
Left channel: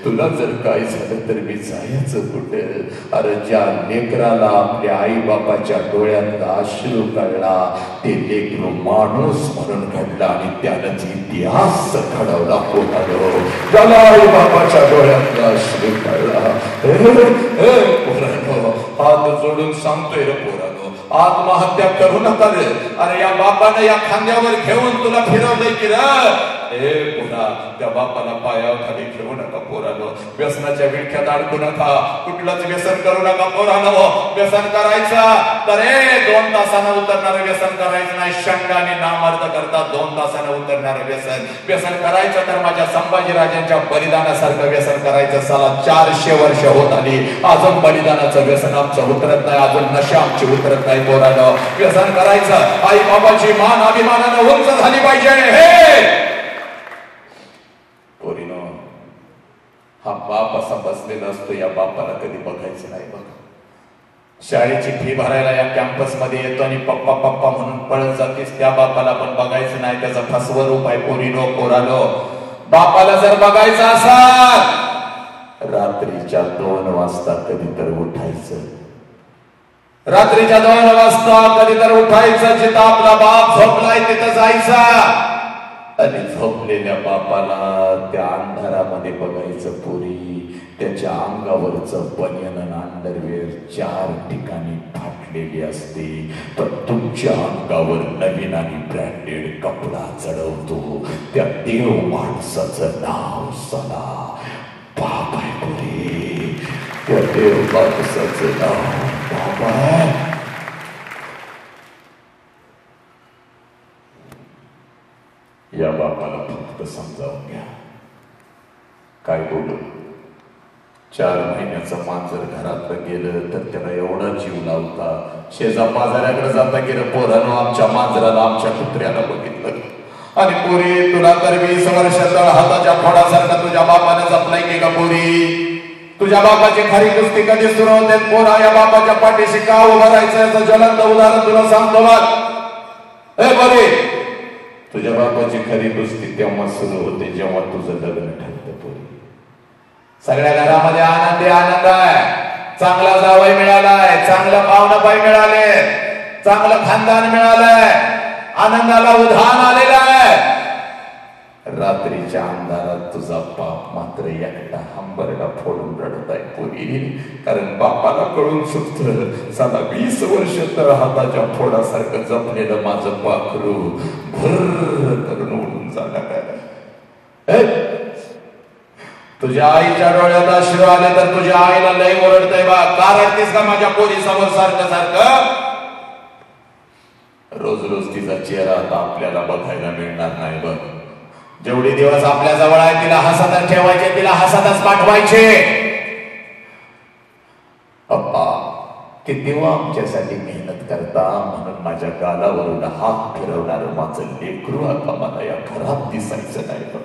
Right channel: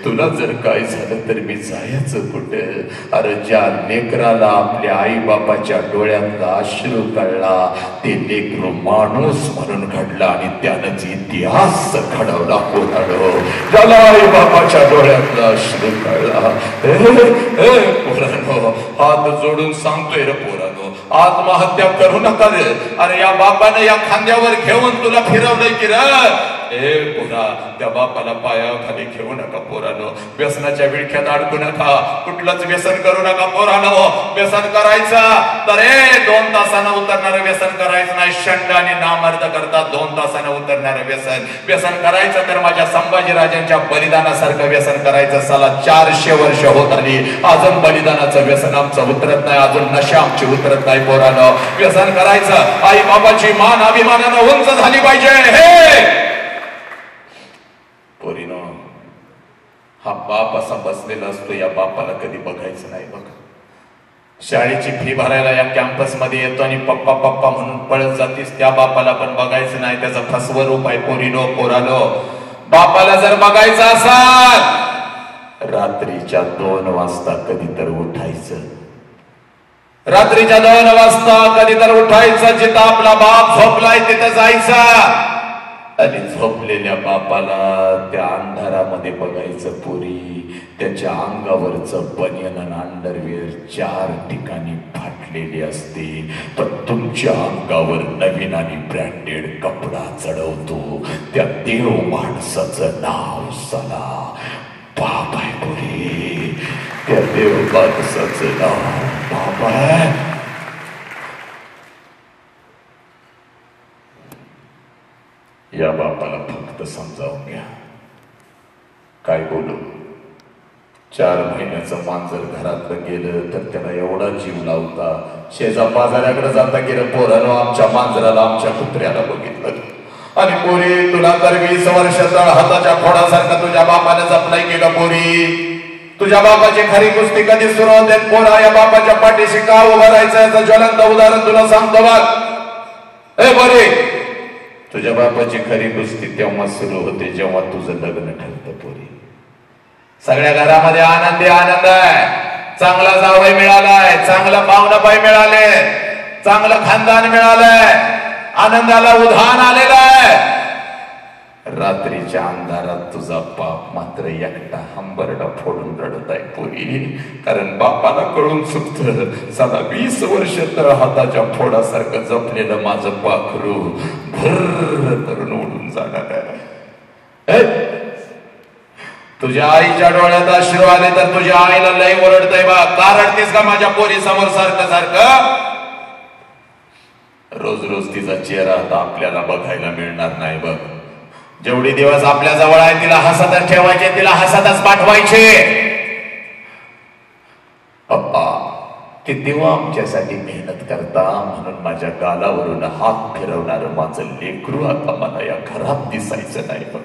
तुला जर काय झालं तर मी जायचं कुठं. अरे ज्या लेकराला आपल्या आई बापाच्या डोळ्यातला अश्रू कळला ते लेकरू माणूस म्हणून घडला आणि त्यानंच इतिहास घडवला. पोरानो, ज्याला आई बापाच्या डोळ्यातला अश्रू कळला, पोरानो हात जोडून सांगतोय रे पोरानो, आत्महत्या करू नका रे. अरे या बापानं या खांद्यावर घेऊन तुला फिरवलंय की रे. ए पोरा, त्या बापाला पायाखाली घेऊ नका पोरानो. व्यसनाच्या विळख्यात अडकू नका. कुठलंच व्यसन करू नका पोरानो. व्यसन करायचं तर 2 तासानं उतरणारं व्यसन करायचं नाही. शंड आणि नामर्द करता 2 तासानं उतरणारं व्यसन. व्यसन करायचं तर माझ्या संभाजीराजांच्या बलिदानासारखं व्यसन करायचं. साला 400 वर्ष होत आली, अजून बलिदानाचं व्यसन आमचं उतरत नाही, अजून नशा आमची उतरत नाही पोरानो. व्यसन करायचं, आई बाबाची मान अभिमानानं उंच झाली पाहिजे. हे पोरीनो, हा बाप असा बसलेला असतो, या बापाला कधी बघायचं नाही बघ. शाळेची फी भरायला या कॅम्पस मध्ये येतो आणि पप्पा पप्पा म्हणून पळत जातीस, त्या बापाला पण बघायचं नाही. त्याचा फसवं रूप आहे पोरीनो पोरानो. बापाला जर बघायचं असाल, रात्रीच्या 2 वाजता कधी तर उठायचं. रात्रीच्या 2 वाजता कधी तर उठायचं. जिथं आपला बाप झोपलाय तिथं जायचं आणि झोपलेल्या बापाला त्या अंधारामध्ये बघायचं पोरी. त्याच्या अंगावरचं बनियन आणि अंडरवेअर 4 ठिकाणी फाटलेली असते, तर तुमच्या अंगावर नवीन आणि ब्रँडेड कपडा चढवतो. त्या देव माणसाचं नाव सला बाप आहे पोरी. त्या देव माणसाचं नाव बाप आहे. या बापाला फक्त समजावून घ्या. काय बोलू, 4 महिन्याचं मांजर घरातलं गेलं तर त्याला एवढा जीव लावता. शेजा बाजाराकडे जाता गेलं, पोरानं आमच्या मांजराला आमच्या कुत्र्याला बघितलं. आणि पोरी, तुला तर 20 वर्ष तळ हाताच्या खोडासारखं तुझ्या बापाने जपलाय की का पोरी? तुझ्या बापाची खरी कुस्ती कधी सुरू होते पोरा? या बापाच्या पाठीशी का उभं राहायचं याचं ज्वलंत उदाहरण तुला सांगतो बघ. हे पोरी, तुझ्या बापाची खरी कुस्ती तेव्हा सुरू होते जेव्हा तुझं लग्न ठरतं पोरी. सगळ्या घरामध्ये आनंदी आनंद आहे. चांगला जावई मिळालाय, चांगलं पाहुणाबाई मिळाले, चांगलं खानदान मिळालंय, आनंदाला उधाण आलेलं आहे. रात्रीच्या अंधारात तुझा बाप मात्र एकटा हंबरडा फोडून रडत आहे पोरी. कारण बापाला कळून चुकतं, साला 20 वर्ष तर हाताच्या फोडासारखं जपलेलं माझं पाखरू भर करून उडून जाणार आहे. तुझ्या आईच्या डोळ्यात अश्रू आले तर तुझ्या आईला लय ओरडतय बा. का रडतेस का माझ्या पोरी समोर सारखं सारखं? रोज रोज तिचा चेहरा आता आपल्याला बघायला मिळणार नाही बघ. जेवढे दिवस आपल्या जवळ आहे तिला हसतच ठेवायचे, तिला हसतच पाठवायचे. पप्पा, ते देवा आमच्यासाठी मेहनत करता म्हणून माझ्या गालावरून हात फिरवणार माझं लेकरू आता मला या घरात दिसायचं नाही बघ.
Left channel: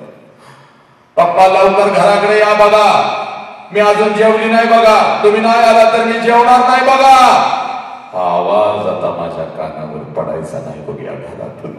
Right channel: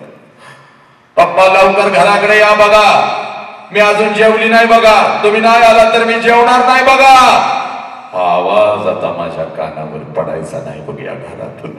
पप्पा, लवकर घराकडे या बघा. मी अजून जेवली नाही बघा. तुम्ही नाही आला तर मी जेवणार नाही बघा. हा आवाज आता माझ्या कानावर पडायचा नाही बघ या घरातून.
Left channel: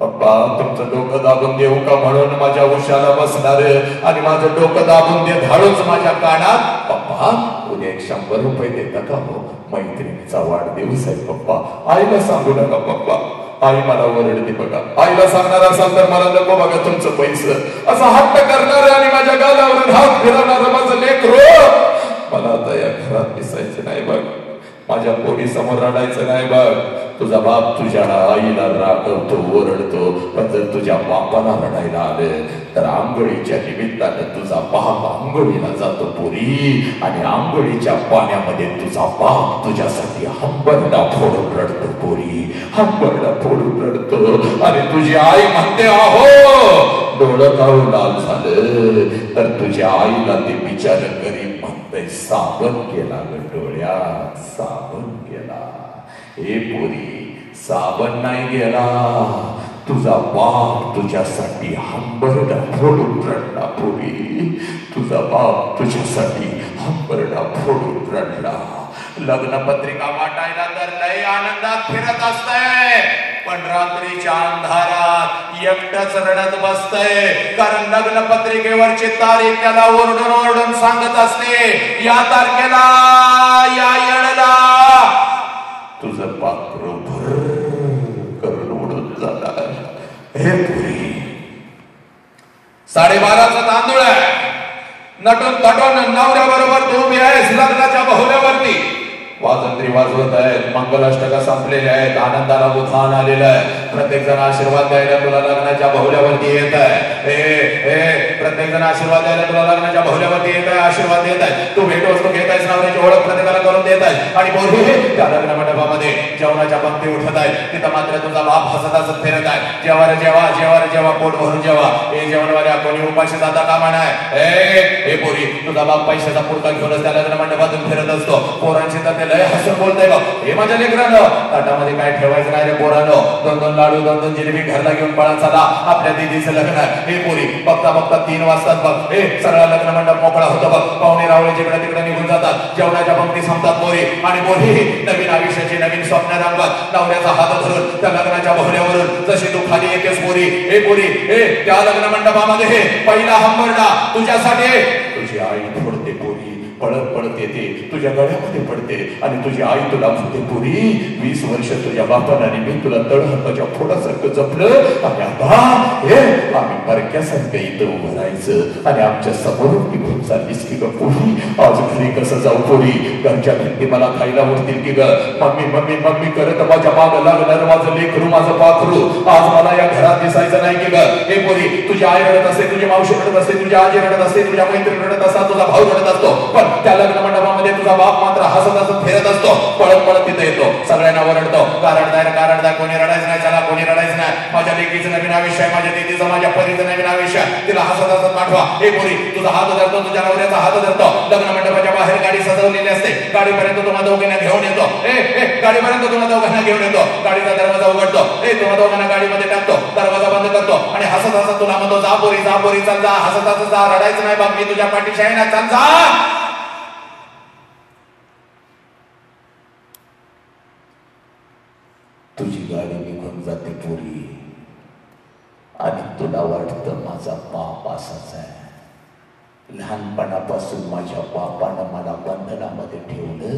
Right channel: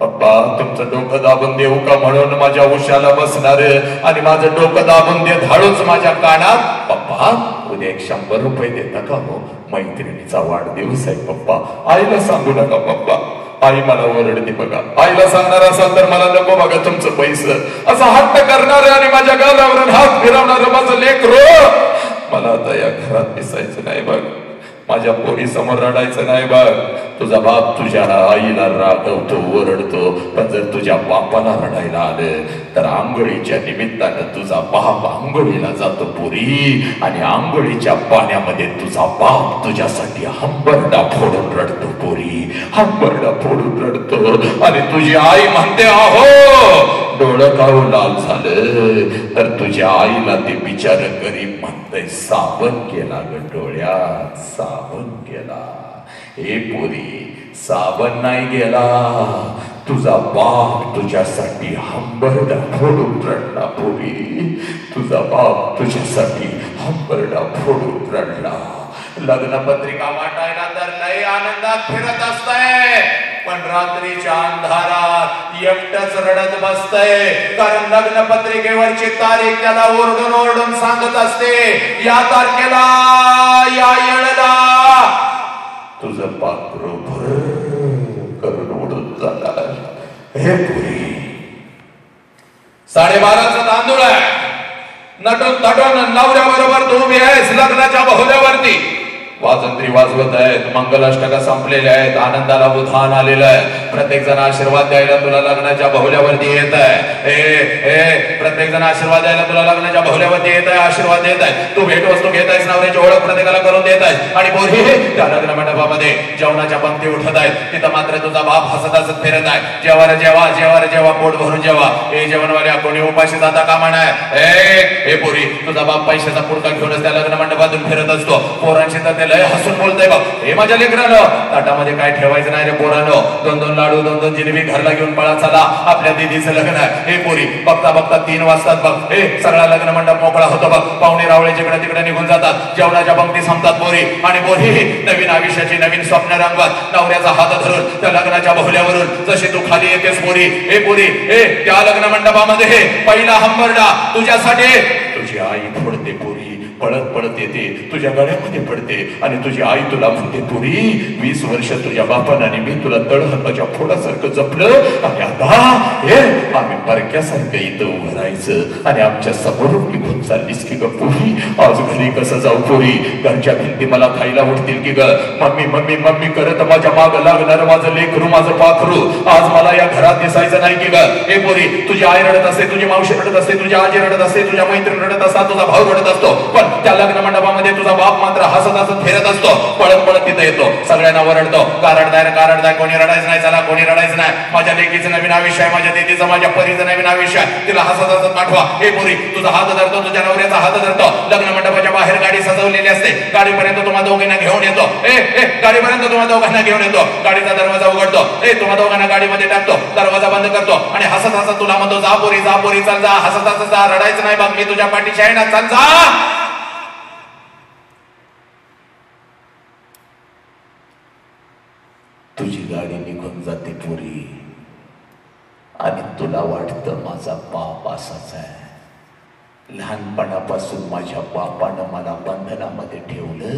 पप्पा, तुमचं डोकं दाबून देऊ का म्हणून माझ्या उशाला बसणार आणि माझं डोकं दाबून दे धाडूच माझ्या कानात. पप्पा, उद्या 100 रुपये देता का हो? मैत्रिणीचा वाढदिवस आहे पप्पा. आईला सांगू नका पप्पा. आई मला ओरडते बघा. आईला सांगणार असाल तर मला नको बघा तुमचं पैसे. असं हट्ट करणार आणि माझ्या गालावरून हात फिरवणार माझं लेकरू मला आता या घरात दिसायचं नाही बघ. माझ्या पोरी समोर रडायचं नाही बघ. तुझा बाप तुझ्या आईला रागवतो, ओरडतो, पण जर तुझ्या बापाला रडायला आलं तर आंघोळीच्या निमित्तानं तुझा बाप आंघोळीला जातो पोरी. आणि आंघोळीच्या पाण्यामध्ये तुझा बाप तुझ्यासाठी हंबरडा फोडून रडतो पोरी. हंबरडा फोडून रडतो आणि तुझी आई म्हणते आहो डोळं काढून लाल झालं तर तुझ्या आईला ते बिचार गरीब म्हणतंय साबण केला ग डोळ्यात, साबण केला. हे पोरी, साबण नाही गेला, तुझा बाप तुझ्यासाठी हंबरडा फोडून रडला पोरी. तुझा बाप तुझ्यासाठी हंबरडा फोडून रडला. लग्नपत्रिका वाटायला तर लय आनंदात फिरत असतंय, पण रात्रीच्या अंधारात एकटच रडत बसतय. कारण लग्नपत्रिकेवरची तारीख त्याला ओरडून ओरडून सांगत असते, या तारखेला या येळेला तुझं पाखरू भर करून उडून जाणार. हे पुरी 12:30चा तांदूळ आहे. नटून तटून नवऱ्या बरोबर तू उभी आहेस लग्नाच्या बहुल्यावरती. वाजंत्री वाजवत आहेत, मंगलाष्टक संपलेले आहेत, आनंदाला उधाण आलेलं आहे. प्रत्येक जण आशीर्वाद द्यायला तुला लग्नाच्या बहुल्यावरती येत आहे. प्रत्येक जण आशीर्वाद द्यायला तुला लग्नाच्या बहुल्यावरती येत आहे, आशीर्वाद देत आहे. तू भेटवस्तू घेत आहेस, नवऱ्याची ओळख प्रत्येकाला करून देत आहेस. आणि बोरी त्या लग्न मंडपामध्ये जेवणाच्या पंक्ती उठत आहे, तिथं मात्र तुझा बाप हसत हसत फिरत आहे. जेवार जेवा जेवार जेवा पोट भरून जेवा. हे जेवणवाल्या कोणी उपाशी जाता कामा नाही. हे पोरी तुझा बाप पैशाचा पुरता घेऊनच त्या लग्न मंडपातून फिरत असतो. पोरांशी तर ते लय हसून बोलतंय बघ. हे माझ्या लेकरानं ताटामध्ये काय ठेवायचं नाही रे पोरांनो. 2-2 लाडू 2-2 जिलेबी घरला घेऊन पळा चला, आपल्या दीदीचं लग्न आहे. हे पोरी बघता बघता 3 वाजतात बघ. हे सगळा लग्न मंडप मोकळा होतो बघ. पाहुणे रावळे जिकडे तिकडे निघून जातात. जेवणाच्या पंक्ती संपतात पोरी. आणि पोरी नवीन आयुष्याची नवीन स्वप्न रंगवत नवऱ्याचा हात धरून त्या लग्नाच्या बहुल्यावरून जशी तू खाली येतेस पोरी. हे पोरी हे त्या लग्न मंडपामध्ये हे पहिला हंबरडा तुझ्यासाठी तुझी आई फोडते पोरी. पळत पळत येते, तुझ्या गळ्यामध्ये पडते आणि तुझी आई तुला म्हणते पुरी 20 वर्ष तुझ्या बापानं आणि मी तुला तळहाताच्या फोडासारखं जपलं आणि आता हे आम्ही परक्यासारखं इथं उभं राहायचं आणि आमच्या समोरून निघून चाललीस की ग पुरी. आज घरी कसं जाऊ पुरी? घरच्या भिंती मला खायला उठतील की ग? मम्मी मम्मी मम्मी करत माझ्या माग लागणार माझं लेकरू माझं पाखरू आज मला या घरात दिसायचं नाही की ग? हे पुरी तुझी आई रडत असते, तुझी मावशी रडत असते, तुझी आजी रडत असते, तुझ्या मैत्रीण रडत असतात, तुझा भाऊ रडत असतो. पण त्या लग्न मंडपामध्ये तुझा बाप मात्र हसत हसत फिरत असतो. पळत पळत तिथं येतो, सगळ्यांना ओरडतो कारण कोणी रडायचं नाही. चला कोणी रडायचं नाही. माझ्या लेकीचं नवीन आयुष्य आहे, माझ्या दीदीचं माझ्या परीचं नवीन आयुष्य आहे. तिला हसत हसत पाठवा. हे पुरी तुझा हात धरतो, तुझ्या नवऱ्याचा हात धरतो. लग्न मंडपाच्या बाहेर गाडी सजवलेली असते. गाडीपर्यंत तुम्हा दोघांना घेऊन येतो. गाडीपर्यंत तुम्हा दोघांना घेऊन येतो. गाडीचा दरवाजा उघडतो. तुम्हा दोघांना गाडीमध्ये टाकतो, दरवाजा बंद करतो आणि हसत हसत तुला म्हणतो जा पोरी चल जा. हसत हसत जा, रडायचं नाही बघ, मी तुझ्या पाठीशी आहे ना, चल जा. तुझी गाडी निघून जाते पोरी आणि तुला वाटतं माझा बाप असाच आहे. लहानपणापासून माझ्या बापानं मला बंधनामध्ये ठेवलं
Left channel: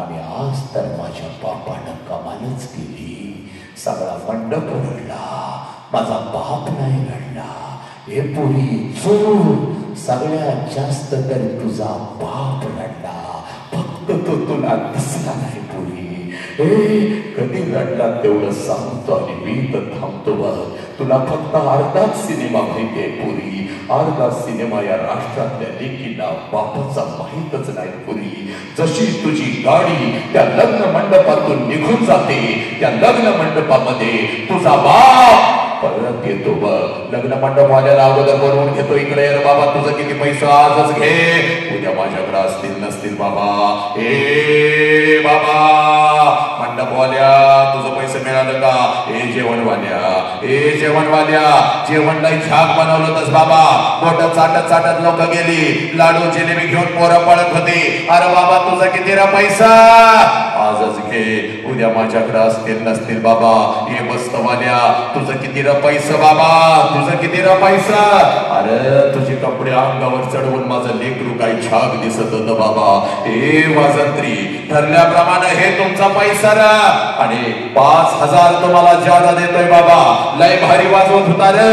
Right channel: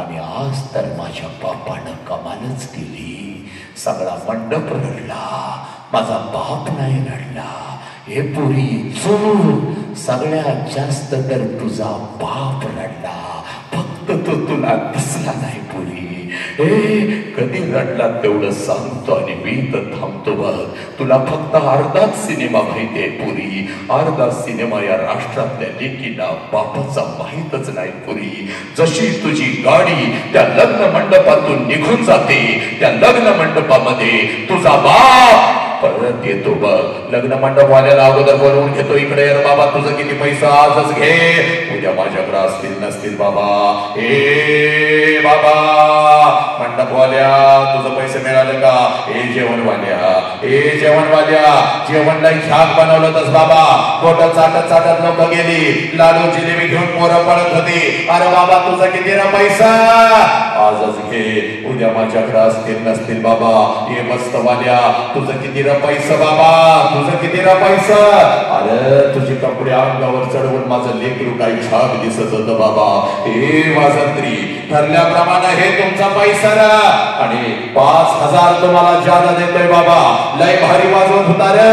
आणि आज तर माझ्या बापानं कमालच केली. सगळा मंडप रडला, माझा बाप नाही रडला. हे पोरी चूर सगळ्यात जास्त तर तुझा बाप रडला, फक्त तो तुला दिसला नाही पोरी. कधी रडला तेवढं सांगतो आणि मी तर थांबतो बघ. तुला फक्त अर्धाच सिनेमा माहितीये पुरी. अर्धा सिनेमा या राष्ट्रातल्या लेकीला बापाचा माहीतच नाही पुरी. जशी तुझी गाडी त्या लग्न मंडपातून निघून जाते, त्या लग्न मंडपामध्ये तुझा बाप परत येतो बघ. लग्न मंडपवाल्याला अगोदर बोलवून घेतो, इकडे रे बाबा तुझं किती पैसा आजच घे, उद्या माझ्याकडे असतील नसतील बाबा. ए बाबा मंडपवाल्या तुझं पैसे मिळालं का? जेवणवाल्या जेवणला झाक बनवलंच बाबा. बोट चाटत लोक गेली, लाडू जिलेबी घेऊन पोरं पळत होती. अरे बाबा तुझं किती रा पैसा? आजच घे, उद्या माझ्याकडे असतील नसतील बाबा. ये मस्त वाल्या तुझं किती पैसा बाबा? तुझं किती पैसा? अरे तुझे कपडे अंगावर चढवून माझं लेकरू काही छाप दिसत होतं बाबा. हे वाजंत्री ठरल्याप्रमाणे हे तुमचा पैसा ना, आणि 5000 तुम्हाला जादा देतोय बाबा. लय भारी वाजवत होता रे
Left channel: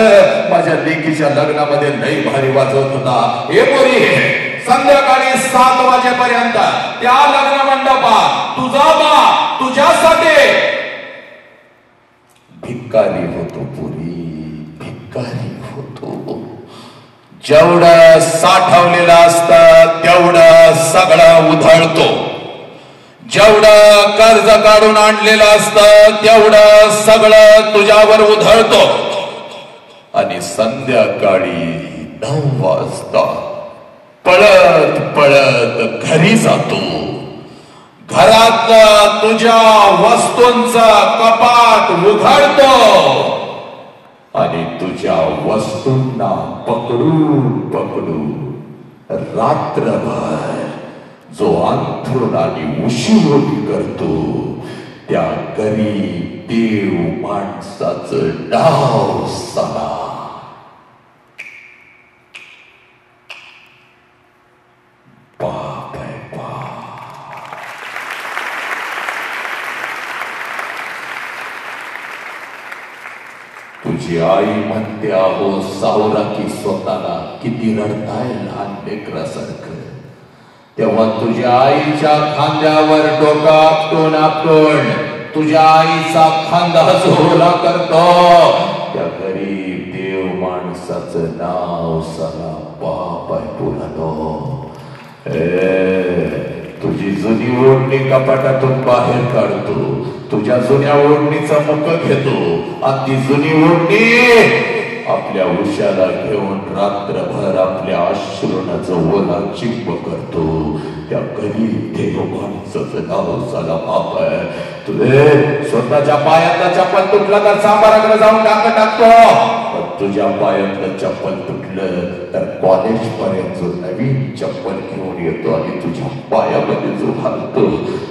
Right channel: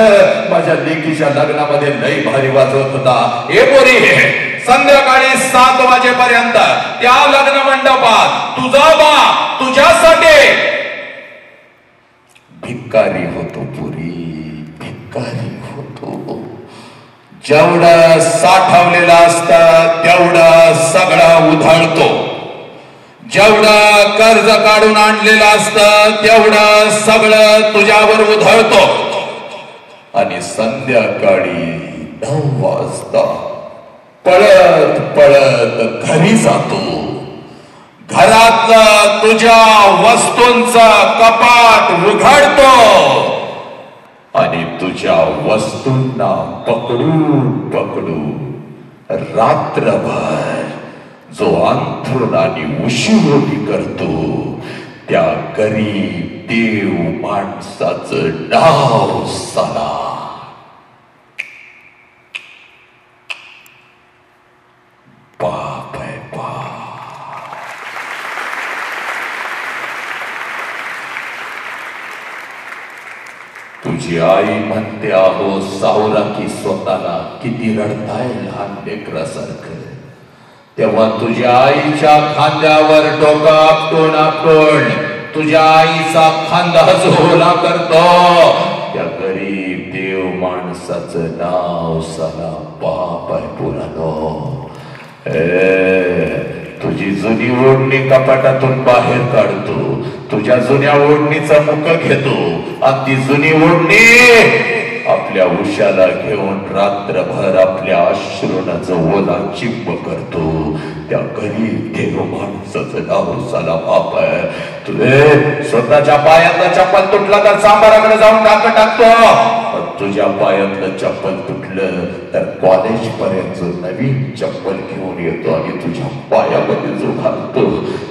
माझ्या लेकीच्या लग्नामध्ये, लय भारी वाजवत होता. हे पोरी संध्याकाळी 7 वाजेपर्यंत त्या लग्न मंडपात तुझा बाप तुझ्यासाठी भिकारी होतो पुरी, भिकारी होतो. जेवढं साठवलेलं असतं तेवढं सगळं उधळतो. जेवढं कर्ज काढून आणलेलं असतं तेवढं सगळं तुझ्यावर उधळतो. आणि संध्याकाळी 9 वाजता पळत पळत घरी जातो. घरातलं तुझ्या वस्तूंचं कपाट उघडतो आणि तुझ्या वस्तूंना पकडून पकडून रात्रभर जो अंथरुण आणि उशीरोटी करतो त्या गरीब देव माणसाचं नाव सला. बाप आहे बाप. तुझी आई म्हणते आहो सावरा की स्वतःला किती रडताय लहान लेकरासारखं. तेव्हा तुझ्या आईच्या खांद्यावर डोकं आपटून आपटून तुझ्या आईचा खांदा झोला करतो त्या गरीब देव माणसाचं नाव साला बाप आहे पुरानो. तुझी जुनी ओढणी कपाटातून बाहेर काढतो, तुझ्या जुन्या ओढणीचा मुख घेतो आणि ती जुनी ओढणी आपल्या उशाला घेऊन रात्रभर आपल्या अश्रूनाचं ओला चिंब करतो. त्या गरीब देव माणसाचं नाव साला बाप आहे. तुझे स्वतःच्या पायातला चप्पल तुटला तर सांबाराकडे जाऊन टाकतो, तुझ्या पायातलं चप्पल तुटलं तर कॉलेज पर्यंत नवीन चप्पल घेऊन येतो आणि तुझ्या पायामध्ये जो घालतो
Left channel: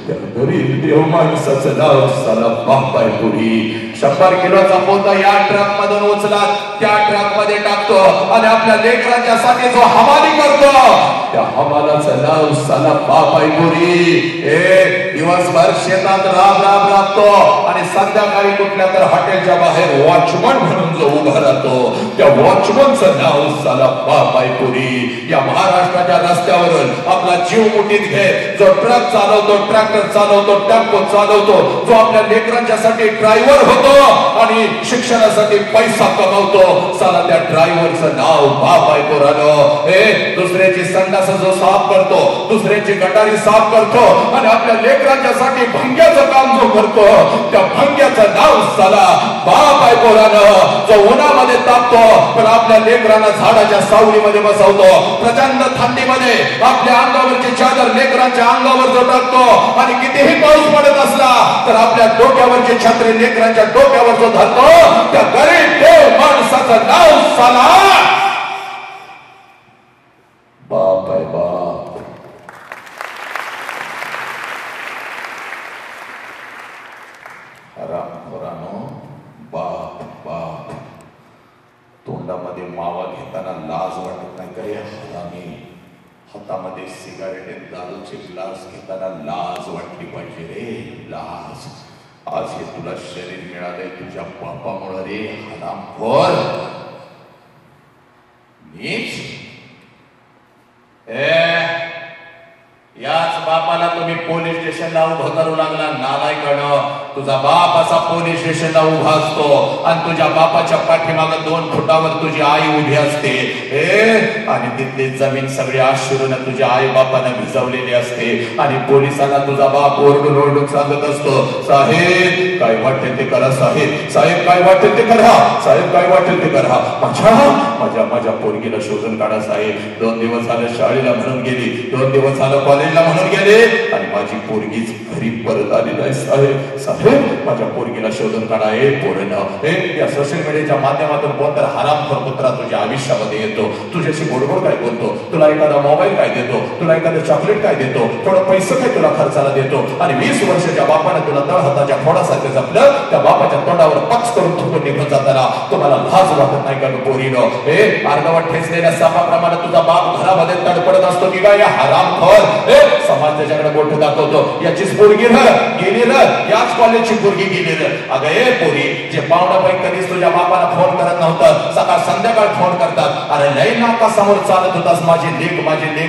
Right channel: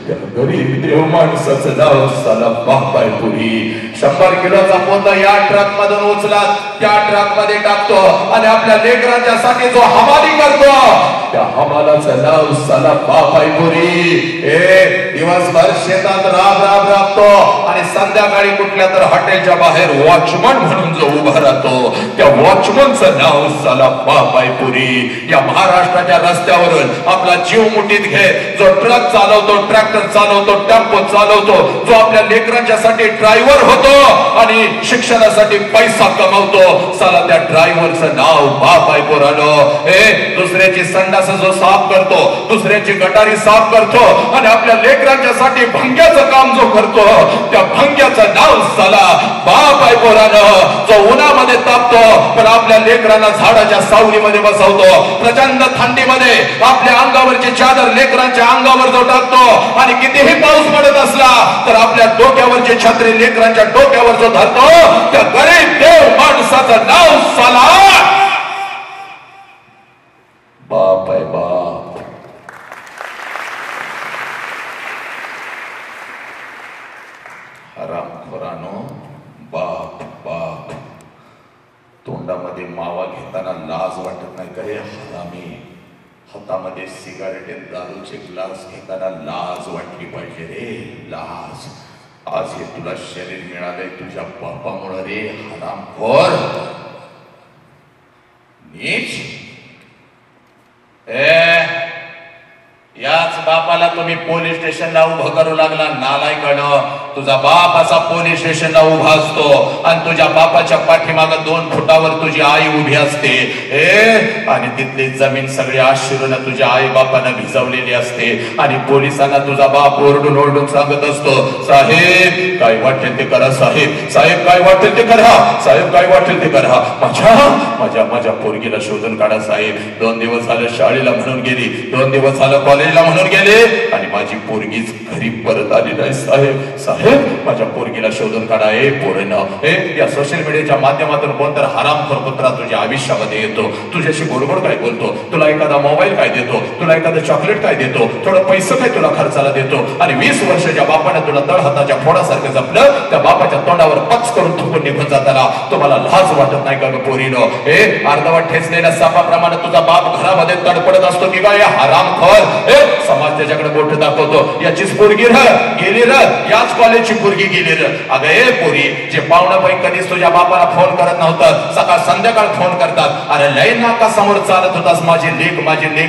त्या गरीब देव माणसाचं नाव साला बाप आहे. पुरी 100 किलोचा पोता या ट्रक मधून उचला त्या ट्रक मध्ये टाकतो आणि आपल्या लेकरांच्या साठी जो हमाली करतो त्या हमालाचं नाव साला बाप आहे. पुरी दिवसभर शेतात राबतो आणि संध्याकाळी कुठल्या तर हॉटेलच्या बाहेर वॉचमन म्हणून जो उभा राहतो त्या वॉचमनचं नाव साला बाप आहे. पुरी या महाराष्ट्राच्या रस्त्यावरून आपला जीव मुठीत घे जो ट्रक चालवतो, ट्रॅक्टर चालवतो, टेम्पो चालवतो, जो आपल्या लेकरांच्या साठी ड्रायव्हर होतो आणि शिक्षणासाठी पैसा कमवतो साला त्या ड्रायव्हरचं नाव बाप आहे. पुरानो दुसऱ्याची संडास जो साफ करतो, दुसऱ्याची गटारी साफ करतो आणि आपल्या लेकरांच्या साठी भंग्याचं काम जो करतो त्या भंग्याचं नाव साला बाप आहे. पुरानो जो उन्हामध्ये तापतो पण आपल्या लेकरांना झाडाच्या सावलीमध्ये बसवतो, प्रचंड थंडीमध्ये आपल्या अंगावरची चादर लेकरांच्या अंगावर जो टाकतो आणि कितीही पाऊस पडत असला तर आपल्या डोक्यावरची छत्री लेकरांच्या डोक्यावर जो धरतो त्या गरीब देव माणसाचं नाव साला बाप आहे. बाप हरामखोरानो, बाप बाप. तोंडामध्ये मावा घेताना लाज वाटत नाही करे हरामी. हातामध्ये सिगारेट आणि दारूचे ग्लास घेताना लाज वाटली पाहिजे रे, लाज. आज हे तुला शरीर मिळालंय तुझ्या बापामुळे रे हरामखोर नीच. याच बापाला तुम्ही पोलीस स्टेशनला उभं करू लागला नालायकानं. तुझा बाप असा पोलीस स्टेशनला उभा असतो आणि तुझ्या बापाच्या पाठीमागे 2 फुटावर तुझी आई उभी असते आणि तिथली जमीन सगळी आश्चर्याने तुझ्या आई बापानं भिजवलेली असते आणि पोलिसांना तुझा बाप ओरडून ओरडून सांगत असतो, साहेब काय वाटेल ते करा, साहेब साहेब काय वाटेल ते करा, साहेब काय वाटेल ते करा, माझ्या माझ्या पोरगीला शोधून काढा साहेब. 2 दिवस झालं शाळेला म्हणून गेली, 2 दिवस झालं कॉलेजला म्हणून गेले आणि माझी पोरगीच घरी परत आली नाही साहेब. साहेब माझ्या पोरगीला शोधून काढा. पोरांनो या सोशल मीडियाच्या माध्यमातून कोणतर हरामखोर कुत्रा तुझ्या आयुष्यामध्ये येतो, तुझ्याशी गोडगोड काय बोलतो, तुला एखादा मोबाईल काय देतो, तुला एखादं चॉकलेट काय देतो, थोडं पैसे काय तुला खर्चाला देतो आणि 20 वर्षाच्या बापाने तुला तळहाताच्या फोडासारखं जपलं. त्या बापाच्या तोंडावर पक्ष करून थुकून निघून जाताना तुम्हाला लाज वाटत नाही का पोरीनो? अर्धवट ठेचलेल्या सापाप्रमाणे तुझा बाप घरामध्ये तडपडत असतो की काय हरामखोर. समाज त्याच्याकडे बोट दाखवतो, याचीच पोरगी गेली र, याच कॉलेजची पोरगी गेली र. अगं पोरी जे पाहुणा बाई कधीच तुझ्या बापाला फोन करत नव्हतं सकाळ संध्याकाळ फोन करतात. अरे लय नाका समोर चालत होतास माझी लेक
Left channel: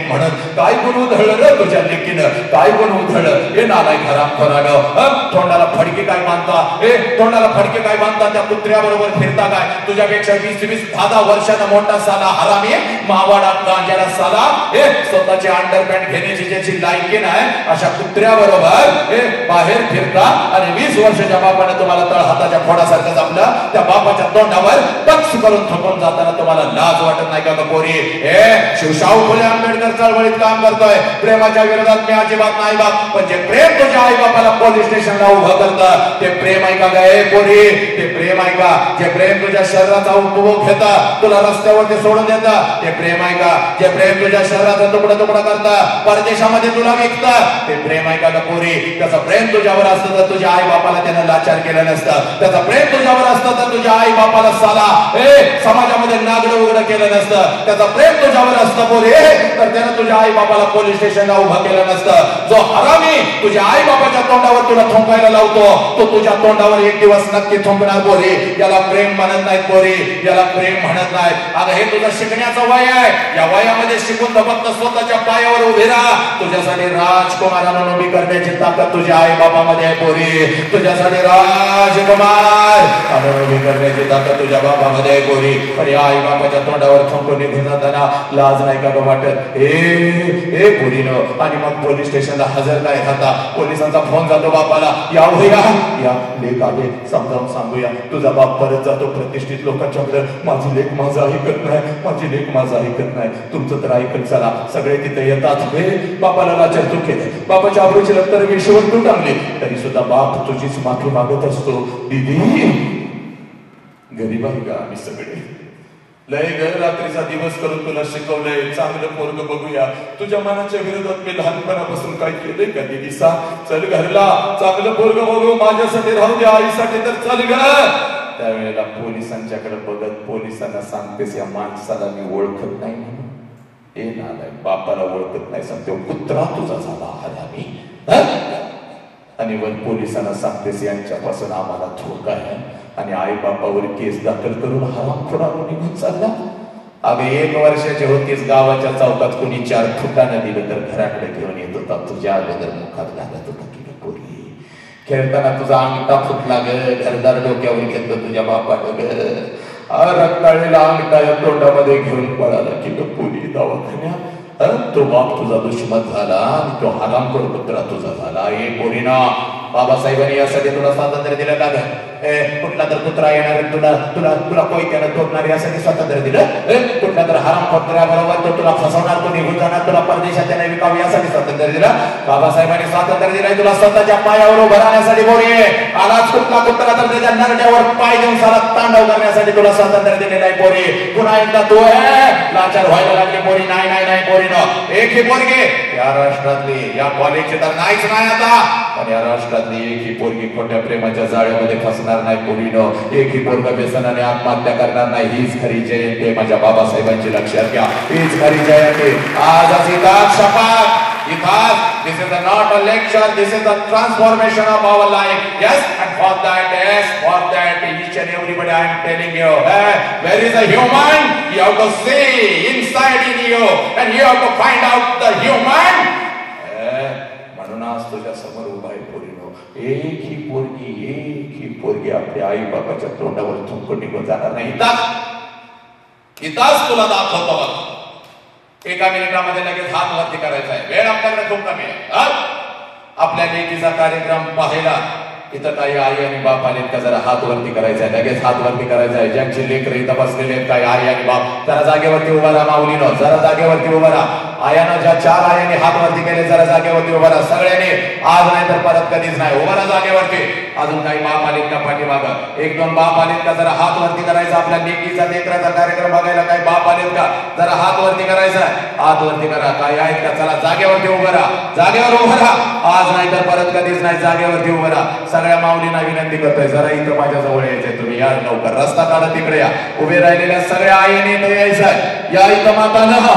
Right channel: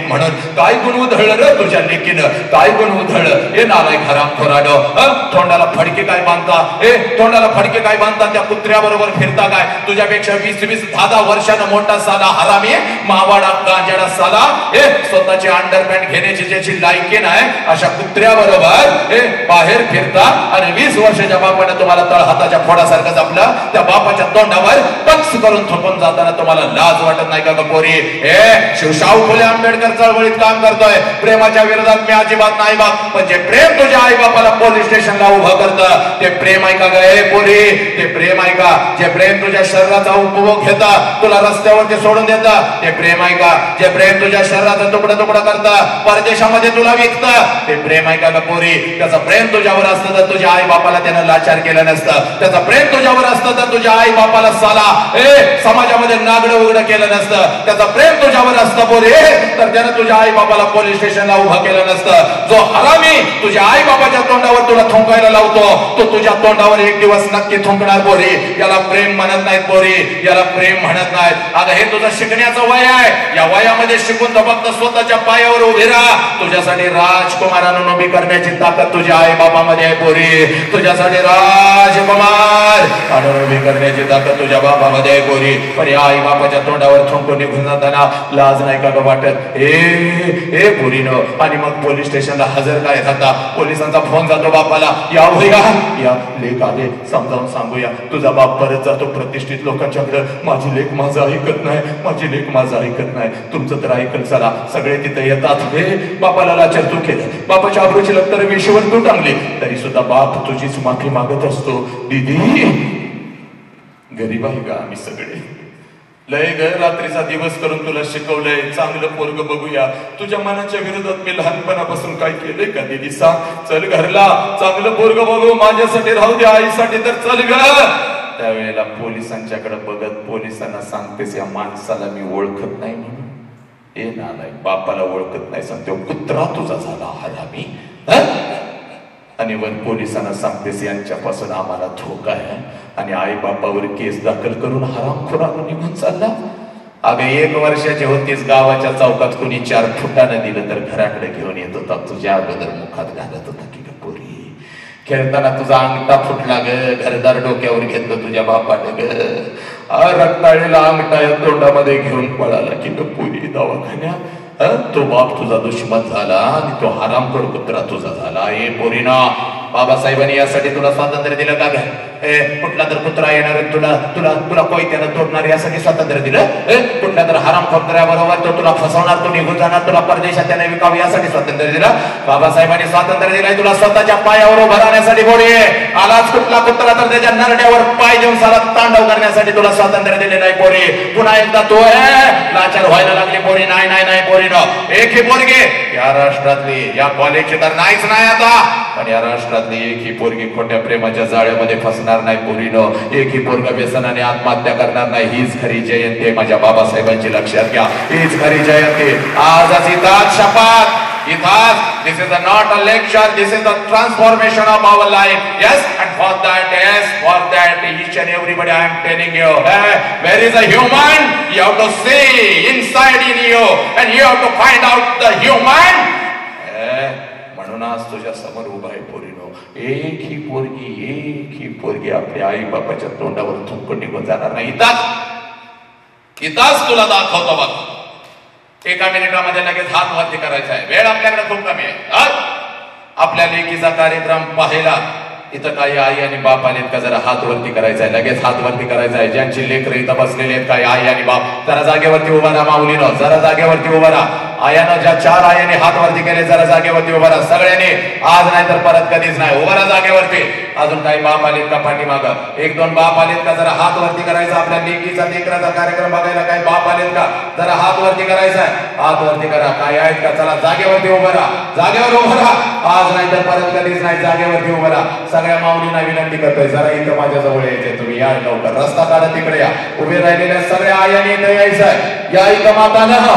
म्हणून. काय गुण उधळलं र तुझ्या लेकीनं, काय गुण उधळलं. हे नालायक हरामखोरानं. तोंडाला फडके काय बांधता, तोंडाला फडके काय बांधता, त्या कुत्र्या बरोबर फिरता काय. तुझ्यापेक्षा 20-20 10 वर्षानं मोठा साला हरामी मावाडा गांजाडा साला स्वतःची अंडरपॅन्ट घेण्याची ज्याची लायकी नाही अशा कुत्र्या बरोबर बाहेर फिरता आणि 20 वर्षाच्या बापाने तुम्हाला तळहाताच्या फोडासारखं जपलं. त्या बापाच्या तोंडावर टक्स करून थोपून जाताना तुम्हाला लाज वाटत नाही का पोरी? शिवशाहू फुले आंबेडकर चळवळीत काम करतोय, प्रेमाच्या विरोधात मी अजिबात नाही बाप, पण जे प्रेम तुझ्या आई बापाला पोलीस स्टेशनला उभं करतं ते प्रेम आहे का गे पोरी? ते प्रेम आहे का? जे प्रेम तुझ्या शरीराचा उपभोग घेता, तुला रस्त्यावरती सोडून देता ते प्रेम आहे का? जे प्रेम तुझ्या शरीराचा तुकडा तुकडा करता, परदेशामध्ये तुला विकता ते प्रेम आहे का पोरी? त्याचं प्रेम तुझ्यावर असतं तर तुझ्या आई बापाला त्यानं लाचार केलं नसतं. त्याचं प्रेम तुझ्यावर असतं तर तुझ्या आई बापाला साला समाजामध्ये नागडं उघडं केलं नसतं. त्याचं प्रेम तुझ्यावर असतं पोरी तर त्यानं तुझ्या आई बापाला पोलीस स्टेशनला उभं केलं नसतं. जो हरामी तुझ्या आई बाबाच्या तोंडावर तुला थुंकायला लावतो. तो तुझ्या तोंडावर एक दिवस नक्की थुंकणार पोरी. याला प्रेम म्हणत नाहीत पोरी, याला प्रेम म्हणत नाहीत. आता हे तुझं शिकण्याचं वय आहे. या वयामध्ये शिकून तर फक्त स्वतःच्या पायावर उभी राहा. तुझ्यासाठी राजकुमारांना उभी करण्याची ताकद तुझ्या आई बाबामध्ये आहे पोरी. तुझ्यासाठी राजकुमार उभी करण्याची ताकद तुझ्या बाबामध्ये आहे पोरी. पण या आई बाबाच्या तोंडावर थुंकून निघून जाताना लाज नाही का वाटत? ए पोरीनं. आणि मग पोलीस स्टेशनला हजर काय जाता. पोलिसांचा फोन जातो बापाला, या लेख आले, समजावून सांगूया. तुझा बाप परत जातो प्रतिष्ठित लोकांच्याकडे. माझी लेख माझं ऐकत नाही, माझी लेख माझं ऐकत नाही. तुमचं तर ऐकल चला. सगळे तिथे येतात. बापाला लाचार तू केलं, बापाच्या आबरूची लत्तर विषयावर तू टांगली, तरी सुद्धा बाप तुझीच माफी मागत असतो. दीदी गरीब आहे का आम्ही सगळे? लय ग रात्रीचा दिवस करून तुला शिकवलंय. चांगलं पोरग बघूया. तुझ्या मनाच्या विरोधात मी लहानपणापासून काय केलंय का दीदी? सांग. चल घरला, चांगलं पोरग बघू. माझ्यासाठी राहू द्या, आईसाठी तर चल ग. त्यावेळेला पोलिसांच्याकडे बघत पोलिसांना सांगतेस, या माणसाला मी ओळखत नाही म्हणून. ए नालाय, बापाला ओळखत नाही सांगते, कुत्रा तुझा झाला हरामी. आणि वर पोलिसांना सांगतेस, यांच्यापासून आम्हाला धोका आहे. आणि आई बापावर केस दाखल करून हरामखोरानं निघून चालला. अगं 1 वर्षाचे होतीस, गावाच्या चौकात कुणी 4 फुटानं दिलं तर घराकडे घेऊन येत होता. तुझ्या अगोदर मुखात घालत होता की पोरी. खेळताना तुझा अंगठा फुटला ग, घरदार डोक्यावर घेतलं तुझ्या बापाने ग. रक्ताळलेला अंगठा या तोंडामध्ये घेऊन पळाला की पोरी दवाखान्यात. तो बाप तुझा दुश्मन झाला आणि तो हरामखोर कुत्रा तुझा झाला. ए पोरीना, बाबासाहेबांनी यासाठी तुला स्वातंत्र्य दिलं का ग? कुठला तर कुत्रा येणार तुला तुला तुला कोयत्यानं तोडणार यासाठी स्वातंत्र्य दिलं? कुठल्या तर हरामखोराबरोबर तो तुला फसवणार, तो निघून जाणार, तुला परदेशात त्याने विकावं यासाठी स्वातंत्र्य दिलं? बाबासाहेबांनी स्वातंत्र्य दिलंय तुला स्वतःच्या पायावर उभं राहण्यासाठी. बोली आलाच कुठला कुत्रा तर त्याच्या नरड्यावर पाय देऊन सारा तांडव करण्यासाठी तुला स्वातंत्र्य दिलेलं आहे पोरी. पुन्हा एकदा तू लाचार व्हायला लागली पोरी. नाही नाही नाही पोरी न, एक ही पोरगी या राष्ट्रातली, या कॉलेजची तर नाहीच नाही आता, पण या राष्ट्रातली एक ही पोरगी खोट्या प्रेमाच्या जाळ्यामध्ये फसणार नाही पोरीनो. एक ही पोरगा व्यसनाने आत्महत्या करणार नाही. हीच खरी जयंती आहे माझ्या बाबासाहेबांची, लक्षात घ्या. हीच खरी जयंती. आज इथं शपथ. This is not a lecture, this is the transformation of our life. Yes, and for that each and everybody I am telling you, where is a human? You have to see inside in you and you have to find out the human. म्हणून आज तुझ्या समोर उभा आहे पोरीनो. एक ही पोरगी आपल्या आई बाबाच्या तोंडावर थुंकून निघून जाणार नाही. इथंच तुला दाखवतो बघ. 1 मिनिटामध्ये लगेच हात वरती करायचा आहे. वेळ आपल्याकडे खूप कमी आहे. आपल्या लेकीचा कार्यक्रम पाहायला इथं काही आई आणि बाप आले का जरा हात वरती करायचा आहे. लगेच हात वरती करायचा आहे. ज्यांची लेकर इथं बसलेले आहेत काही आई आणि बाप, जरा जागेवरती उभा राहा. माऊलीनं जरा जागेवरती उभा राहा. आयानं ज्या 4 आयाने हात वरती केले, जरा जागेवरती उभा राहा सगळ्यांनी. आज नाही तर परत कधीच नाही. उभा राहा जागेवरती. अजून काही बाप आलेत का पाठीमागं? 1-2 बाप आलेत का? जरा हात वरती करायचा. आपल्या लेकीचा लेकराचा कार्यक्रम बघायला काही बाप आलेत का? जरा हात वरती करायचा. हात वरती करा. काही आहेत का? चला जागेवरती उभा राहा. जागेवर उभा राहा. आज नाही तर परत कधीच नाही. जागेवरती उभा राहा. सगळ्या माऊलींना विनंती करतोय, जरा इथं माझ्या जवळ यायचंय. तुम्ही या लवकर. रस्ता काढा, तिकडे या. उभे राहिलेल्या सगळ्या आयांनी इथं यायचंय. या इथं मातानं.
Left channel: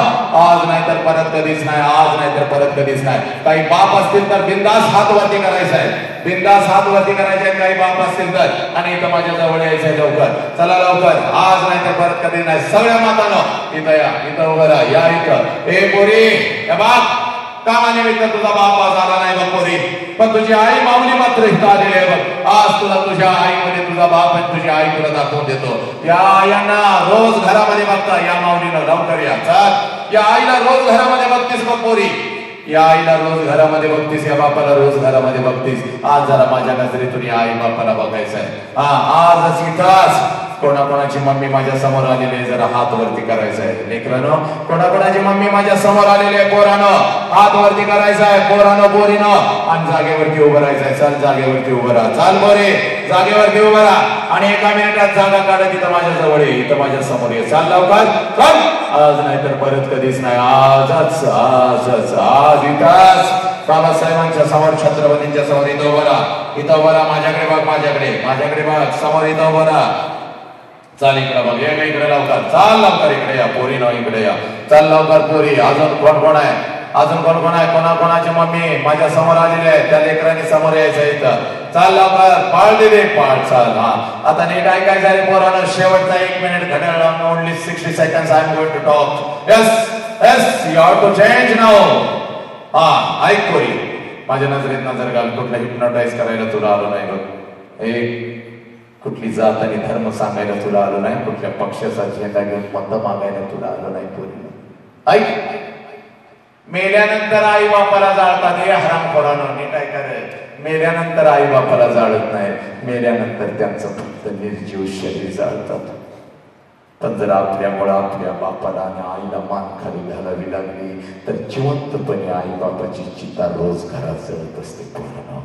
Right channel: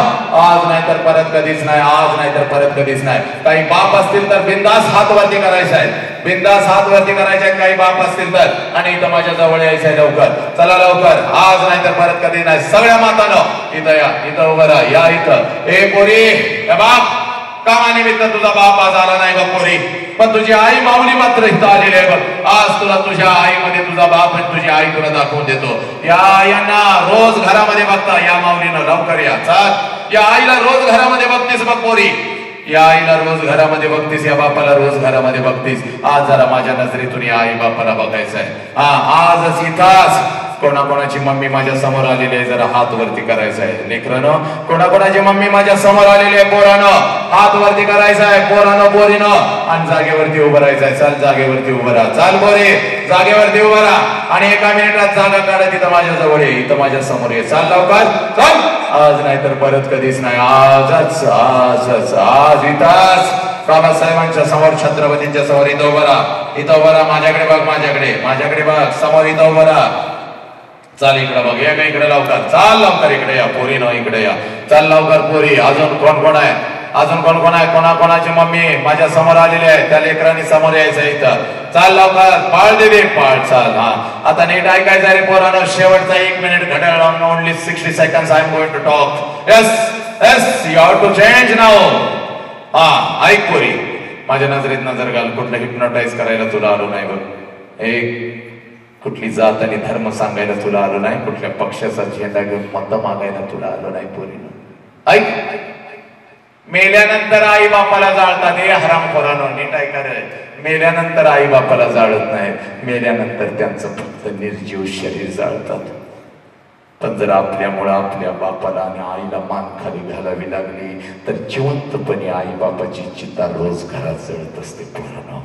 आज नाही तर परत कधीच नाही. आज नाही तर परत कधीच नाही. काही बाप असतील तर बिंदास हात वरती करायचा आहे. बिंदास हात वरती करायचे. काही बाप असतील तर. आणि इथं माझ्या जवळ यायचंय लवकर. चला लवकर. आज नाही तर परत कधी नाही. सगळ्या मातानं इथं या. इथं उभं राहा. या इथं. ए पोरी, हे बाप कामानिमित्त तुझा बाप आज आला नाही बघ पोरी, पण तुझी आई माऊली मात्र इथं आलेली आहे बघ. आज तुला तुझ्या आईमध्ये तुझा बाप आणि तुझी आई तुला दाखवून देतो. या यांना रोज घरामध्ये बघता. या माऊलीनं लवकर या. चल. या आईला रोज घरामध्ये बघतीस बघ पोरी. या आईला रोज घरामध्ये बघतीस. या बापाला रोज घरामध्ये बघतीस. आज जरा माझ्या नजरेतून या आई बापाला बघायचं आहे. आजच इथंच कोणाकोणाची मम्मी माझ्या समोर आलेली आहे, जरा हात वरती करायचा आहे. लेकरानं, कोणाकोणाची मम्मी माझ्या समोर आलेली आहे, पोरानं हात वरती करायचा आहे. पोरानं पोरीनं. आणि जागेवरती उभं राहायचं आहे. चल जागेवरती उभं राहा. चाल पोरे जागेवरती उभं राहा. आणि 1 मिनिटात जागा काढत इथं माझ्या जवळ ये. इथं माझ्या समोर ये. चाल लवकर. चल. आज नाही तर परत कधीच नाही. आजच आजच आज इथंच बाबासाहेबांच्या समोर, छत्रपतींच्या समोर इथं उभं राहा. इथं उभं राहा. माझ्याकडे बघ. माझ्याकडे बघ. समोर इथं उभं राहा. चाल इकडे बघ. या इकडे लवकर. चाल लवकर इकडे या. पोरी न इकडे या. चाल लवकर पोरी. अजून कोण कोण आहे? अजून कोण कोण आहे? कोणाची मम्मी माझ्या समोर आलेली आहे? त्या लेकरांनी समोर यायचं इथं. चाल लवकर, पाळ दे पाळ. चाल. हा आता नीट ऐकायचं रे पोरांनो, शेवटचा 1 मिनिट घड्याळ लावून only 60 seconds I am going to talk. Yes you have to change now. हा ऐक पोरी, माझ्या नजरेत नजर घाल. कुठलं हिप्नोटाईज करायला तुला आलो नाही बघ. एक कुठली जात आणि धर्म सांगायला तुला आलो नाही. कुठल्या पक्षाचा झेंडा घेऊन मत मागायला तुला आलो नाही पोरी. ऐक, मेल्यानंतर आई बापाला जाळतात. हे हरामखोरांनो नीट ऐका रे. मेल्यानंतर आई बापाला जाळत नाही, मेल्यानंतर त्यांचं फक्त निर्जीव शरीर जाळतात. पण जर आपल्यामुळे आपल्या बापाला आणि आईला मान खाली घालावी लागली तर जिवंतपणे आई बापाची चिता रोज घरात जळत असते पोरांनो.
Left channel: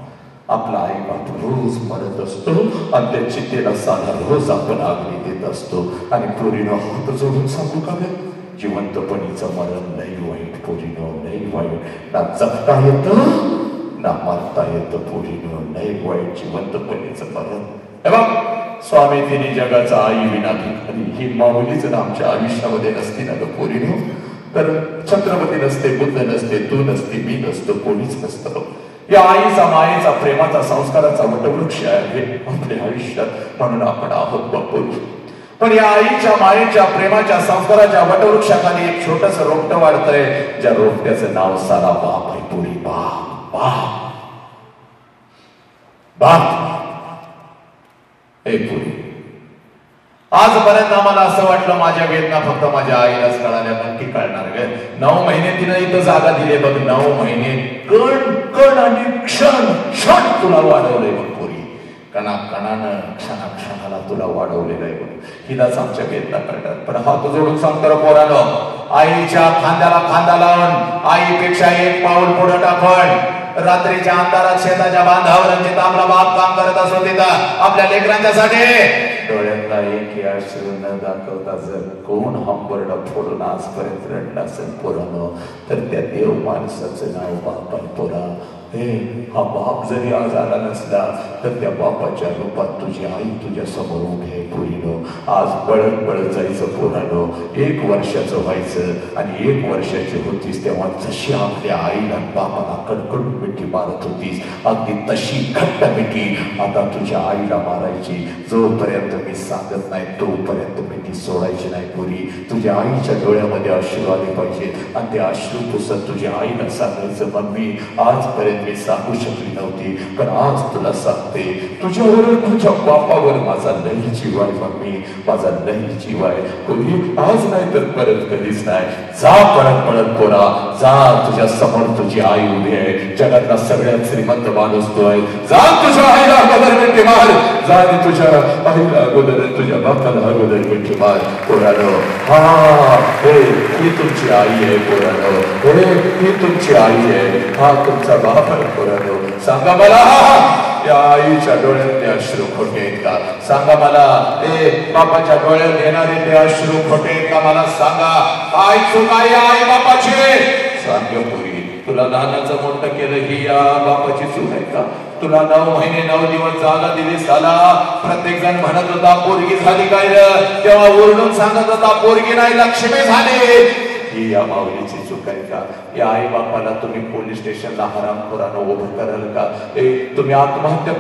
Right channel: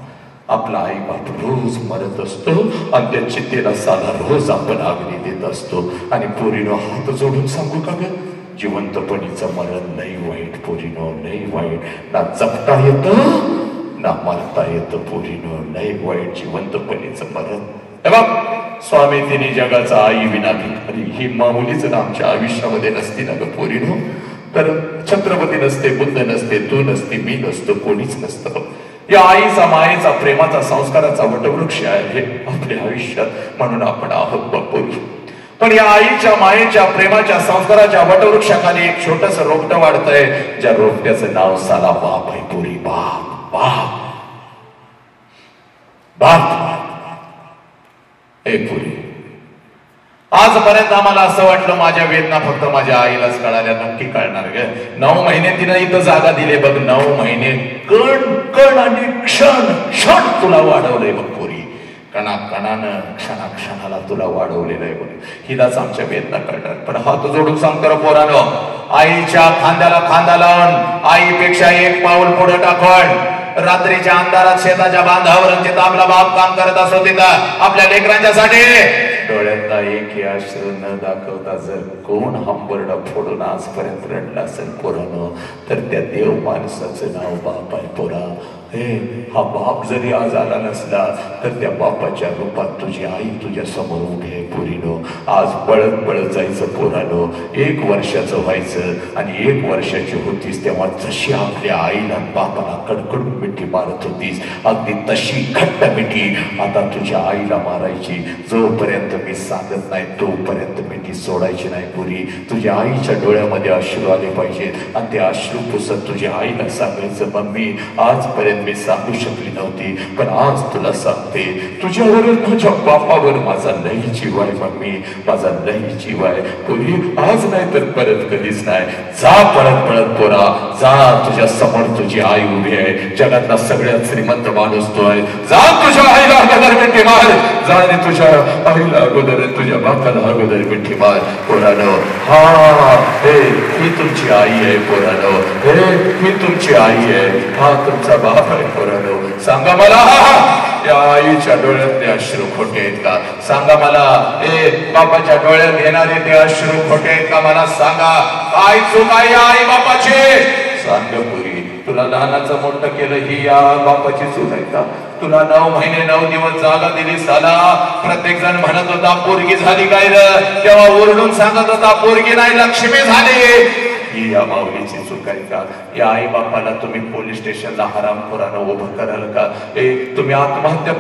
आपला आई बाप रोज मरत असतो आणि त्या चितेला साधा रोज आपण आगली देत असतो. आणि पोरीनो हात जोडून सांगू का ग, जिवंतपणीचं मरण लई वाईट पोरीनो, लई वाईट. ना जगता येतं ना मरता येतं पोरीनो, लई वाईट जिवंतपणीचं मरण. हे बघ, स्वामी तिने जगाचा आई विना भिकारी ही माऊलीच ना आमच्या आयुष्यामध्ये नसती ना ग पोरीनो, तर छत्रपती नसते, बुद्ध नसते, तू नसते, मी नसतो, कोणीच नसतं. या आईचा मायेचा प्रेमाचा संस्काराचा वटवृक्ष आहे आपल्या आयुष्यात, म्हणून आपण आहोत बापू. पण या आईच्या मायेच्या प्रेमाच्या संस्काराच्या वटवृक्षाखाली एक छोटस रोपटं वाढतंय, ज्या रोपट्याचं नाव सारा बाप आहे पुरी. बाप बाप बाप. ए पुरी, आजपर्यंत आम्हाला असं वाटलं माझ्या वेदना फक्त माझ्या आईलाच कळाल्या. नक्की कळणार ग. 9 महिने तिनं इथं जागा दिले बघ. 9 महिने कण कण आणि क्षण क्षण तुला वाढवलंय बघ पुरी. कणाकणानं क्षणाक्षणाला तुला वाढवलेलं आहे बघ. हिलाच आमच्या वेदना कळतात. पण हात जोडून सांगतो रे पोरानो, आईच्या खांद्याला खांदा लावून आईपेक्षा एक पाऊल पुढे टाकून रात्रीच्या अंधारात शेताच्या बांधावर जिथं आपला बाप काम करत असो तिथं आपल्या लेकरांच्यासाठी डोळ्यातला एकही अश्रू न दाखवता जर कोण हंबरडा फोडून आजपर्यंत रडला असेल पोरानो, तर त्या देव माणसाचं नाव बाप आहे पोरा. हे हा बाप जरी आज आला नसला तर त्या बापाच्या रूपात तुझी आई तुझ्या समोर उभी आहे पोरीनो. आज पळत पळत जायचं पोरानो. 1 वर्षाचं व्हायचं आणि 1 वर्षाची होतीस तेव्हा जशी आपल्या आईला बापाला कडकडून मिठी मारत होतीस, अगदी तशी घट्ट मिठी आता तुझ्या आईला मारायची. जोपर्यंत मी सांगत नाही तोपर्यंत मिठी सोडायची नाही पोरी. तुझ्या आईच्या डोळ्यामध्ये अश्रू आले पाहिजेत आणि ते अश्रू पुसत तुझ्या आईला सांगायचं, मम्मी आजपर्यंत मी सांगू शकली नव्हती पण आज तुला सांगते, तुझ्यावर तुझ्या बापावर माझा लई जीव आहे मम्मी, माझा लई जीव आहे पोरी. आज नाही तर परत कधीच नाही. जा परत परत पोरा, जा. तुझ्या समोर तुझी आई उभी आहे, जगातला सगळ्यात श्रीमंत माणूस तो आहे. जा तुझ्या आईला अगोदर मिठी मार. जा आणि तुझ्या आईला अगोदर तुझ्या बापाला अगोदर मिठी मार पोरानो. हा हे ही तुमची आई आहे पोरानो. हे ही तुमची आई आहे, हा तुमचा बाप आहे पोरानो. सांगा मला, या आईच्या डोळ्यातले अश्रू खोटे आहेत का? सांगा मला. ए बापाच्या डोळ्यात घेणारे ते अश्रू खोटे आहेत का? मला सांगा. आई चूक आहे आई बापाची? सांग पुरी. तुला लहानाचं मोठं केलं ही या बापाची चूक आहे का? तुला 9 महिने 9 दिवस जागा दिली साला. प्रत्येक जण म्हणत होता पोरगी झाली काय र, तेव्हा ओरडून सांगत होता पोरगी नाही लक्ष्मी झाली. ही या माऊलीची चूक आहे का? या आई बापाला तुम्ही पोलीस स्टेशनला हरामखोरानं उभं कराल का? तुम्ही आत्महत्या